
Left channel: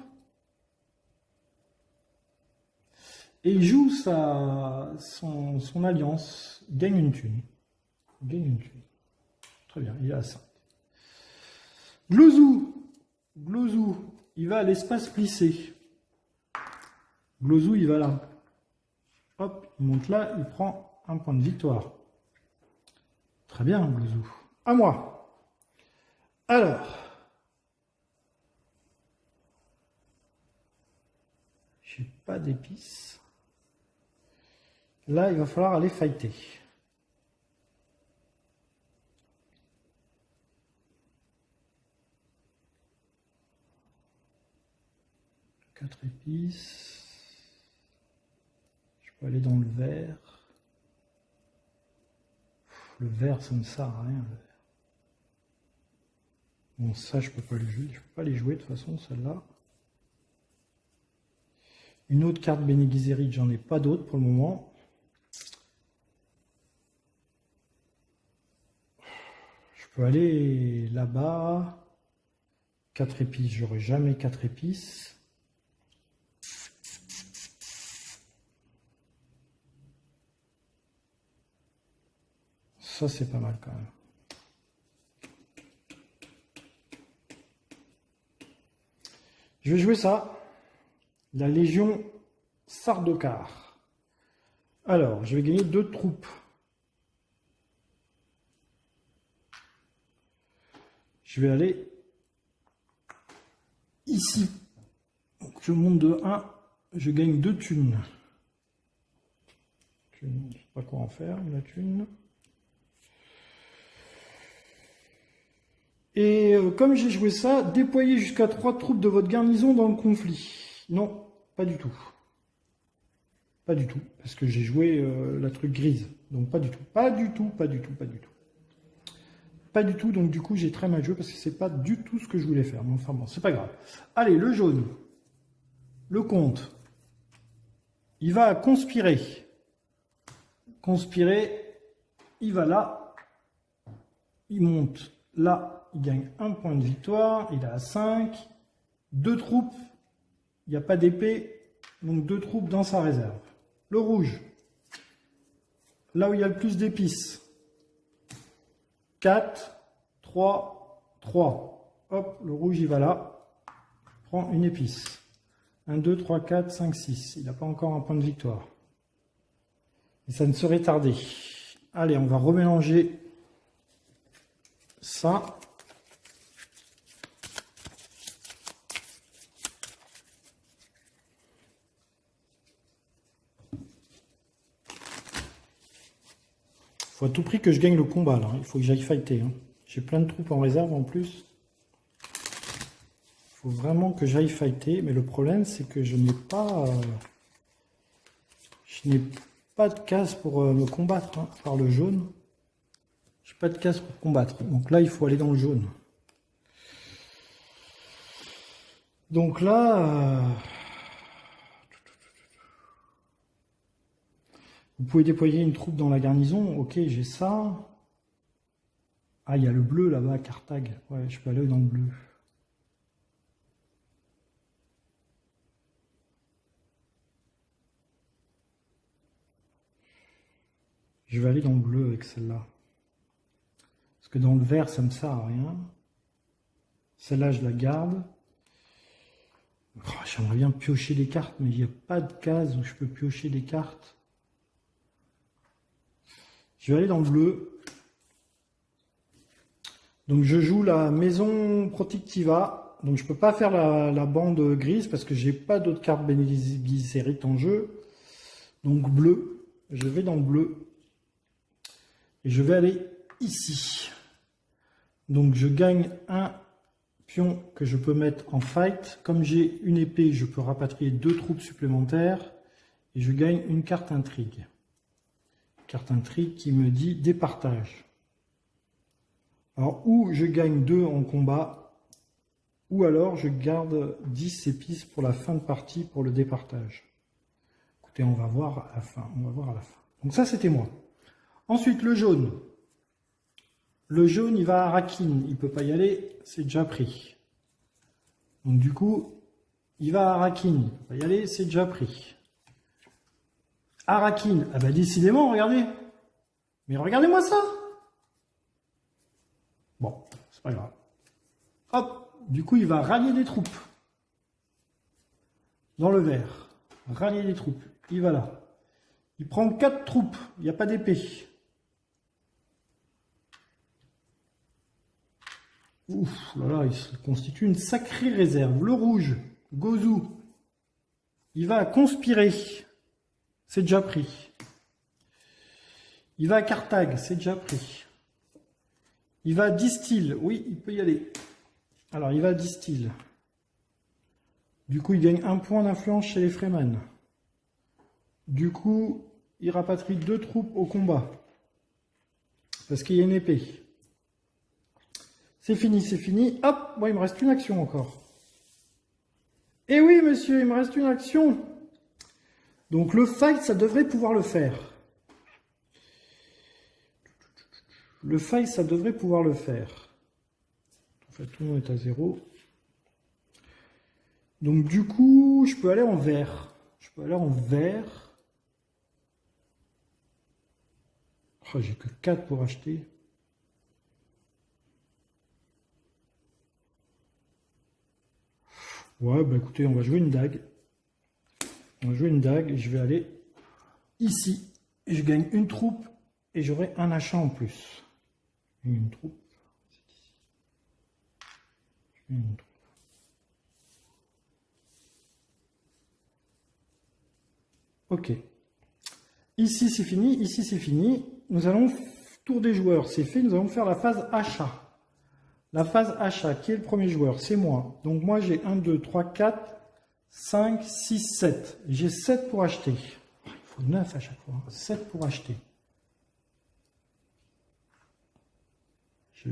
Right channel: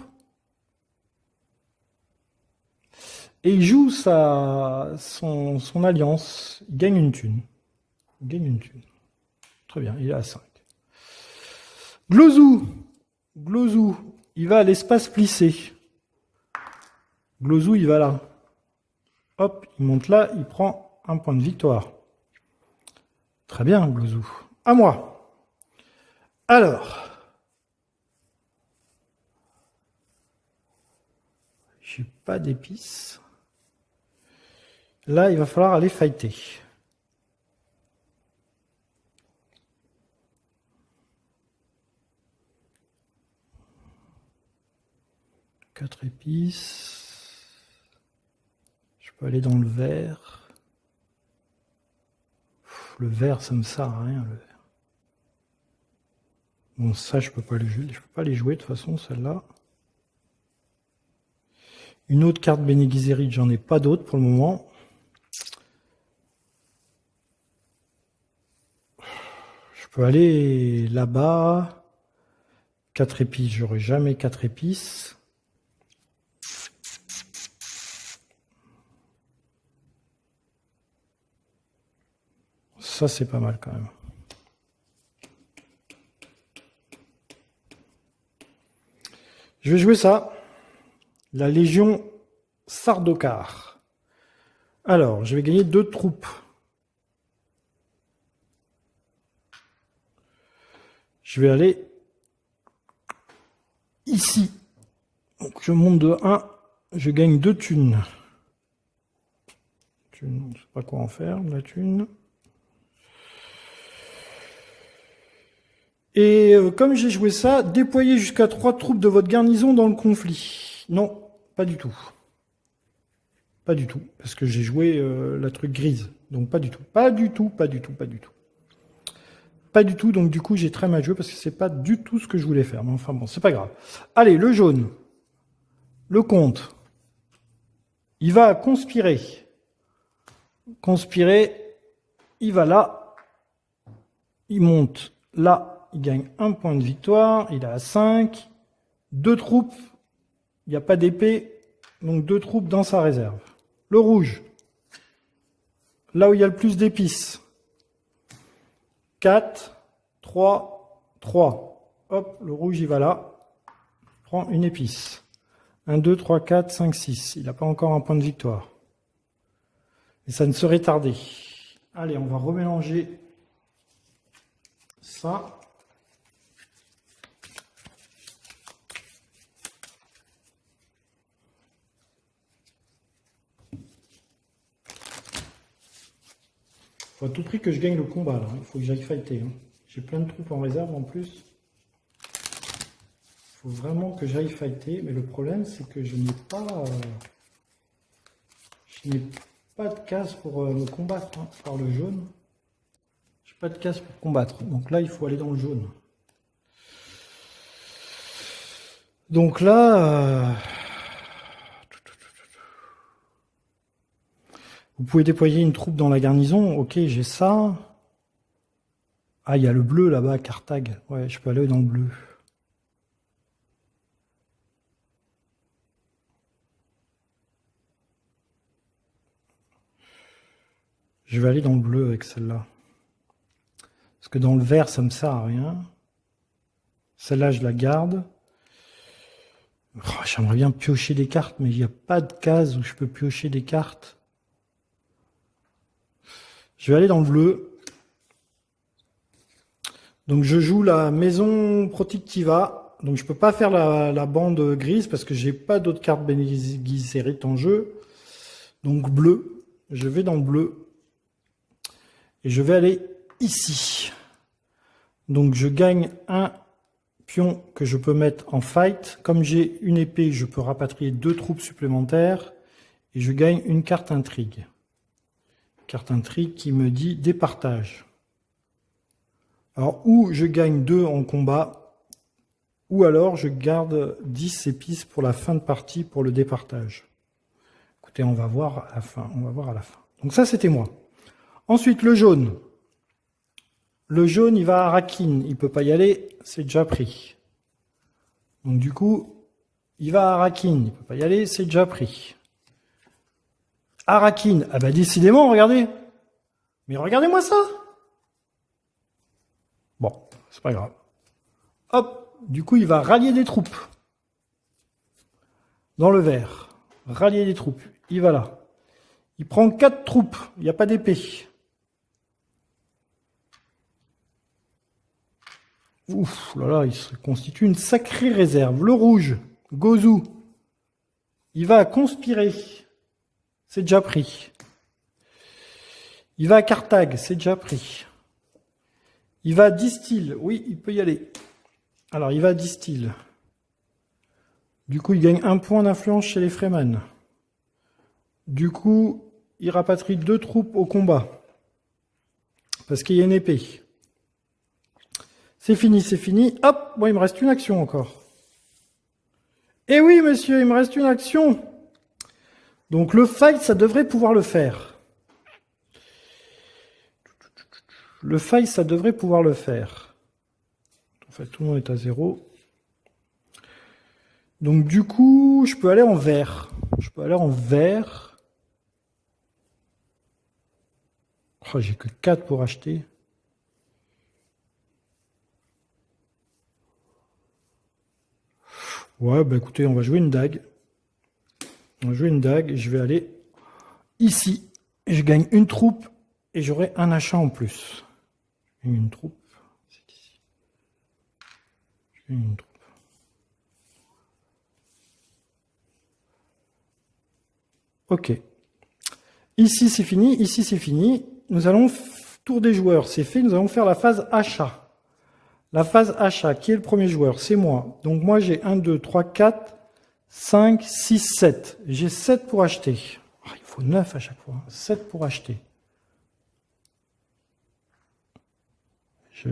Et il joue son alliance. Il gagne une thune. Il gagne une thune. Très bien, il est à 5. Glozou. Glozou. Il va à l'espace plissé. Glozou, il va là. Hop, il monte là, il prend un point de victoire. Très bien, Glozou. À moi. Alors. J'ai pas d'épices. Là, il va falloir aller fighter. Quatre épices. Je peux aller dans le vert. Le vert, ça me sert à rien, le vert. Bon, ça, je peux pas le jouer. Je peux pas les jouer de toute façon, celle-là. Une autre carte Bene Gesserit, j'en ai pas d'autres pour le moment. Je peux aller là-bas. 4 épices, j'aurai jamais 4 épices. Ça, c'est pas mal quand même. Je vais jouer ça. La Légion Sardaukar. Alors, je vais gagner 2 troupes. Je vais aller ici. Donc, je monte de 1. Je gagne 2 thunes. Je ne sais pas quoi en faire, de la thune. Et comme j'ai joué ça, déployez jusqu'à 3 troupes de votre garnison dans le conflit. Non, pas du tout. Pas du tout, parce que j'ai joué la truc grise. Donc pas du tout. Pas du tout, pas du tout, pas du tout. Pas du tout, donc du coup j'ai très mal joué parce que c'est pas du tout ce que je voulais faire. Mais enfin bon, c'est pas grave. Allez, le jaune. Le comte. Il va conspirer. Conspirer. Il va là. Il monte là. Il gagne 1 point de victoire. Il est à 5. 2 troupes. Il n'y a pas d'épée. Donc 2 troupes dans sa réserve. Le rouge. Là où il y a le plus d'épices. 4, 3, 3. Hop, le rouge, il va là. Prends une épice. 1, 2, 3, 4, 5, 6. Il n'a pas encore un point de victoire. Et ça ne serait tardé. Allez, on va remélanger ça. Faut à tout prix que je gagne le combat là. Il faut que j'aille fighter. Hein. J'ai plein de troupes en réserve en plus. Il faut vraiment que j'aille fighter. Mais le problème c'est que je n'ai pas de case pour me combattre hein, par le jaune. J'ai pas de case pour combattre. Donc là il faut aller dans le jaune. Donc là... Vous pouvez déployer une troupe dans la garnison. Ok, j'ai ça. Ah, il y a le bleu là-bas, Carthage. Ouais, je peux aller dans le bleu. Je vais aller dans le bleu avec celle-là. Parce que dans le vert, ça me sert à rien. Celle-là, je la garde. Oh, j'aimerais bien piocher des cartes, mais il n'y a pas de case où je peux piocher des cartes. Je vais aller dans le bleu. Donc je joue la maison Protectiva. Donc je ne peux pas faire la bande grise parce que j'ai pas d'autres cartes Bene Gesserit en jeu. Donc bleu. Je vais dans le bleu. Et je vais aller ici. Donc je gagne un pion que je peux mettre en fight. Comme j'ai une épée, je peux rapatrier 2 troupes supplémentaires. Et je gagne une carte intrigue. Carte intrigue qui me dit départage. Alors, ou je gagne 2 en combat, ou alors je garde 10 épices pour la fin de partie pour le départage. Écoutez, on va voir à la fin. On va voir à la fin. Donc ça, c'était moi. Ensuite, le jaune. Le jaune, il va à Arakin. Il ne peut pas y aller, c'est déjà pris. Donc du coup, il va à Arakin. Il ne peut pas y aller, c'est déjà pris. Arakin, ah bah décidément, regardez. Mais regardez-moi ça. Bon, c'est pas grave. Hop, du coup, il va rallier des troupes. Dans le vert. Rallier des troupes. Il va là. Il prend 4 troupes. Il n'y a pas d'épée. Ouf, là là, il se constitue une sacrée réserve. Le rouge, Gozu. Il va conspirer. C'est déjà pris. Il va à Carthage, c'est déjà pris. Il va à Distil, oui, il peut y aller. Alors, il va à Distil. Du coup, il gagne 1 point d'influence chez les Fremen. Du coup, il rapatrie 2 troupes au combat. Parce qu'il y a une épée. C'est fini, c'est fini. Hop, bon, il me reste une action encore. Eh oui, monsieur, il me reste une action. Donc, le fight, ça devrait pouvoir le faire. Le fight, ça devrait pouvoir le faire. En fait, tout le monde est à 0. Donc, du coup, je peux aller en vert. Je peux aller en vert. Oh, j'ai que 4 pour acheter. Ouais, bah écoutez, on va jouer une dague. On va jouer une dague et je vais aller ici. Et je gagne une troupe et j'aurai un achat en plus. Une troupe. C'est ici. Je gagne une troupe. Ok. Ici, c'est fini. Ici, c'est fini. Nous allons, tour des joueurs, c'est fait. Nous allons faire la phase achat. La phase achat, qui est le premier joueur? C'est moi. Donc moi, j'ai 1, 2, 3, 4, 5, 6, 7. J'ai 7 pour acheter. Oh, il faut 9 à chaque fois. 7 pour acheter. Je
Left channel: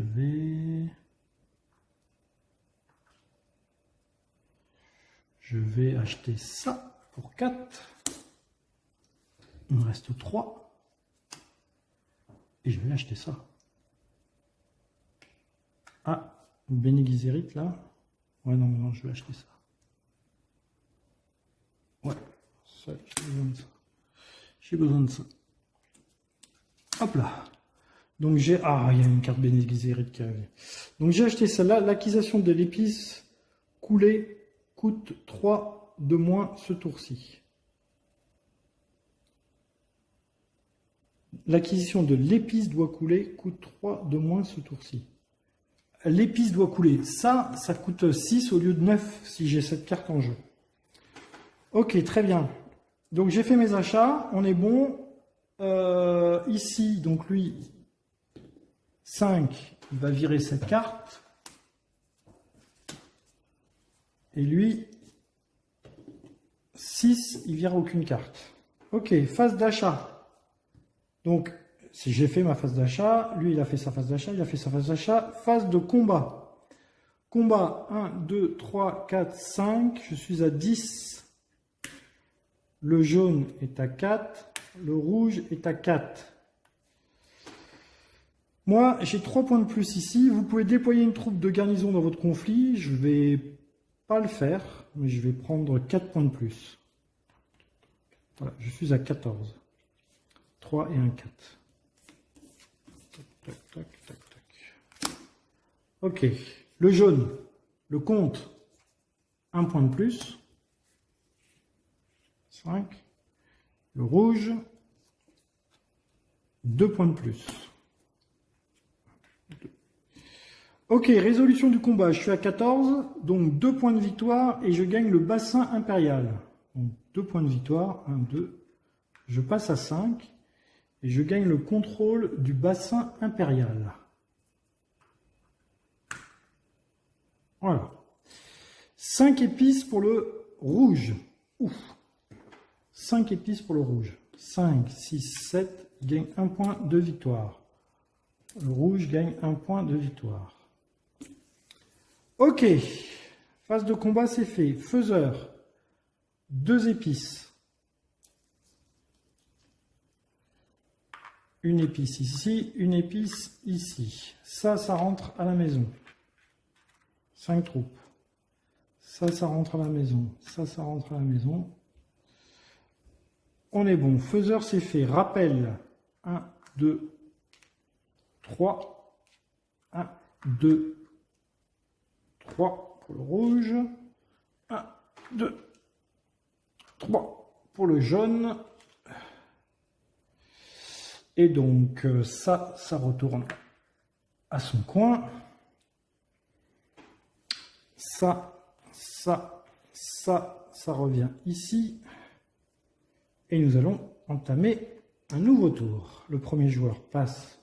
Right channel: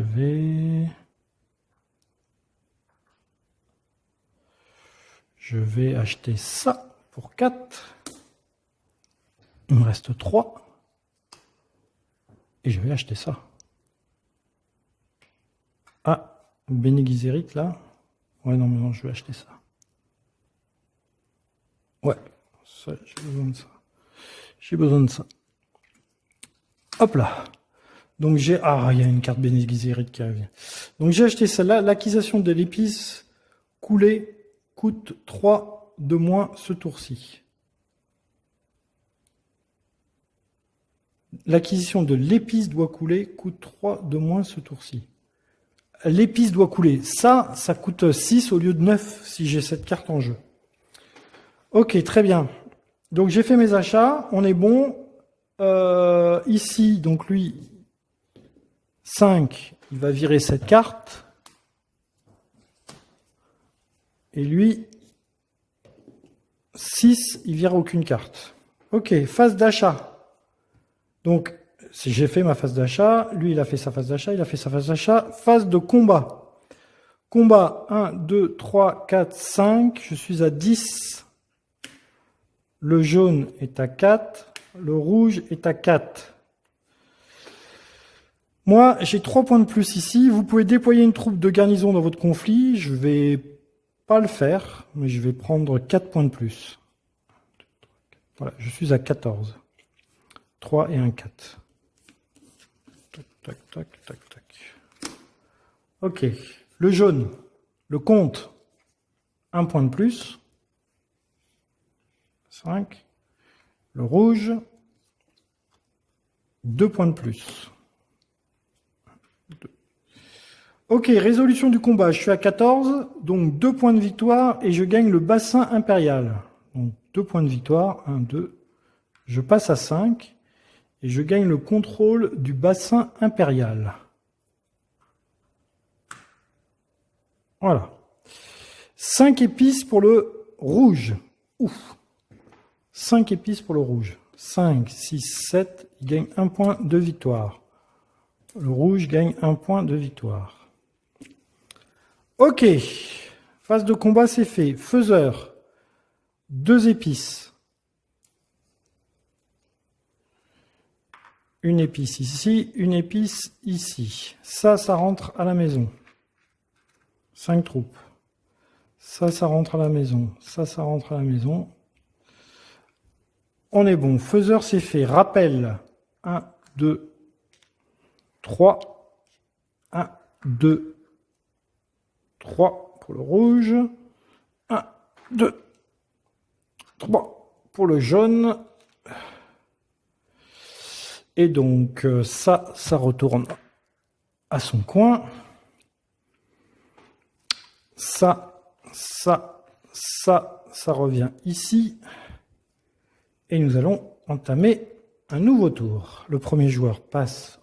vais acheter ça pour 4. Il me reste 3. Et je vais acheter ça. Ah, Bene Gesserit là. Ouais, non, mais non, je vais acheter ça. Ouais, ça, j'ai besoin de ça. J'ai besoin de ça. Hop là. Donc j'ai... Ah, il y a une carte Bene Gesserit qui revient. Donc j'ai acheté celle-là. L'acquisition de l'épice coulée coûte 3 de moins ce tour-ci. L'acquisition de l'épice doit couler coûte 3 de moins ce tour-ci. L'épice doit couler. Ça coûte 6 au lieu de 9 si j'ai cette carte en jeu. Ok, très bien. Donc j'ai fait mes achats. On est bon. Ici, donc lui, 5, il va virer cette carte. Et lui, 6, il vire aucune carte. Ok, phase d'achat. Donc, si j'ai fait ma phase d'achat, lui, il a fait sa phase d'achat, il a fait sa phase d'achat. Phase de combat. Combat 1, 2, 3, 4, 5. Je suis à 10. Le jaune est à 4. Le rouge est à 4. Moi, j'ai 3 points de plus ici. Vous pouvez déployer une troupe de garnison dans votre conflit. Je ne vais pas le faire, mais je vais prendre 4 points de plus. Voilà, je suis à 14. 3 et un 4. Tac, tac, tac, tac, tac. Ok. Le jaune, le comte, 1 point de plus. 5. Le rouge, 2 points de plus. 2. Ok, résolution du combat. Je suis à 14, donc 2 points de victoire et je gagne le bassin impérial. Donc 2 points de victoire, 1, 2. Je passe à 5 et je gagne le contrôle du bassin impérial. Voilà. 5 épices pour le rouge. Ouf. 5 épices pour le rouge. 5, 6, 7. Il gagne 1 point de victoire. Le rouge gagne 1 point de victoire. Ok. Phase de combat, c'est fait. Faiseur. 2 épices. Une épice ici, une épice ici. Ça rentre à la maison. 5 troupes. Ça rentre à la maison. Ça rentre à la maison. On est bon. Faiseur, c'est fait. Rappel. 1, 2, 3. 1, 2, 3 pour le rouge. 1, 2, 3 pour le jaune. Et donc, ça retourne à son coin. Ça revient ici. Et nous allons entamer un nouveau tour. Le premier joueur passe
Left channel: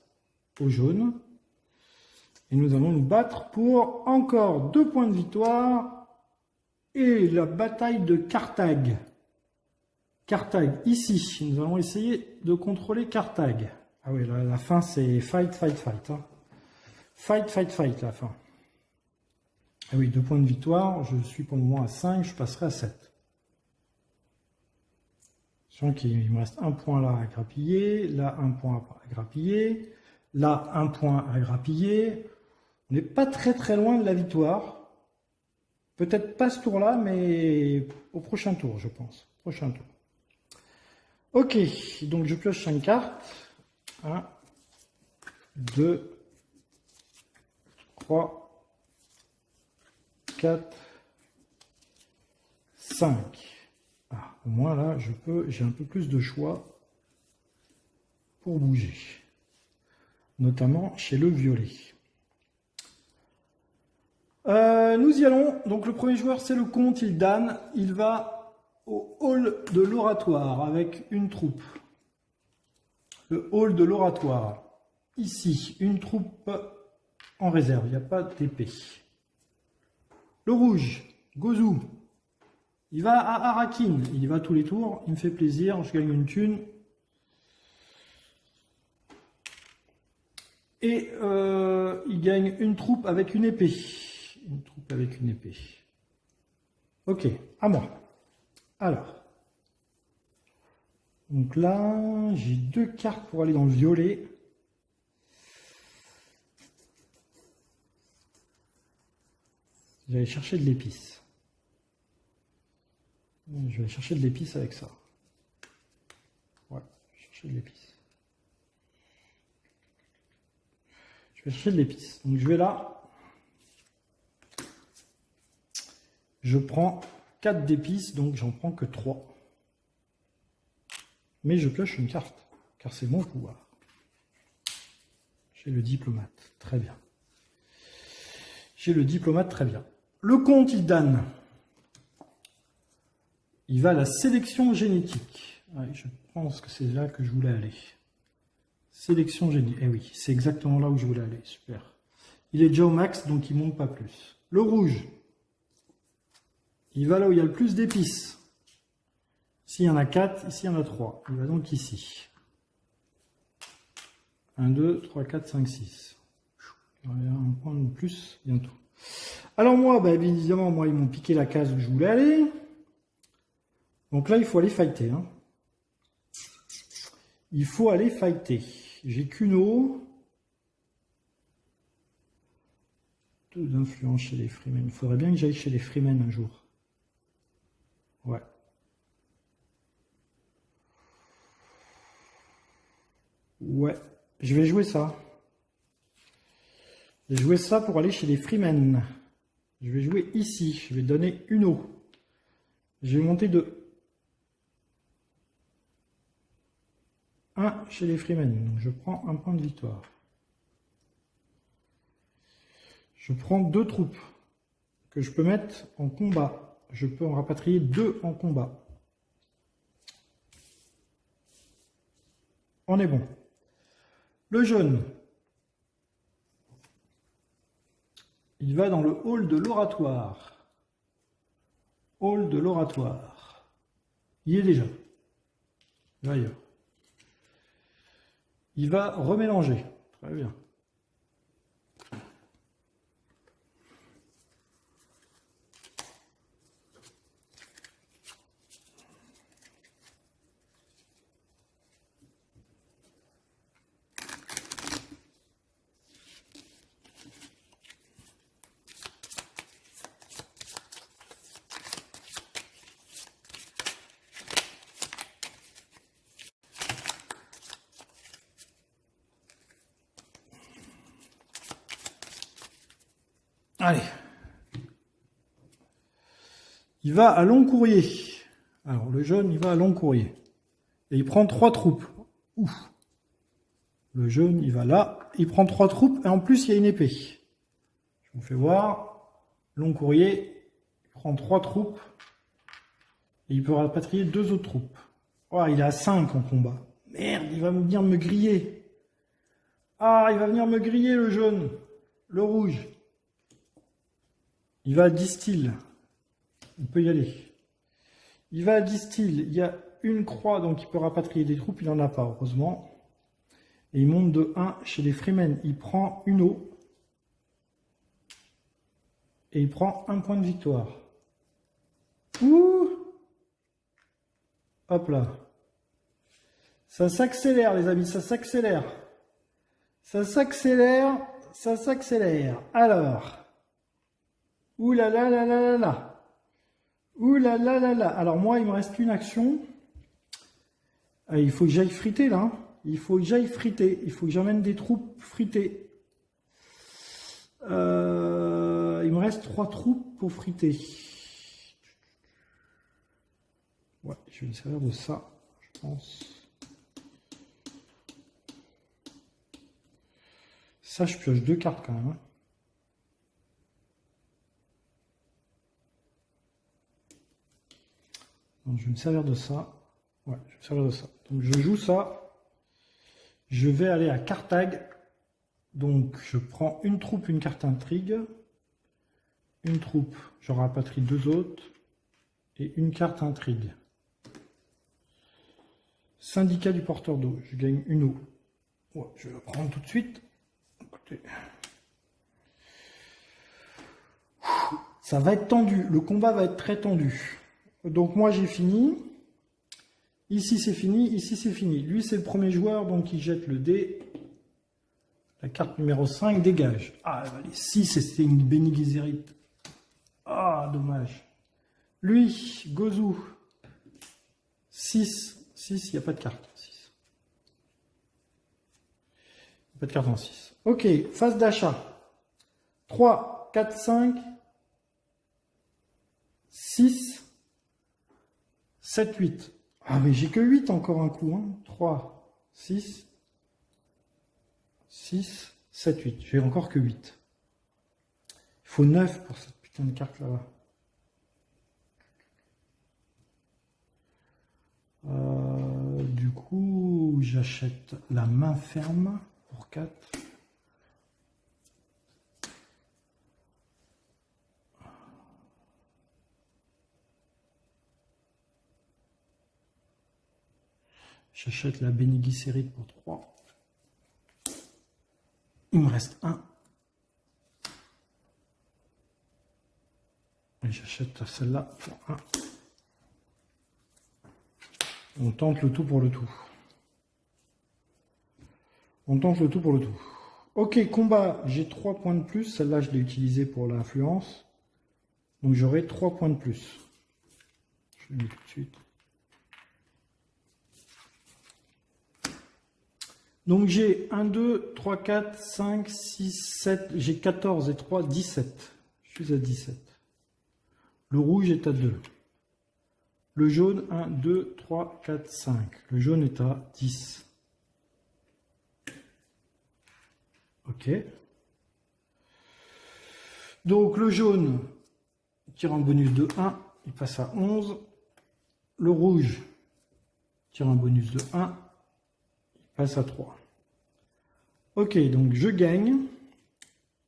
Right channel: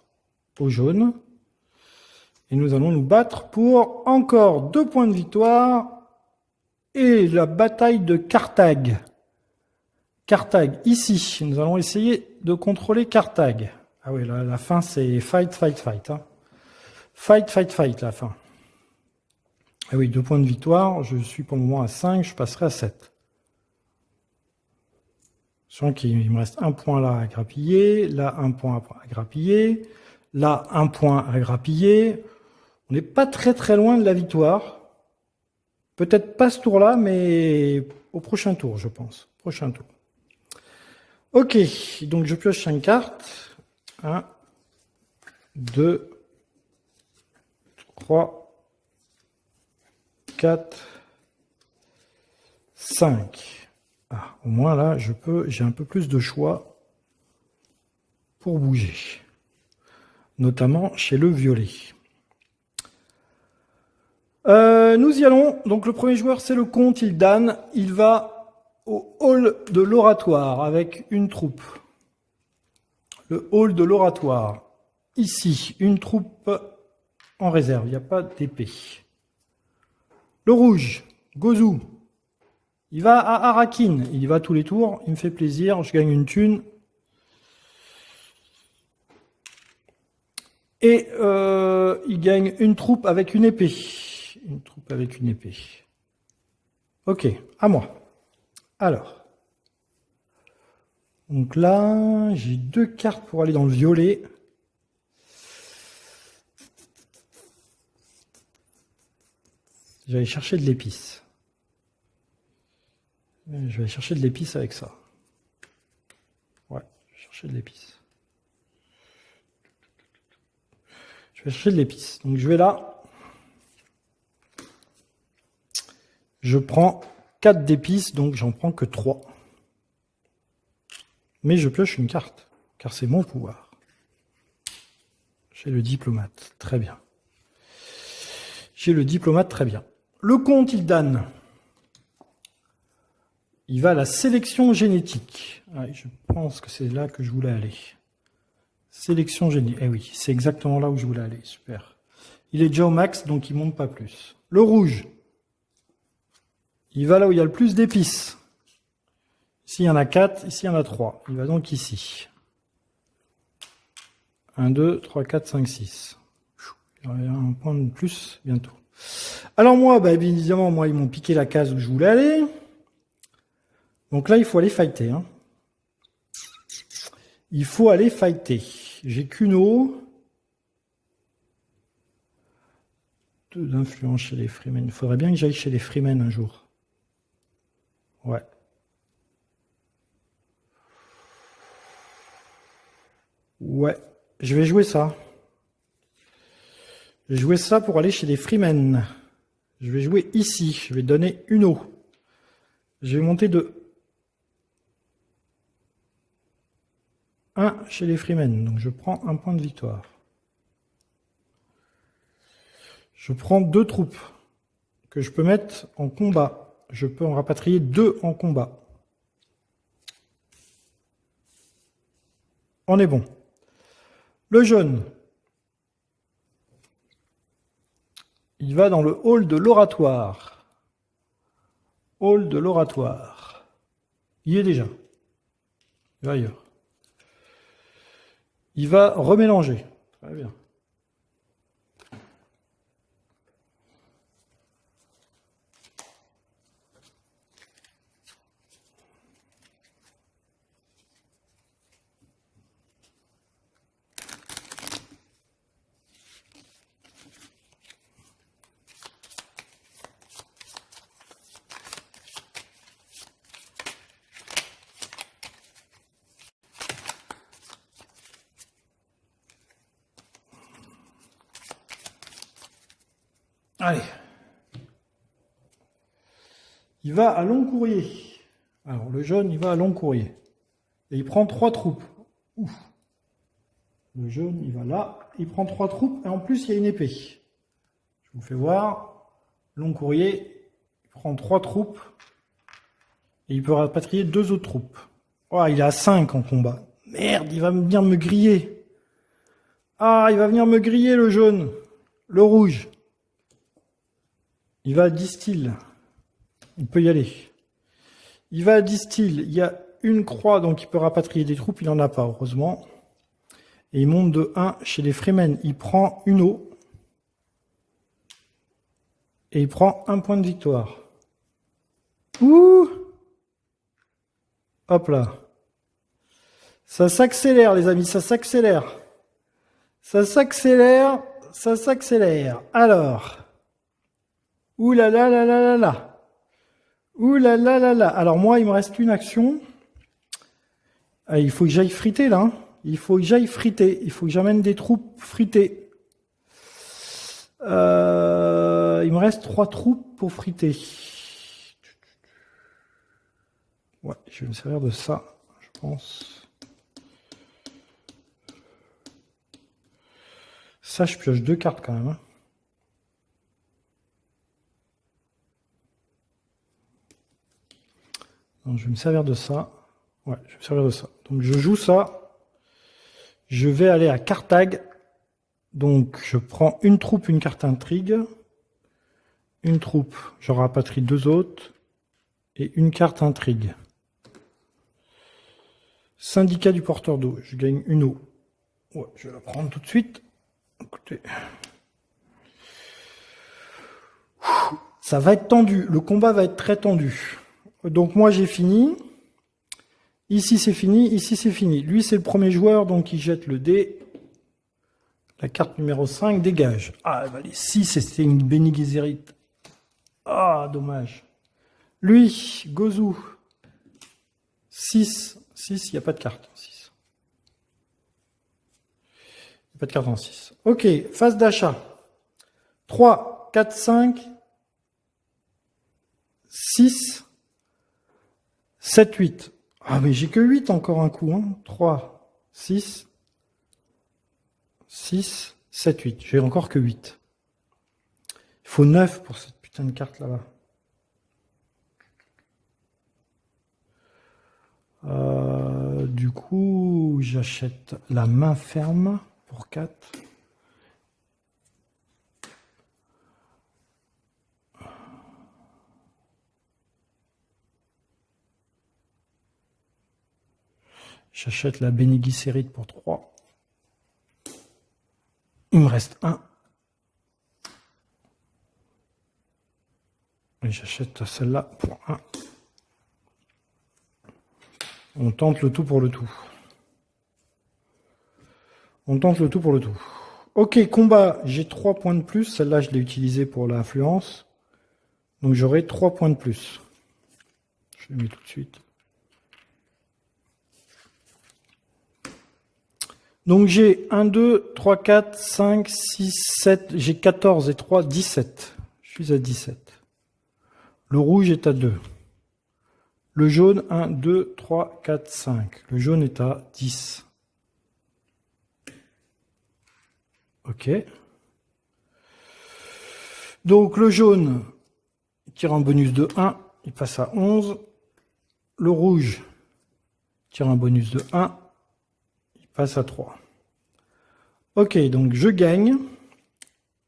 au jaune. Et nous allons nous battre pour encore 2 points de victoire. Et la bataille de Carthage. Carthage, ici. Nous allons essayer de contrôler Carthage. Ah oui, là, la fin, c'est fight, fight, fight. Hein. Fight, fight, fight, la fin. Ah oui, 2 points de victoire. Je suis pour le moment à 5. Je passerai à 7. Je sens qu'il me reste 1 point là à grappiller. Là, 1 point à grappiller. Là, 1 point à grappiller. On n'est pas très très loin de la victoire. Peut-être pas ce tour-là, mais au prochain tour, je pense. Prochain tour. Ok, donc je pioche 5 cartes. 1, 2, 3, 4, 5. Ah, au moins là, j'ai un peu plus de choix pour bouger. Notamment chez le violet. Nous y allons. Donc le premier joueur, c'est le comte Ildan. Il va au hall de l'oratoire avec une troupe. Le hall de l'oratoire. Ici, une troupe en réserve. Il n'y a pas d'épée. Le rouge, Gozu. Il va à Arakin. Il y va tous les tours. Il me fait plaisir. Je gagne une thune. Et il gagne une troupe avec une épée. Une troupe avec une épée. Ok, à moi. Alors. Donc là, j'ai 2 cartes pour aller dans le violet. Je vais aller chercher de l'épice. Je vais aller chercher de l'épice avec ça. Ouais, chercher de l'épice. Je vais chercher de l'épice. Donc je vais là. Je prends 4 d'épices, donc j'en prends que 3. Mais je pioche une carte, car c'est mon pouvoir. J'ai le diplomate, très bien. J'ai le diplomate, très bien. Le comte, il donne. Il va à la sélection génétique. Ouais, je pense que c'est là que je voulais aller. Sélection génétique. Eh oui, c'est exactement là où je voulais aller. Super. Il est déjà au max, donc il ne monte pas plus. Le rouge. Il va là où il y a le plus d'épices. Ici, il y en a 4. Ici, il y en a 3. Il va donc ici. 1, 2, 3, 4, 5, 6. Il y aura un point de plus bientôt. Alors moi, bah, évidemment, moi, ils m'ont piqué la case où je voulais aller. Donc là, il faut aller fighter. Hein. Il faut aller fighter. J'ai qu'une eau. 2 d'influence chez les Freemen. Il faudrait bien que j'aille chez les Freemen un jour. Ouais. Ouais. Je vais jouer ça. Je vais jouer ça pour aller chez les Freemen. Je vais jouer ici. Je vais donner une eau. Je vais monter de 1 chez les Freemen. Donc je prends un point de victoire. Je prends 2 troupes que je peux mettre en combat. Je peux en rapatrier 2 en combat. On est bon. Le jaune. Il va dans le hall de l'oratoire. Hall de l'oratoire. Il y est déjà. Il va ailleurs. Il va remélanger. Très bien. Allez. Il va à long courrier. Alors, le jaune, il va à long courrier. Et il prend 3 troupes. Ouf. Le jaune, il va là. Il prend 3 troupes. Et en plus, il y a une épée. Je vous fais voir. Long courrier. Il prend 3 troupes. Et il peut rapatrier 2 autres troupes. Oh, il est à 5 en combat. Merde, il va venir me griller. Ah, il va venir me griller, le jaune. Le rouge. Il va à distill. Il peut y aller. Il va à distill. Il y a une croix, donc il peut rapatrier des troupes. Il n'en a pas, heureusement. Et il monte de 1 chez les Freemen. Il prend une eau. Et il prend un point de victoire. Ouh! Hop là. Ça s'accélère, les amis, ça s'accélère. Ça s'accélère, ça s'accélère. Alors. Ouh là là là là là là. Ouh là là là là. Alors moi, il me reste une action. Ah, il faut que j'aille friter là. Hein. Il faut que j'aille friter. Il faut que j'amène des troupes fritées. Il me reste 3 troupes pour friter. Ouais, je vais me servir de ça, je pense. Ça, je pioche 2 cartes quand même. Hein. Donc, je vais me servir de ça. Ouais, je vais me servir de ça. Donc, je joue ça. Je vais aller à Carthage. Donc, je prends une troupe, une carte intrigue. Une troupe, je rapatrie 2 autres. Et une carte intrigue. Syndicat du porteur d'eau. Je gagne une eau. Ouais, je vais la prendre tout de suite. Écoutez. Ça va être tendu. Le combat va être très tendu. Donc moi, j'ai fini. Ici, c'est fini. Ici, c'est fini. Lui, c'est le premier joueur, donc il jette le dé. La carte numéro 5, dégage. Ah, bah, les 6, c'était une Bene Gesserit. Ah, dommage. Lui, Gozu. 6. 6, il n'y a pas de carte. 6. Pas de carte en 6. Ok, phase d'achat. 3, 4, 5, 6, 7, 8. Ah mais j'ai que 8 encore un coup. Hein. 3, 6, 6, 7, 8. J'ai encore que 8. Il faut 9 pour cette putain de carte là-bas. Du coup, j'achète la main ferme pour 4. J'achète la Bene Gesserit pour 3. Il me reste 1. Et j'achète celle-là pour 1. On tente le tout pour le tout. On tente le tout pour le tout. Ok, combat, j'ai 3 points de plus. Celle-là, je l'ai utilisée pour l'influence. Donc j'aurai 3 points de plus. Je le mets tout de suite. Donc j'ai 1, 2, 3, 4, 5, 6, 7. J'ai 14 et 3, 17. Je suis à 17. Le rouge est à 2. Le jaune, 1, 2, 3, 4, 5. Le jaune est à 10. Ok. Donc le jaune tire un bonus de 1, il passe à 11. Le rouge tire un bonus de 1, il passe à 3. Ok, donc je gagne.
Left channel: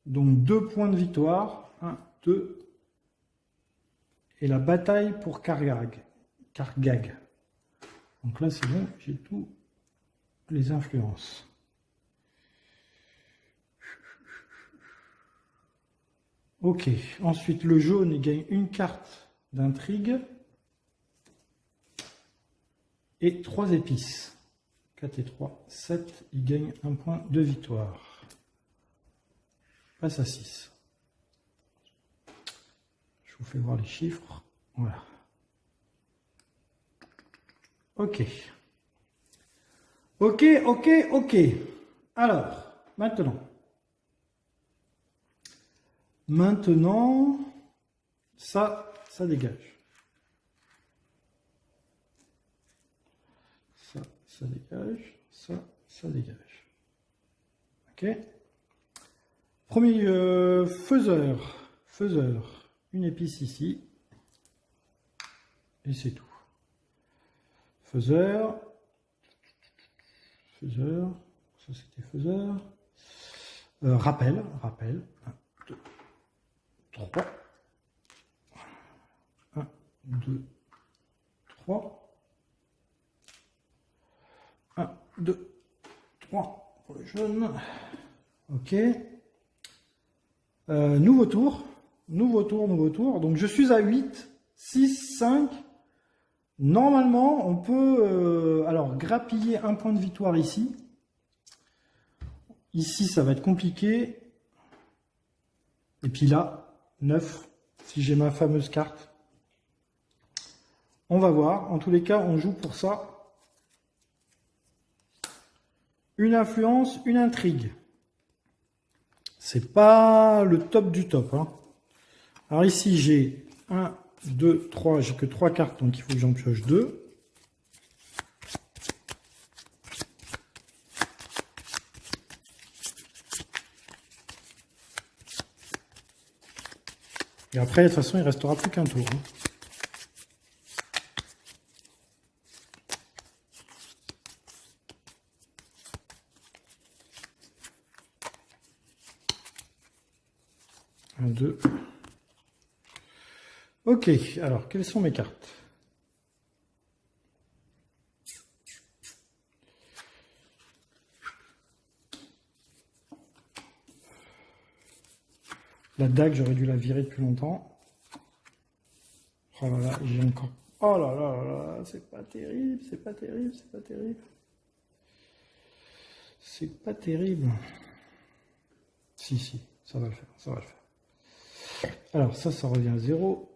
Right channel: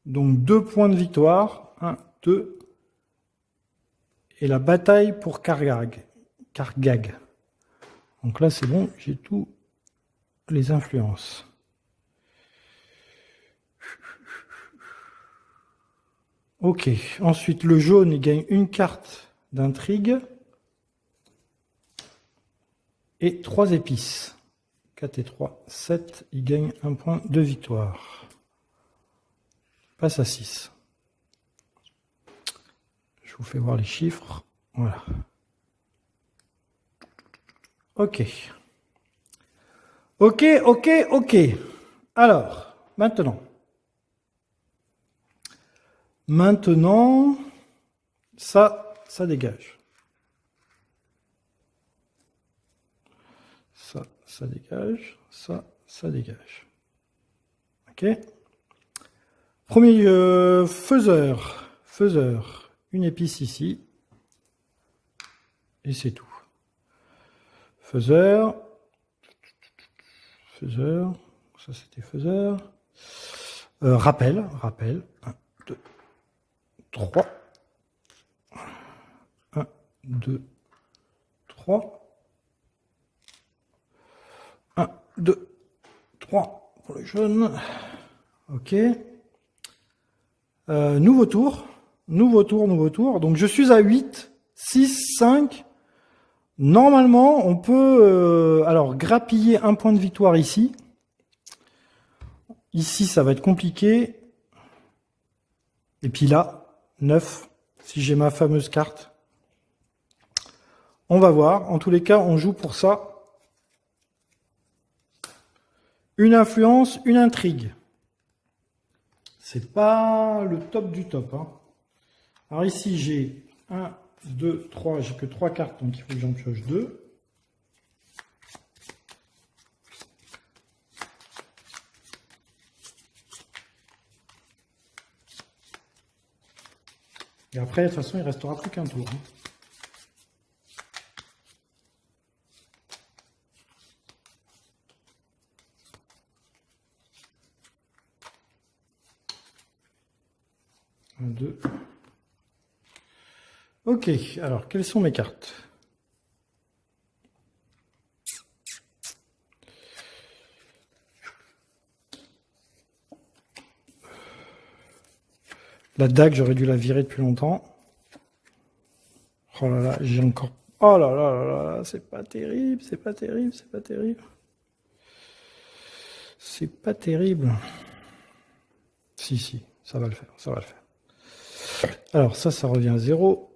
Donc 2 points de victoire. 1, 2. Et la bataille pour Kargag. Donc là, c'est bon, j'ai tous les influences. Ok, ensuite le jaune, il gagne une carte d'intrigue et 3 épices. 4 et 3, 7, il gagne un point de victoire. Passe à 6. Je vous fais voir les chiffres. Voilà. Ok. Ok, ok, ok. Alors, Maintenant, ça dégage. Ça dégage. Ça dégage. Ok. Premier faiseur. Une épice ici. Et c'est tout. Faiseur. Ça c'était faiseur. Rappel. 1, 2, 3. 1, 2, 3. 1, 2, 3 pour le jaune. Ok. Nouveau tour. Donc je suis à 8, 6, 5. Normalement, on peut alors grappiller un point de victoire ici. Ici, ça va être compliqué. Et puis là, 9, si j'ai ma fameuse carte. On va voir. En tous les cas, on joue pour ça. Une influence, une intrigue. C'est pas le top du top. Hein. Alors ici, j'ai 1, 2, 3. J'ai que 3 cartes, donc il faut que j'en pioche 2. Et après, de toute façon, il ne restera plus qu'un tour. Hein. Un, 2. Ok, alors, quelles sont mes cartes? La dague, j'aurais dû la virer depuis longtemps. Oh là là, j'ai encore... Oh là là là là, c'est pas terrible, c'est pas terrible. C'est pas terrible. Si, ça va le faire, Alors ça revient à 0.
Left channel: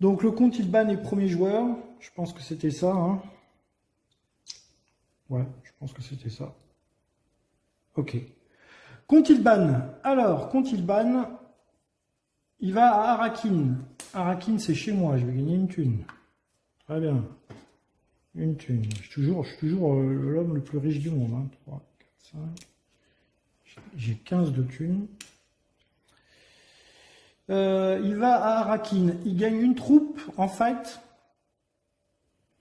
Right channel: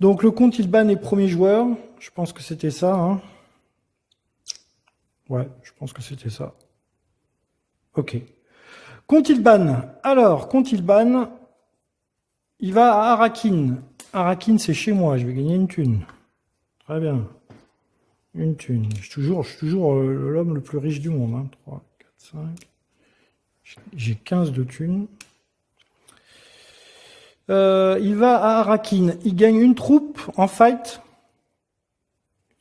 Donc le compte, il banne les premiers joueurs. Je pense que c'était ça. Hein. Ouais, je pense que c'était ça. Ok. Contilban. Alors, Contilban, il va à Arakin. Arakin, c'est chez moi. Je vais gagner une thune. Très bien. Une thune. Je suis toujours l'homme le plus riche du monde. Hein. 3, 4, 5. J'ai 15 de thunes. Il va à Arakin. Il gagne une troupe en fight.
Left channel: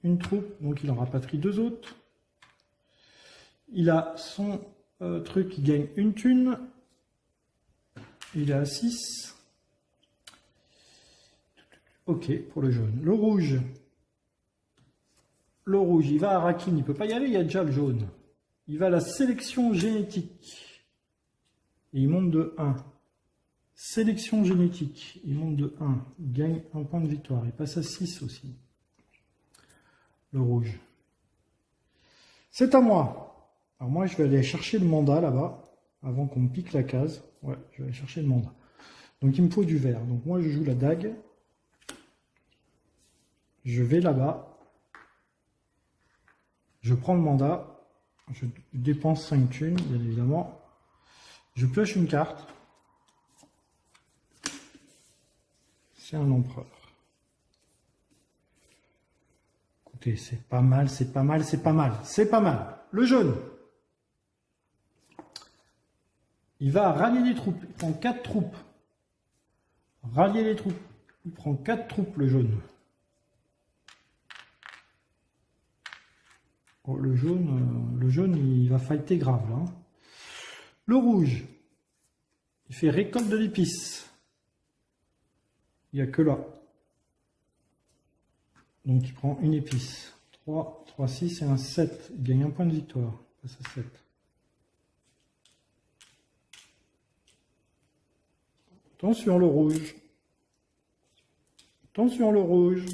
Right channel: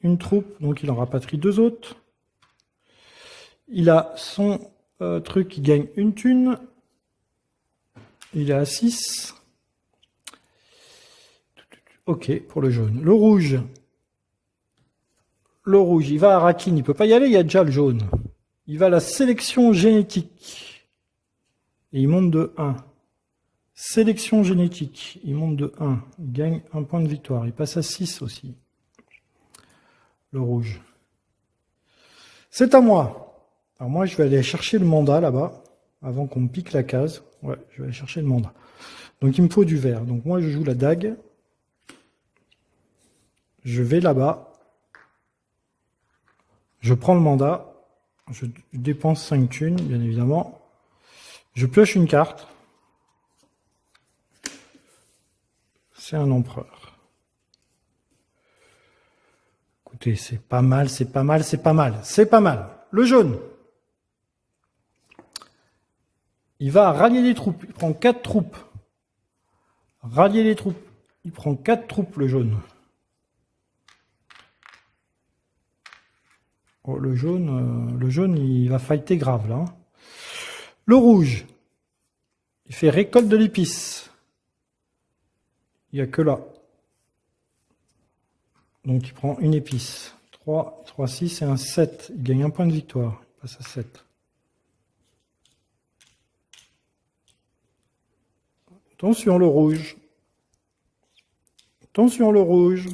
Une troupe, donc il en rapatrie 2 autres. Il a son truc qui gagne une thune. Il est à 6. Ok, pour le jaune. Le rouge, il va à Arakin. Il ne peut pas y aller, il y a déjà le jaune. Il va à la sélection génétique. Et il monte de 1. Sélection génétique, il monte de 1. Il gagne un point de victoire. Il passe à 6 aussi. Le rouge. C'est à moi. Alors moi, je vais aller chercher le mandat là-bas, avant qu'on me pique la case. Ouais, je vais aller chercher le mandat. Donc il me faut du vert. Donc moi, je joue la dague. Je vais là-bas. Je prends le mandat. Je dépense 5 thunes, bien évidemment. Je pioche une carte. C'est un empereur. Écoutez, c'est pas mal, c'est pas mal, c'est pas mal. C'est pas mal. Le jaune. Il va rallier les troupes. Il prend 4 troupes. Rallier les troupes. Il prend 4 troupes, le jaune. Oh, le jaune, il va fighter grave, là. Le rouge. Il fait récolte de l'épice. Il n'y a que là. Donc il prend une épice. 3, 3, 6 et un 7. Il gagne un point de victoire. Il passe à 7. Attention le rouge. Attention le rouge.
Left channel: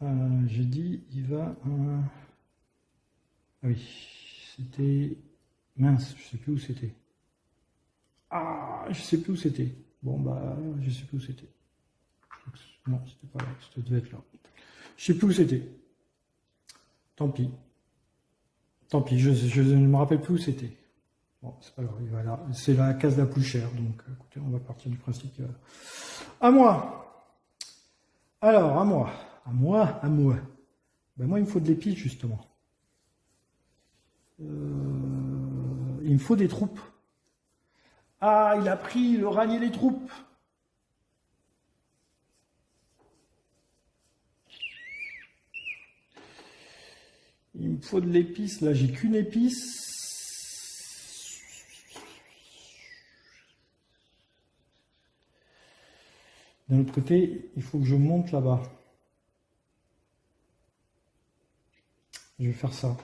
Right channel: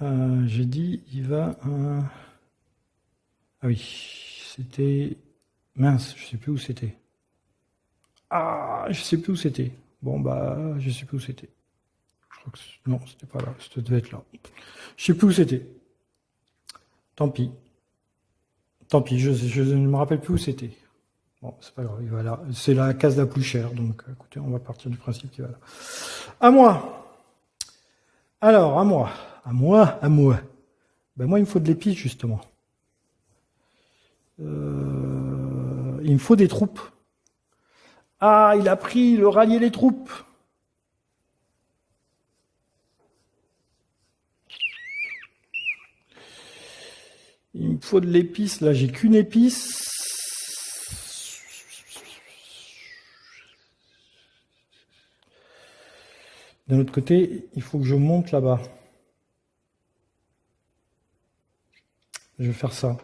J'ai dit, il va... Ah oui, c'était... Mince, je sais plus où c'était. Ah, je sais plus où c'était. Bon, bah, je sais plus où c'était. Non, c'était pas là, ça devait être là. Je sais plus où c'était. Tant pis. Tant pis, je ne me rappelle plus où c'était. Bon, c'est pas grave, il va là. C'est la case la plus chère, donc écoutez, on va partir du principe qu'il va là. À moi. Alors, à moi. À moi, à moi. Ben moi, il me faut de l'épice, justement. Il me faut des troupes. Ah, il a pris le rallier les troupes. Il me faut de l'épice. Là, j'ai qu'une épice. D'un autre côté, il faut que je monte là-bas. Je vais faire ça.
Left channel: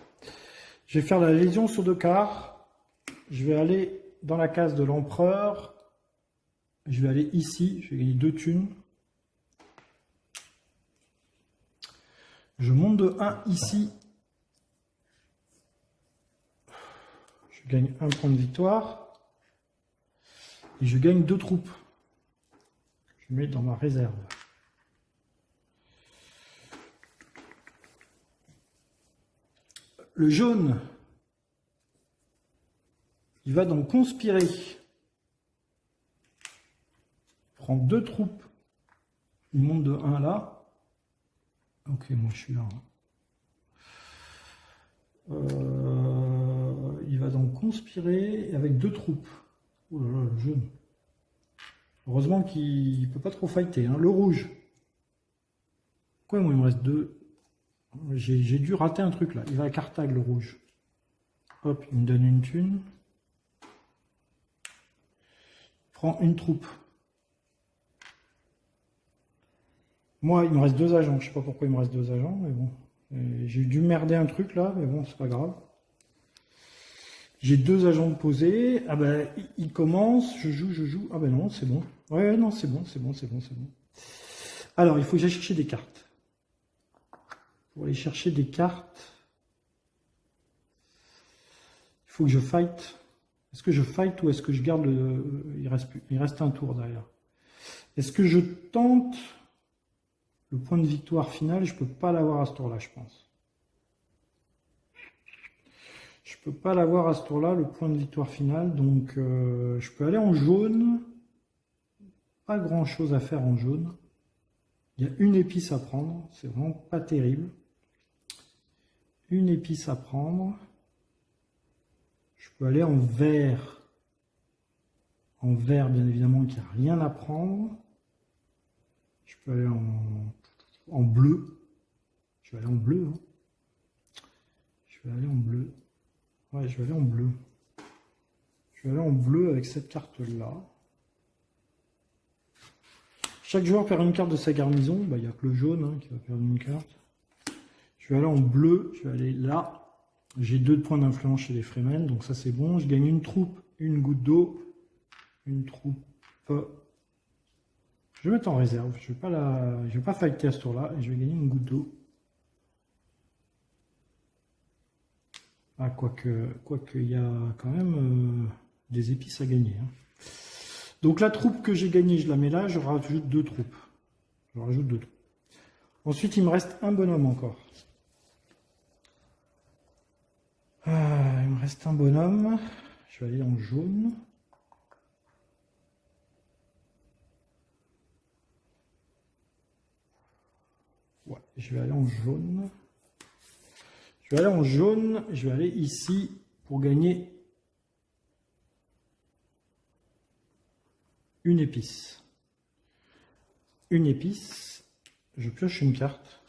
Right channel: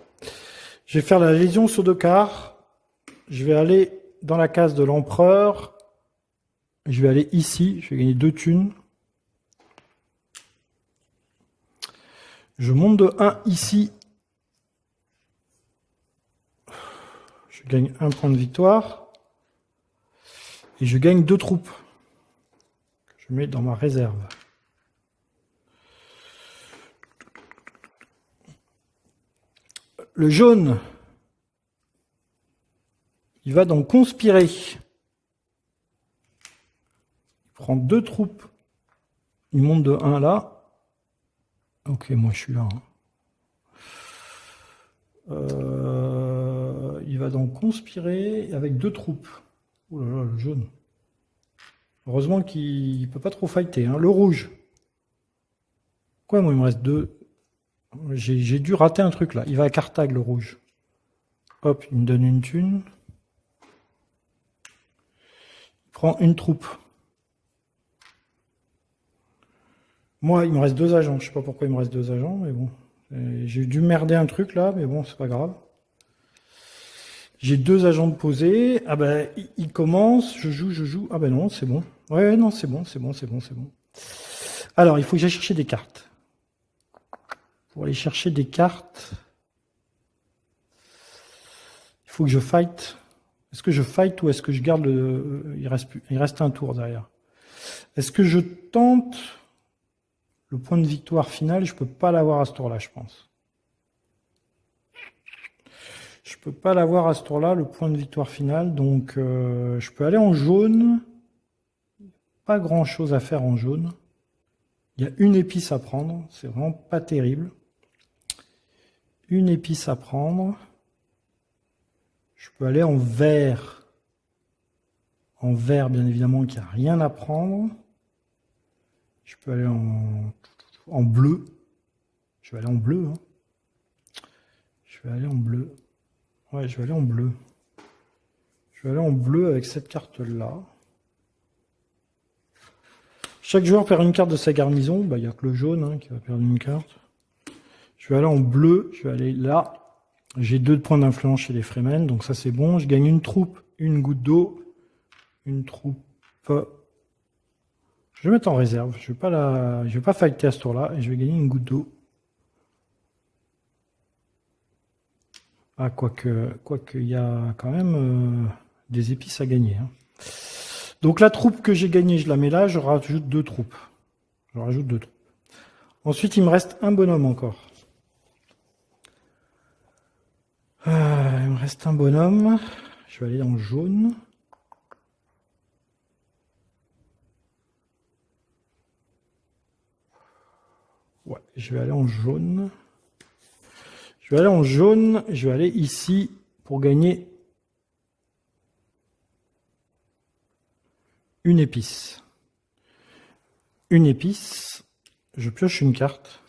Je vais faire la légion sur 2 quarts. Je vais aller dans la case de l'empereur. Je vais aller ici. Je vais gagner 2 thunes. Je monte de 1 ici. Je gagne 1 point de victoire. Et je gagne 2 troupes. Je mets dans ma réserve. Le jaune, il va donc conspirer. Il prend 2 troupes. Il monte de 1 là. Ok, moi je suis là. Il va donc conspirer avec 2 troupes. Oh là là, le jaune. Heureusement qu'il ne peut pas trop fighter. Hein. Le rouge. Quoi, moi il me reste 2. J'ai dû rater un truc là. Il va à Carthage, le rouge. Hop, il me donne une thune. Il prend une troupe. Moi, il me reste 2 agents. Je sais pas pourquoi il me reste 2 agents, mais bon. J'ai dû merder un truc là, mais bon, c'est pas grave. J'ai 2 agents de posée. Ah ben, il commence. Je joue. Ah ben non, c'est bon. Ouais, non, c'est bon. Alors, il faut que j'aille chercher des cartes. Pour aller chercher des cartes, il faut que je fight. Est-ce que je fight ou est-ce que je garde le... Il reste un tour derrière. Est-ce que je tente le point de victoire final? Je ne peux pas l'avoir à ce tour-là, je pense. peux pas l'avoir à ce tour-là, le point de victoire final. Donc, je peux aller en jaune. Pas grand-chose à faire en jaune. Il y a une épice à prendre. C'est vraiment pas terrible. Une épice à prendre. Je peux aller en vert. En vert, bien évidemment, qu'il n'y a rien à prendre. Je peux aller en bleu. Je vais aller en bleu. Hein. Je vais aller en bleu. Ouais, je vais aller en bleu. Je vais aller en bleu avec cette carte-là. Chaque joueur perd une carte de sa garnison. Bah, il n'y a que le jaune hein, qui va perdre une carte. Je vais aller en bleu. Je vais aller là. J'ai 2 points d'influence chez les Fremen. Donc ça, c'est bon. Je gagne une troupe, une goutte d'eau. Une troupe. Je vais mettre en réserve. Je ne vais pas fighter à ce tour-là. Et je vais gagner une goutte d'eau. Ah, quoique, il y a quand même des épices à gagner. Hein. Donc la troupe que j'ai gagnée, je la mets là. Je rajoute 2 troupes. Je rajoute 2 troupes. Ensuite, il me reste un bonhomme encore. Il me reste un bonhomme. Je vais aller en jaune. Ouais, je vais aller en jaune. Je vais aller en jaune. Je vais aller ici pour gagner une épice. Une épice. Je pioche une carte.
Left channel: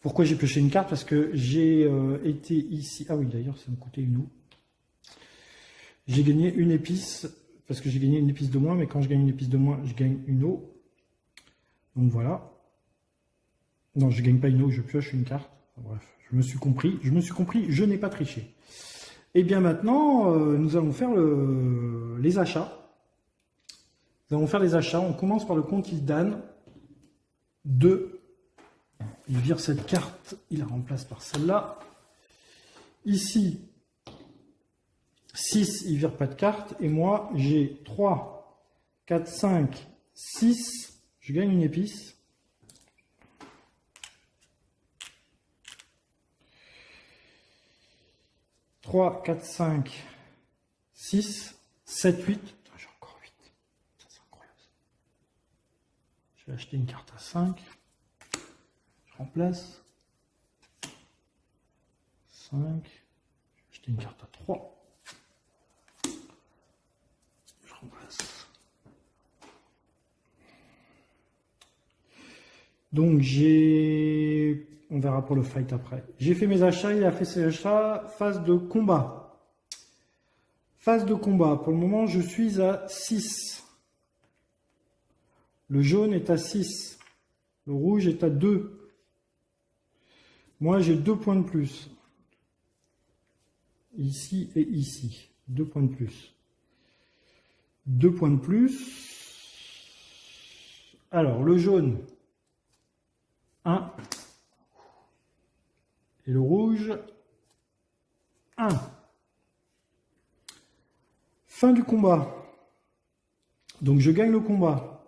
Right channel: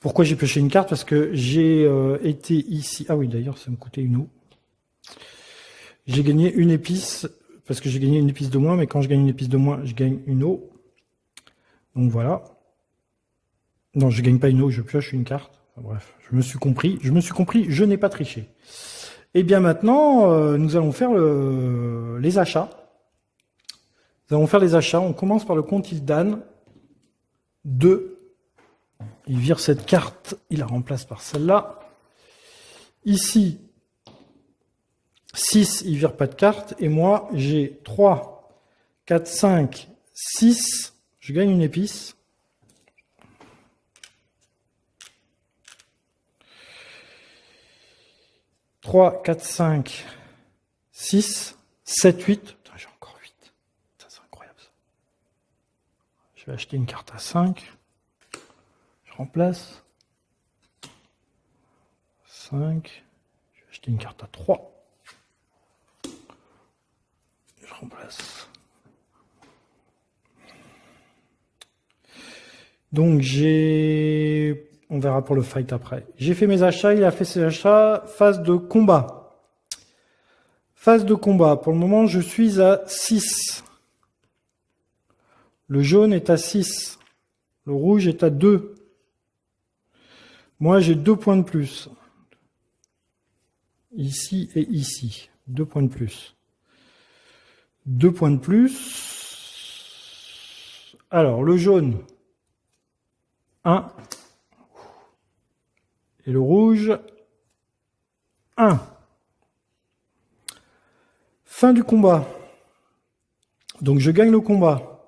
Pourquoi j'ai pioché une carte? Parce que j'ai été ici. Ah oui, d'ailleurs, ça me coûtait une eau. J'ai gagné une épice. Parce que j'ai gagné une épice de moins. Mais quand je gagne une épice de moins, je gagne une eau. Donc voilà. Non, je ne gagne pas une eau, je pioche une carte. Enfin, bref, je me suis compris, je n'ai pas triché. Et bien maintenant, nous allons faire les achats. Nous allons faire les achats. On commence par le compte Il'dan. 2. Il vire cette carte, il la remplace par celle-là. Ici, 6, il vire pas de carte. Et moi, j'ai 3, 4, 5, 6. Je gagne une épice. « 3, 4, 5, 6, 7, 8. » Putain, j'ai encore 8. Ça, c'est incroyable, ça. Je vais acheter une carte à 5. Je remplace. 5. Je vais acheter une carte à 3. Je remplace. Donc, on verra pour le fight après. J'ai fait mes achats, il a fait ses achats. Phase de combat. Phase de combat. Pour le moment, je suis à 6. Le jaune est à 6. Le rouge est à 2. Moi, j'ai 2 points de plus. Ici et ici. 2 points de plus. 2 points de plus. Alors, le jaune, 1. Et le rouge, 1. Fin du combat. Donc je gagne le combat.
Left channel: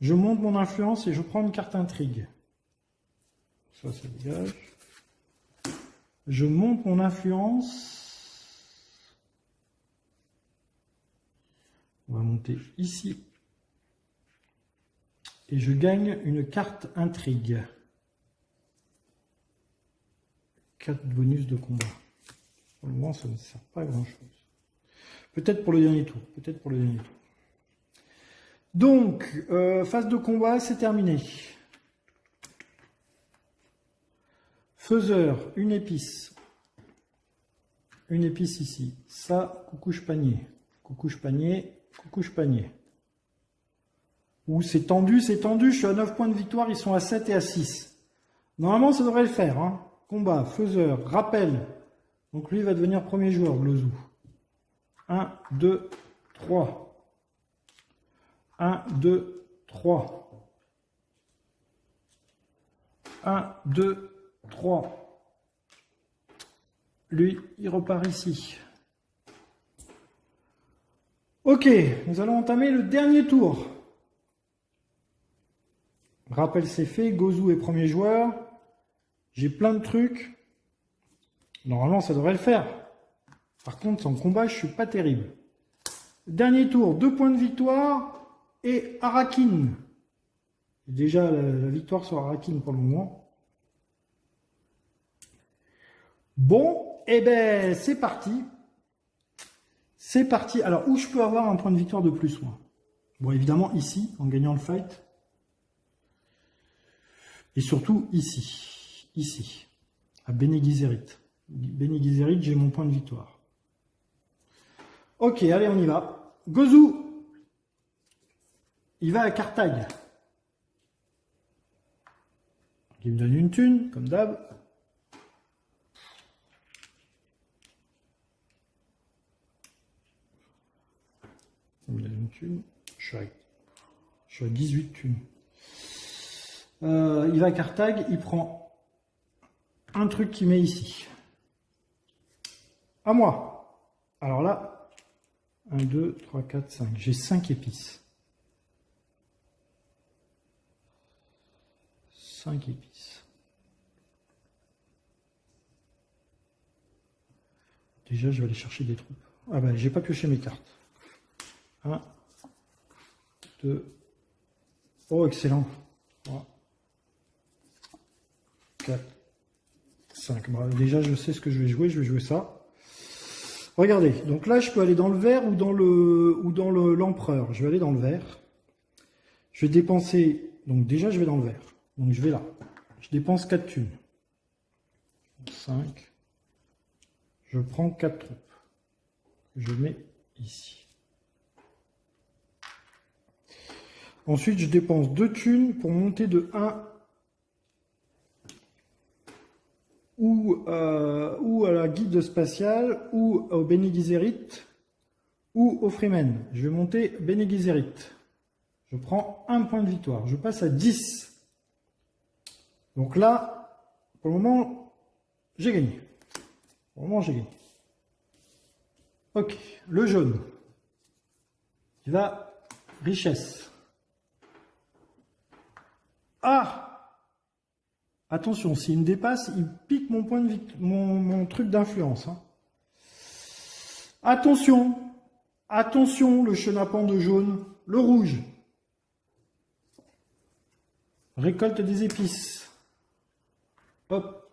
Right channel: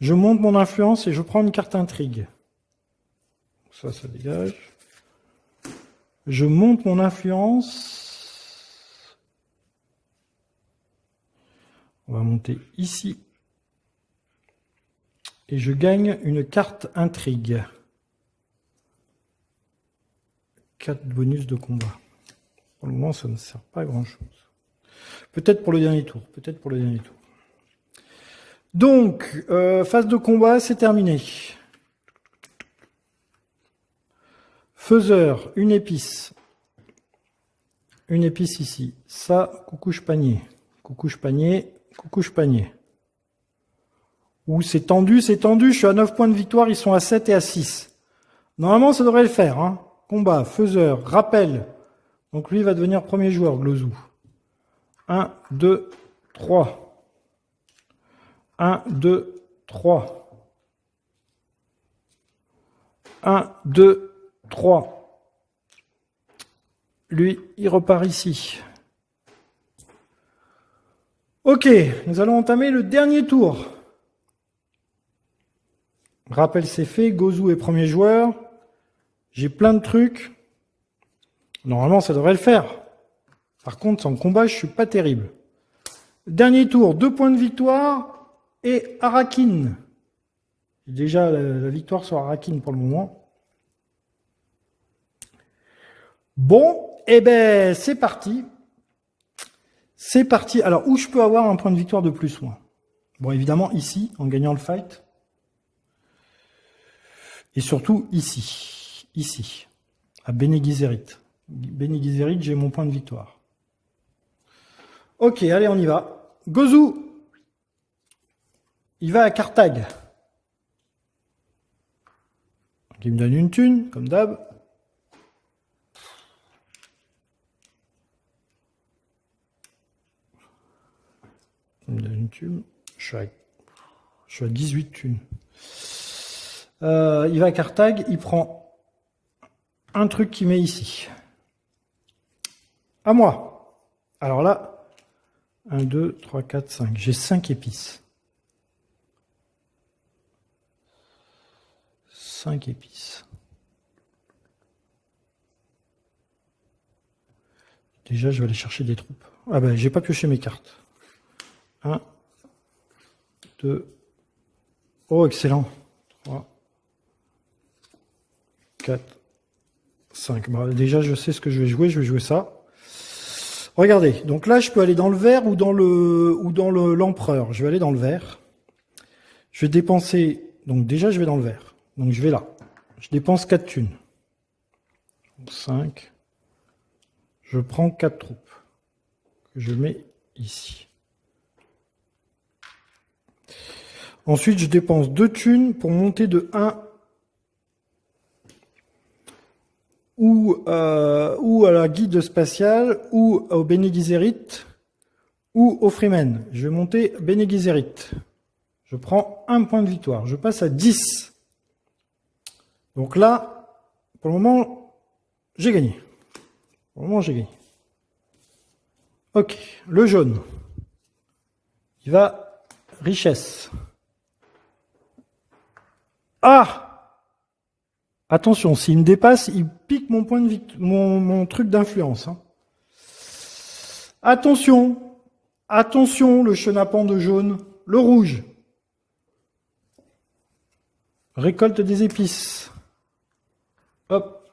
Je monte mon influence et je prends une carte intrigue. Ça dégage. Je monte mon influence. On va monter ici. Et je gagne une carte intrigue. 4 bonus de combat. Pour le moment, ça ne sert pas à grand chose. Peut-être pour le dernier tour. Peut-être pour le dernier tour. Donc, phase de combat, c'est terminé. Faiseur, une épice. Une épice ici. Ça, coucouche panier. Coucouche panier, coucouche panier. Ouh, c'est tendu, c'est tendu. Je suis à 9 points de victoire, ils sont à 7 et à 6. Normalement, ça devrait le faire. Hein. Combat, faiseur, rappel. Donc lui, il va devenir premier joueur, Glozou. 1, 2, 3. 1, 2, 3. 1, 2, 3. Lui, il repart ici. Ok, nous allons entamer le dernier tour. Rappel c'est fait. Gozu est premier joueur. J'ai plein de trucs. Normalement, ça devrait le faire. Par contre, en combat, je suis pas terrible. Dernier tour, 2 points de victoire et Arakin. Déjà la victoire sur Arakin pour le moment. Bon, eh ben c'est parti. C'est parti. Alors, où je peux avoir un point de victoire de plus, moi? Bon, évidemment, ici, en gagnant le fight. Et surtout, ici. Ici. À Bene Gesserit. Bene Gesserit, j'ai mon point de victoire. Ok, allez, on y va. Gozu. Il va à Carthage. Il me donne une thune, comme d'hab. Il me donne une thune. Je suis à 18 thunes. Il va à Carthage, il prend un truc qu'il met ici. À moi. Alors là, 1, 2, 3, 4, 5. J'ai 5 épices. 5 épices. Déjà, je vais aller chercher des troupes. Ah ben, j'ai pas pioché mes cartes. 1, 2. Oh, excellent. 3, 4, 5. Bah, déjà, je sais ce que je vais jouer. Je vais jouer ça. Regardez. Donc là, je peux aller dans le vert ou dans l'empereur. Je vais aller dans le vert. Je vais dépenser... Donc déjà, je vais dans le vert. Donc je vais là. Je dépense 4 thunes. 5. Je prends 4 troupes. Que je mets ici. Ensuite, je dépense 2 thunes pour monter de 1 ou à la guide spatiale, ou au Bene Gesserit, ou au Freeman. Je vais monter Bene Gesserit. Je prends 1 point de victoire. Je passe à 10. Donc là, pour le moment, j'ai gagné. Pour le moment, j'ai gagné. Ok, le jaune. Il va richesse. Ah! Attention, s'il me dépasse, il pique mon point de mon truc d'influence. Hein. Attention! Attention, le chenapan de jaune. Le rouge. Récolte des épices. Hop.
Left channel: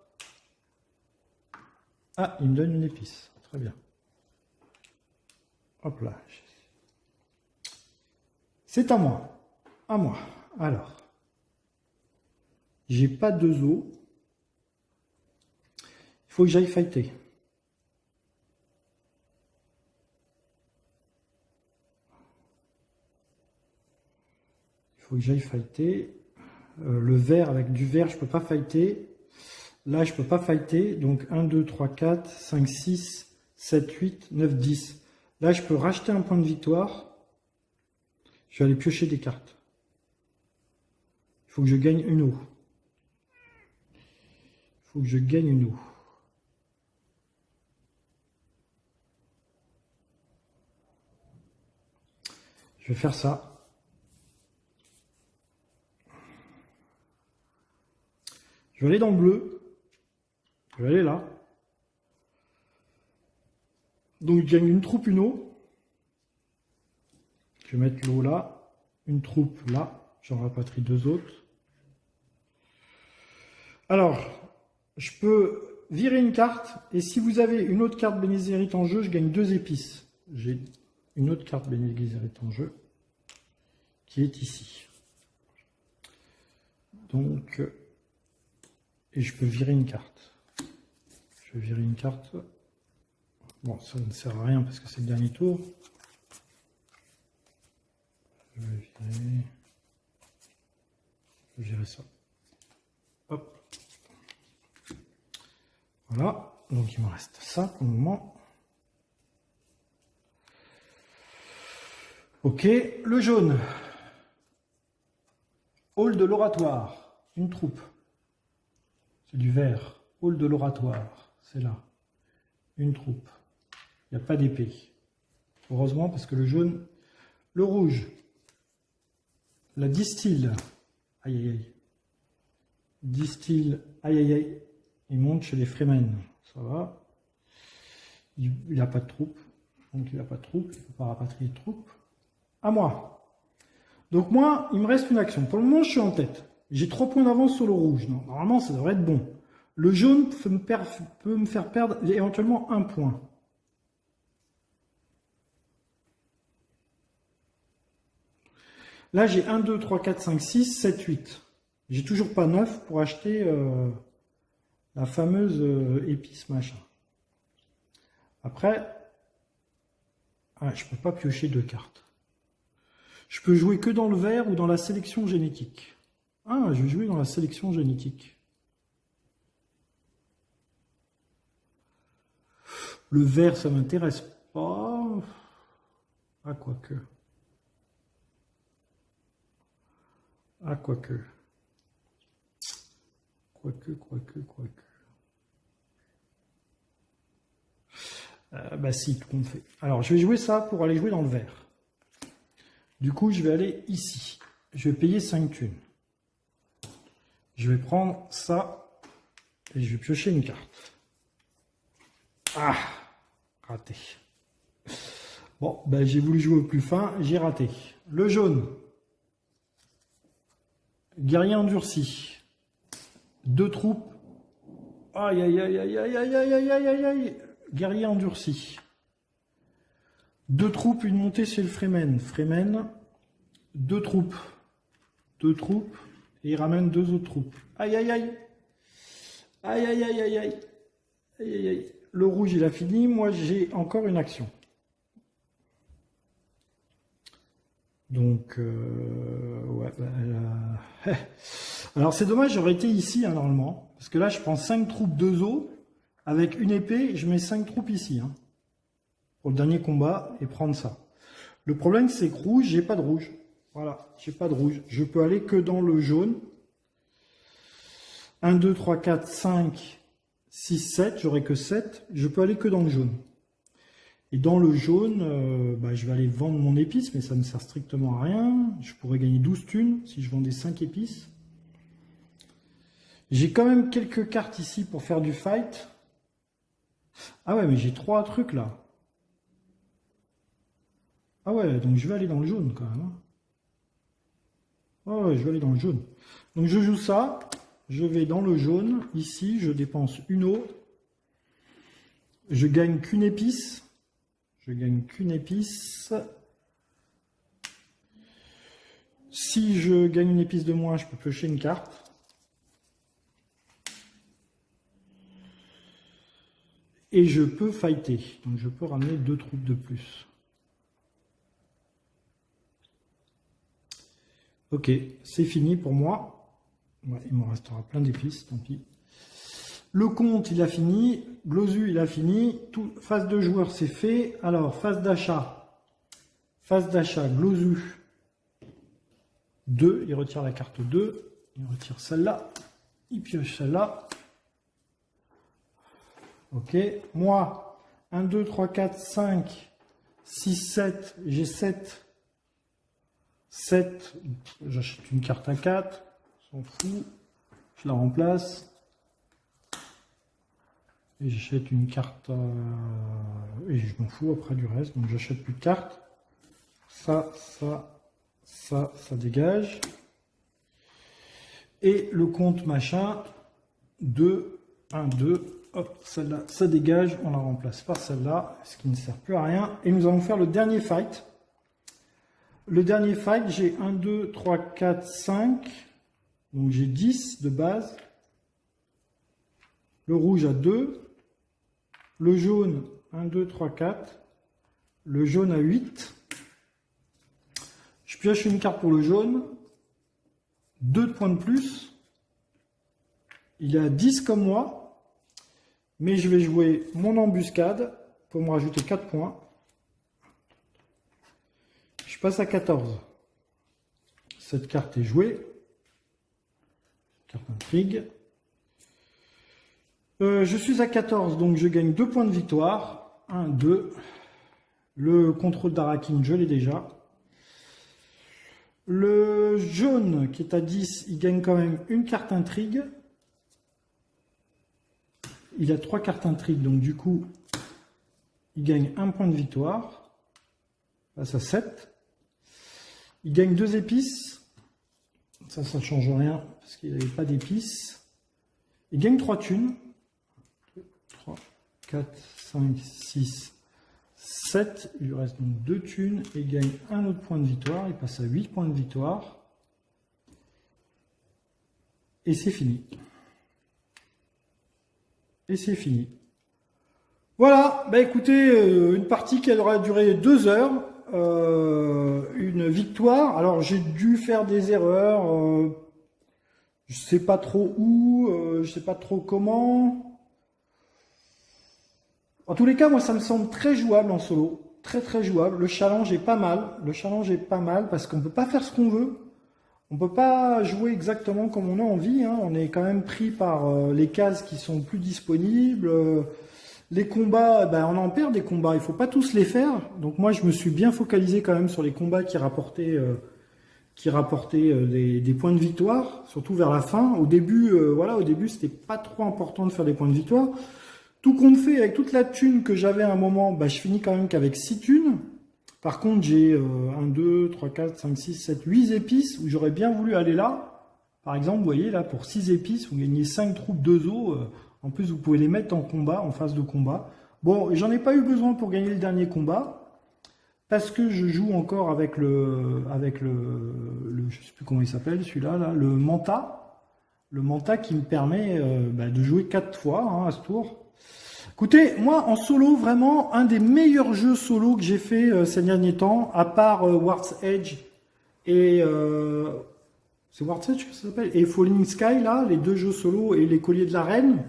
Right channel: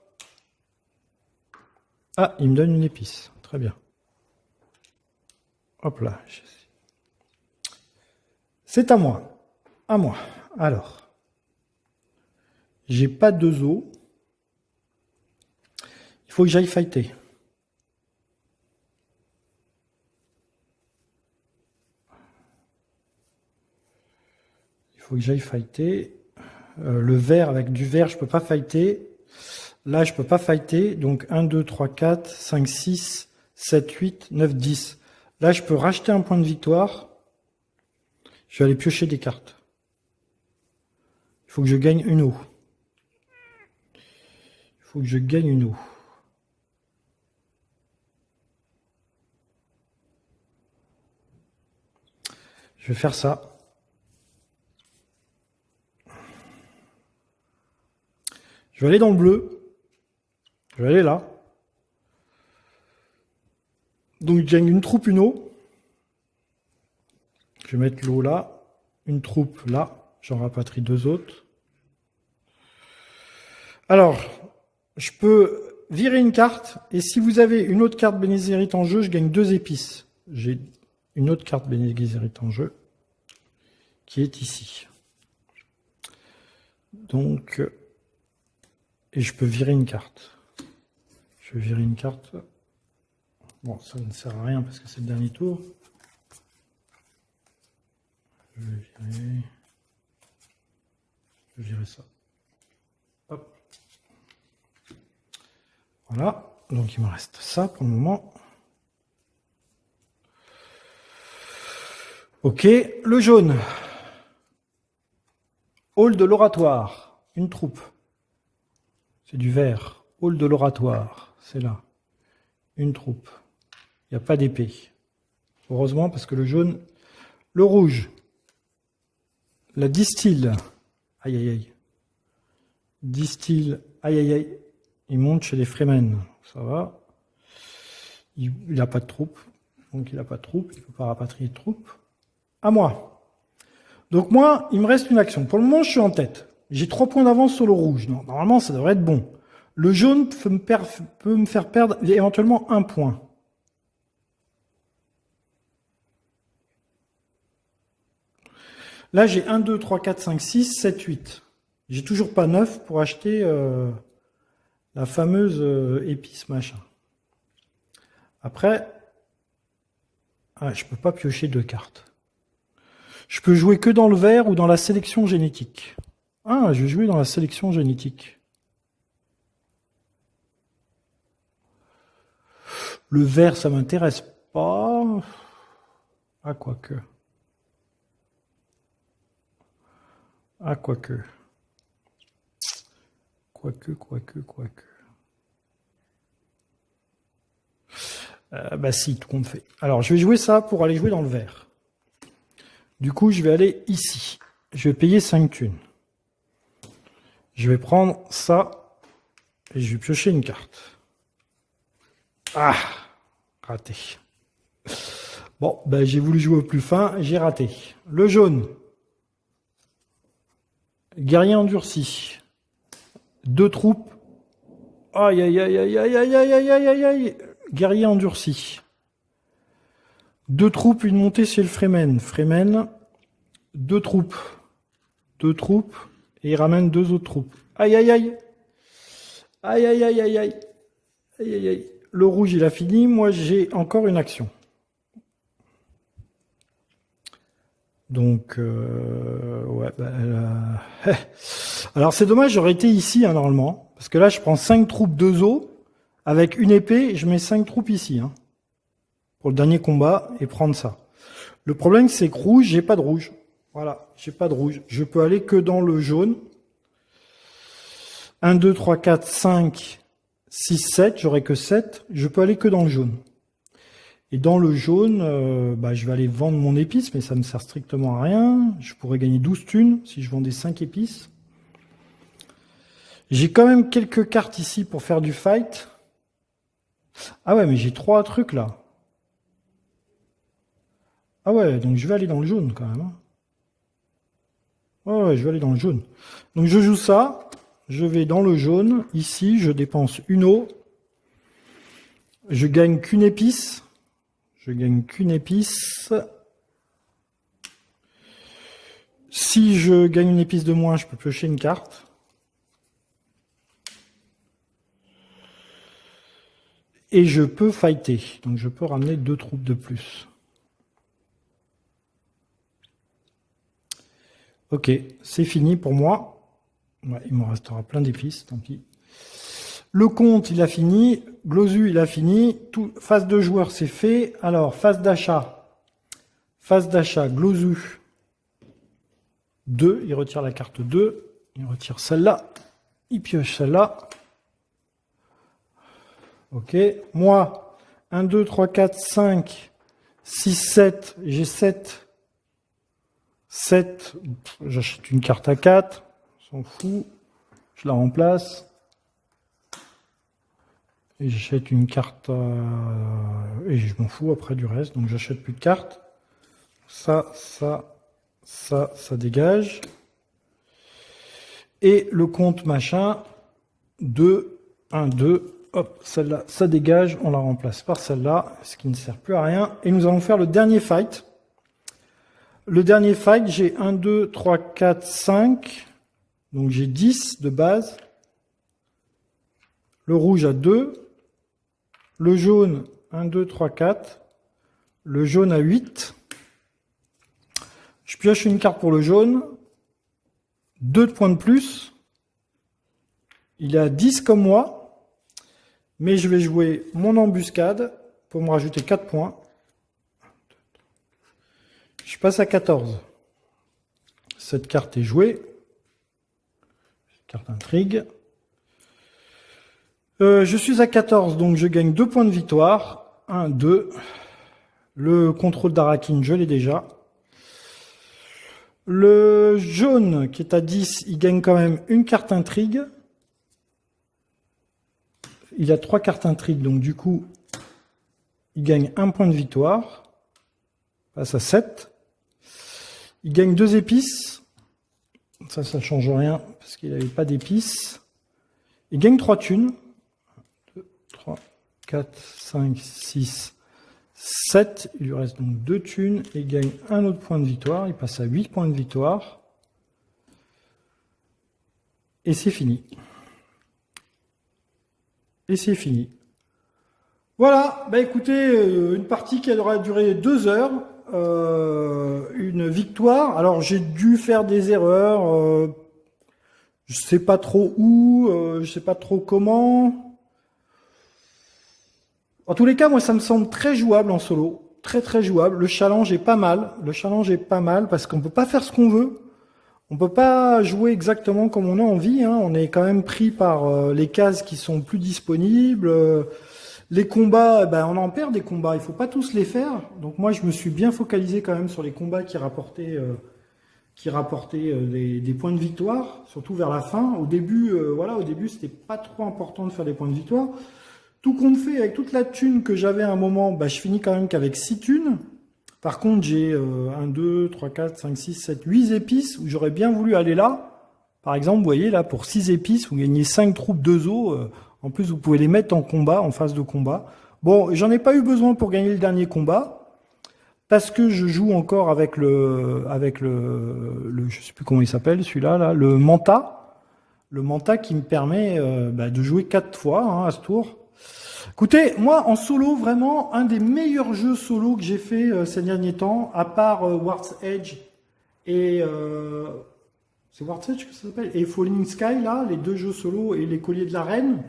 Ah, il me donne une épice. Très bien. Hop là. C'est à moi. À moi. Alors. J'ai pas 2 os. Il faut que j'aille fighter. Il faut que j'aille fighter. Le vert, avec du vert, je peux pas fighter. Là, je peux pas fighter. Donc 1, 2, 3, 4, 5, 6, 7, 8, 9, 10. Là, je peux racheter un point de victoire. Je vais aller piocher des cartes. Il faut que je gagne une eau. Il faut que je gagne une eau. Je vais faire ça. Je vais aller dans le bleu. Je vais aller là. Donc, je gagne une troupe, une eau. Je vais mettre l'eau là. Une troupe là. J'en rapatrie 2 autres. Alors, je peux virer une carte. Et si vous avez une autre carte Bene Gesserit en jeu, je gagne 2 épices. J'ai une autre carte Bene Gesserit en jeu. Qui est ici. Donc, et je peux virer une carte. Je vais virer une carte. Bon, ça ne sert à rien parce que c'est le dernier tour. Je vais virer ça. Hop. Voilà. Donc, il me reste ça pour le moment. Ok. Le jaune. Hall de l'oratoire. Une troupe. C'est du vert. Hall de l'oratoire. C'est là. Une troupe. Il n'y a pas d'épée. Heureusement, parce que le jaune... Le rouge. La distille. Aïe, aïe, aïe. Distill. Aïe, aïe, aïe. Il monte chez les Fremen. Ça va. Il n'a pas de troupes. Donc, il n'a pas de troupes. Il ne peut pas rapatrier de troupes. À moi. Donc, moi, il me reste une action. Pour le moment, je suis en tête. J'ai 3 points d'avance sur le rouge. Non, normalement, ça devrait être bon. Le jaune peut me faire perdre éventuellement 1 point. Là, j'ai 1, 2, 3, 4, 5, 6, 7, 8. J'ai toujours pas 9 pour acheter la fameuse épice machin. Après, je peux pas piocher 2 cartes. Je peux jouer que dans le vert ou dans la sélection génétique. Ah, je vais jouer dans la sélection génétique. Le vert, ça m'intéresse pas. Ah, quoique. Ah, quoique. Quoique. Bah si, tout compte fait. Alors, je vais jouer ça pour aller jouer dans le vert. Du coup, je vais aller ici. Je vais payer 5 thunes. Je vais prendre ça et je vais piocher une carte. Ah, raté. Bon, ben j'ai voulu jouer au plus fin, j'ai raté. Le jaune. Guerrier endurci. 2 troupes. Aïe, aïe, aïe, aïe, aïe, aïe, aïe, aïe, aïe, aïe, aïe. Guerrier endurci. 2 troupes, une montée chez le Fremen. Fremen, 2 troupes. 2 troupes. Et il ramène 2 autres troupes. Aïe, aïe, aïe. Aïe, aïe, aïe, aïe, aïe. Aïe, aïe, aïe. Le rouge, il a fini. Moi, j'ai encore une action. Donc, ouais. Alors, c'est dommage, j'aurais été ici, hein, normalement. Parce que là, je prends 5 troupes 2 os. Avec une épée, je mets 5 troupes ici. Hein, pour le dernier combat et prendre ça. Le problème, c'est que rouge, j'ai pas de rouge. Voilà, j'ai pas de rouge. Je peux aller que dans le jaune. 1, 2, 3, 4, 5, 6, 7. J'aurai que 7. Je peux aller que dans le jaune. Et dans le jaune, je vais aller vendre mon épice, mais ça ne sert strictement à rien. Je pourrais gagner 12 thunes si je vendais 5 épices. J'ai quand même quelques cartes ici pour faire du fight. Ah ouais, mais j'ai 3 trucs là. Ah ouais, donc je vais aller dans le jaune quand même. Ouais, je vais aller dans le jaune. Donc je joue ça. Je vais dans le jaune. Ici, je dépense une eau. Je gagne qu'une épice. Je gagne qu'une épice. Si je gagne une épice de moins, je peux piocher une carte. Et je peux fighter. Donc je peux ramener 2 troupes de plus. Ok, c'est fini pour moi. Ouais, il me restera plein d'épices, tant pis. Le compte, il a fini. Glosu, il a fini. Phase de joueur, c'est fait. Alors, phase d'achat. Phase d'achat, Glosu. 2, il retire la carte 2. Il retire celle-là. Il pioche celle-là. Ok. Moi, 1, 2, 3, 4, 5, 6, 7. J'ai 7. 7. J'achète une carte à 4. On s'en fout. Je la remplace. Et j'achète une carte et je m'en fous après du reste. Donc j'achète plus de cartes. Ça dégage. Et le compte machin. 2, 1, 2. Hop, celle-là, ça dégage. On la remplace par celle-là. Ce qui ne sert plus à rien. Et nous allons faire le dernier fight. Le dernier fight, j'ai 1, 2, 3, 4, 5. Donc j'ai 10 de base. Le rouge a 2. Le jaune, 1, 2, 3, 4. Le jaune a 8. Je pioche une carte pour le jaune. 2 de points de plus. Il a 10 comme moi. Mais je vais jouer mon embuscade pour me rajouter 4 points. Je passe à 14. Cette carte est jouée. Carte intrigue. Je suis à 14, donc je gagne 2 points de victoire. 1, 2. Le contrôle d'Arakin, je l'ai déjà. Le jaune qui est à 10, il gagne quand même une carte intrigue. Il a 3 cartes intrigue, donc du coup, il gagne 1 point de victoire. Passe à 7. Il gagne 2 épices. Ça ne change rien parce qu'il n'avait pas d'épices. Il gagne 3 thunes. 2, 3, 4, 5, 6, 7. Il lui reste donc 2 thunes. Et il gagne un autre point de victoire. Il passe à 8 points de victoire. Et c'est fini. Et c'est fini. Voilà, bah écoutez, une partie qui aura duré 2 heures. Une victoire. Alors j'ai dû faire des erreurs. Je sais pas trop où. Je sais pas trop comment. En tous les cas, moi ça me semble très jouable en solo. Très très jouable. Le challenge est pas mal. Le challenge est pas mal parce qu'on peut pas faire ce qu'on veut. On peut pas jouer exactement comme on a envie, hein. On est quand même pris par les cases qui sont plus disponibles. Les combats, ben, on en perd des combats. Il faut pas tous les faire. Donc moi, je me suis bien focalisé quand même sur les combats qui rapportaient des points de victoire, surtout vers la fin. Au début, voilà, au début, c'était pas trop important de faire des points de victoire. Tout compte fait, avec toute la thune que j'avais à un moment, ben, je finis quand même qu'avec 6 thunes. Par contre, j'ai 1, 2, 3, 4, 5, 6, 7, 8 épices où j'aurais bien voulu aller là. Par exemple, vous voyez là, pour 6 épices, vous gagnez 5 troupes de zoo. En plus, vous pouvez les mettre en combat, en phase de combat. Bon, j'en ai pas eu besoin pour gagner le dernier combat. Parce que je joue encore avec je sais plus comment il s'appelle, celui-là, là, le Manta. Le Manta qui me permet de jouer 4 fois hein, à ce tour. Écoutez, moi, en solo, vraiment, un des meilleurs jeux solo que j'ai fait ces derniers temps, à part War's Edge et... c'est War's Edge que ça s'appelle? Et Falling Sky, là, les 2 jeux solo et les Colliers de la Reine.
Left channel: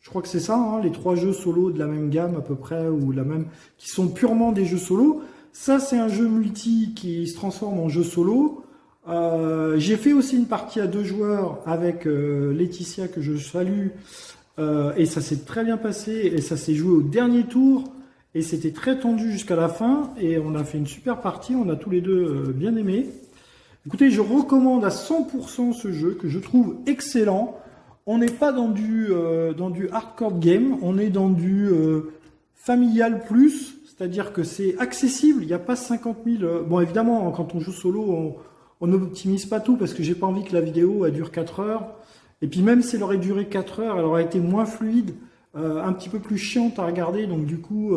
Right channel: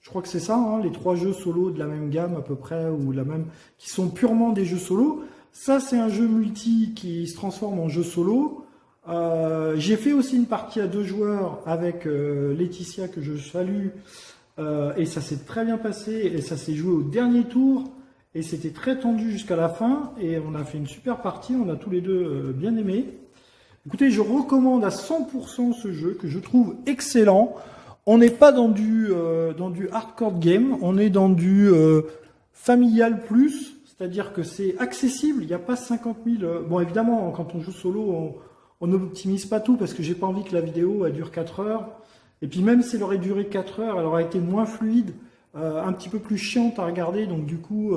Je crois que c'est ça, hein, les 3 jeux solo de la même gamme à peu près, ou la même, qui sont purement des jeux solo. Ça, c'est un jeu multi qui se transforme en jeu solo. J'ai fait aussi une partie à 2 joueurs avec Laetitia, que je salue. Et ça s'est très bien passé et ça s'est joué au dernier tour et c'était très tendu jusqu'à la fin et on a fait une super partie, on a tous les deux bien aimé. Écoutez, je recommande à 100% ce jeu que je trouve excellent. On n'est pas dans du hardcore game, on est dans du familial plus, c'est-à-dire que c'est accessible, il n'y a pas 50 000... Bon évidemment, quand on joue solo, on n'optimise pas tout parce que j'ai pas envie que la vidéo elle dure 4 heures. Et puis même si elle aurait duré 4 heures, elle aurait été moins fluide, un petit peu plus chiante à regarder. Donc du coup,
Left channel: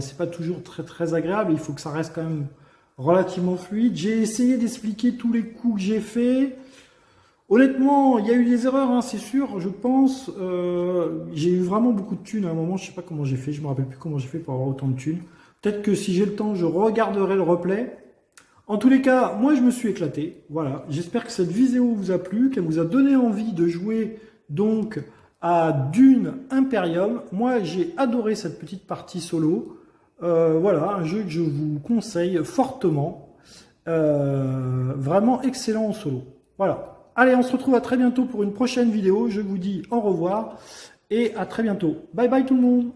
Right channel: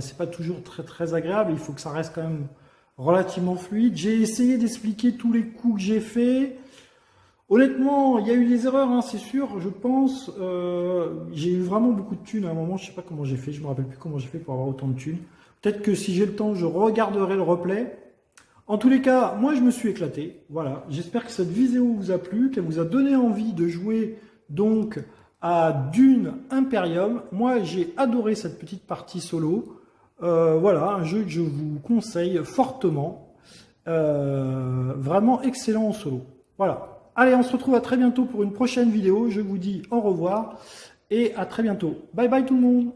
c'est pas toujours très très agréable. Il faut que ça reste quand même relativement fluide. J'ai essayé d'expliquer tous les coups que j'ai fait. Honnêtement, il y a eu des erreurs, hein, c'est sûr, je pense. J'ai eu vraiment beaucoup de thunes à un moment. Je sais pas comment j'ai fait. Je me rappelle plus comment j'ai fait pour avoir autant de thunes. Peut-être que si j'ai le temps, je regarderai le replay. En tous les cas, moi je me suis éclaté, voilà. J'espère que cette vidéo vous a plu, qu'elle vous a donné envie de jouer donc à Dune Imperium. Moi j'ai adoré cette petite partie solo. Voilà, un jeu que je vous conseille fortement. Vraiment excellent en solo. Voilà. Allez, on se retrouve à très bientôt pour une prochaine vidéo. Je vous dis au revoir et à très bientôt. Bye bye tout le monde.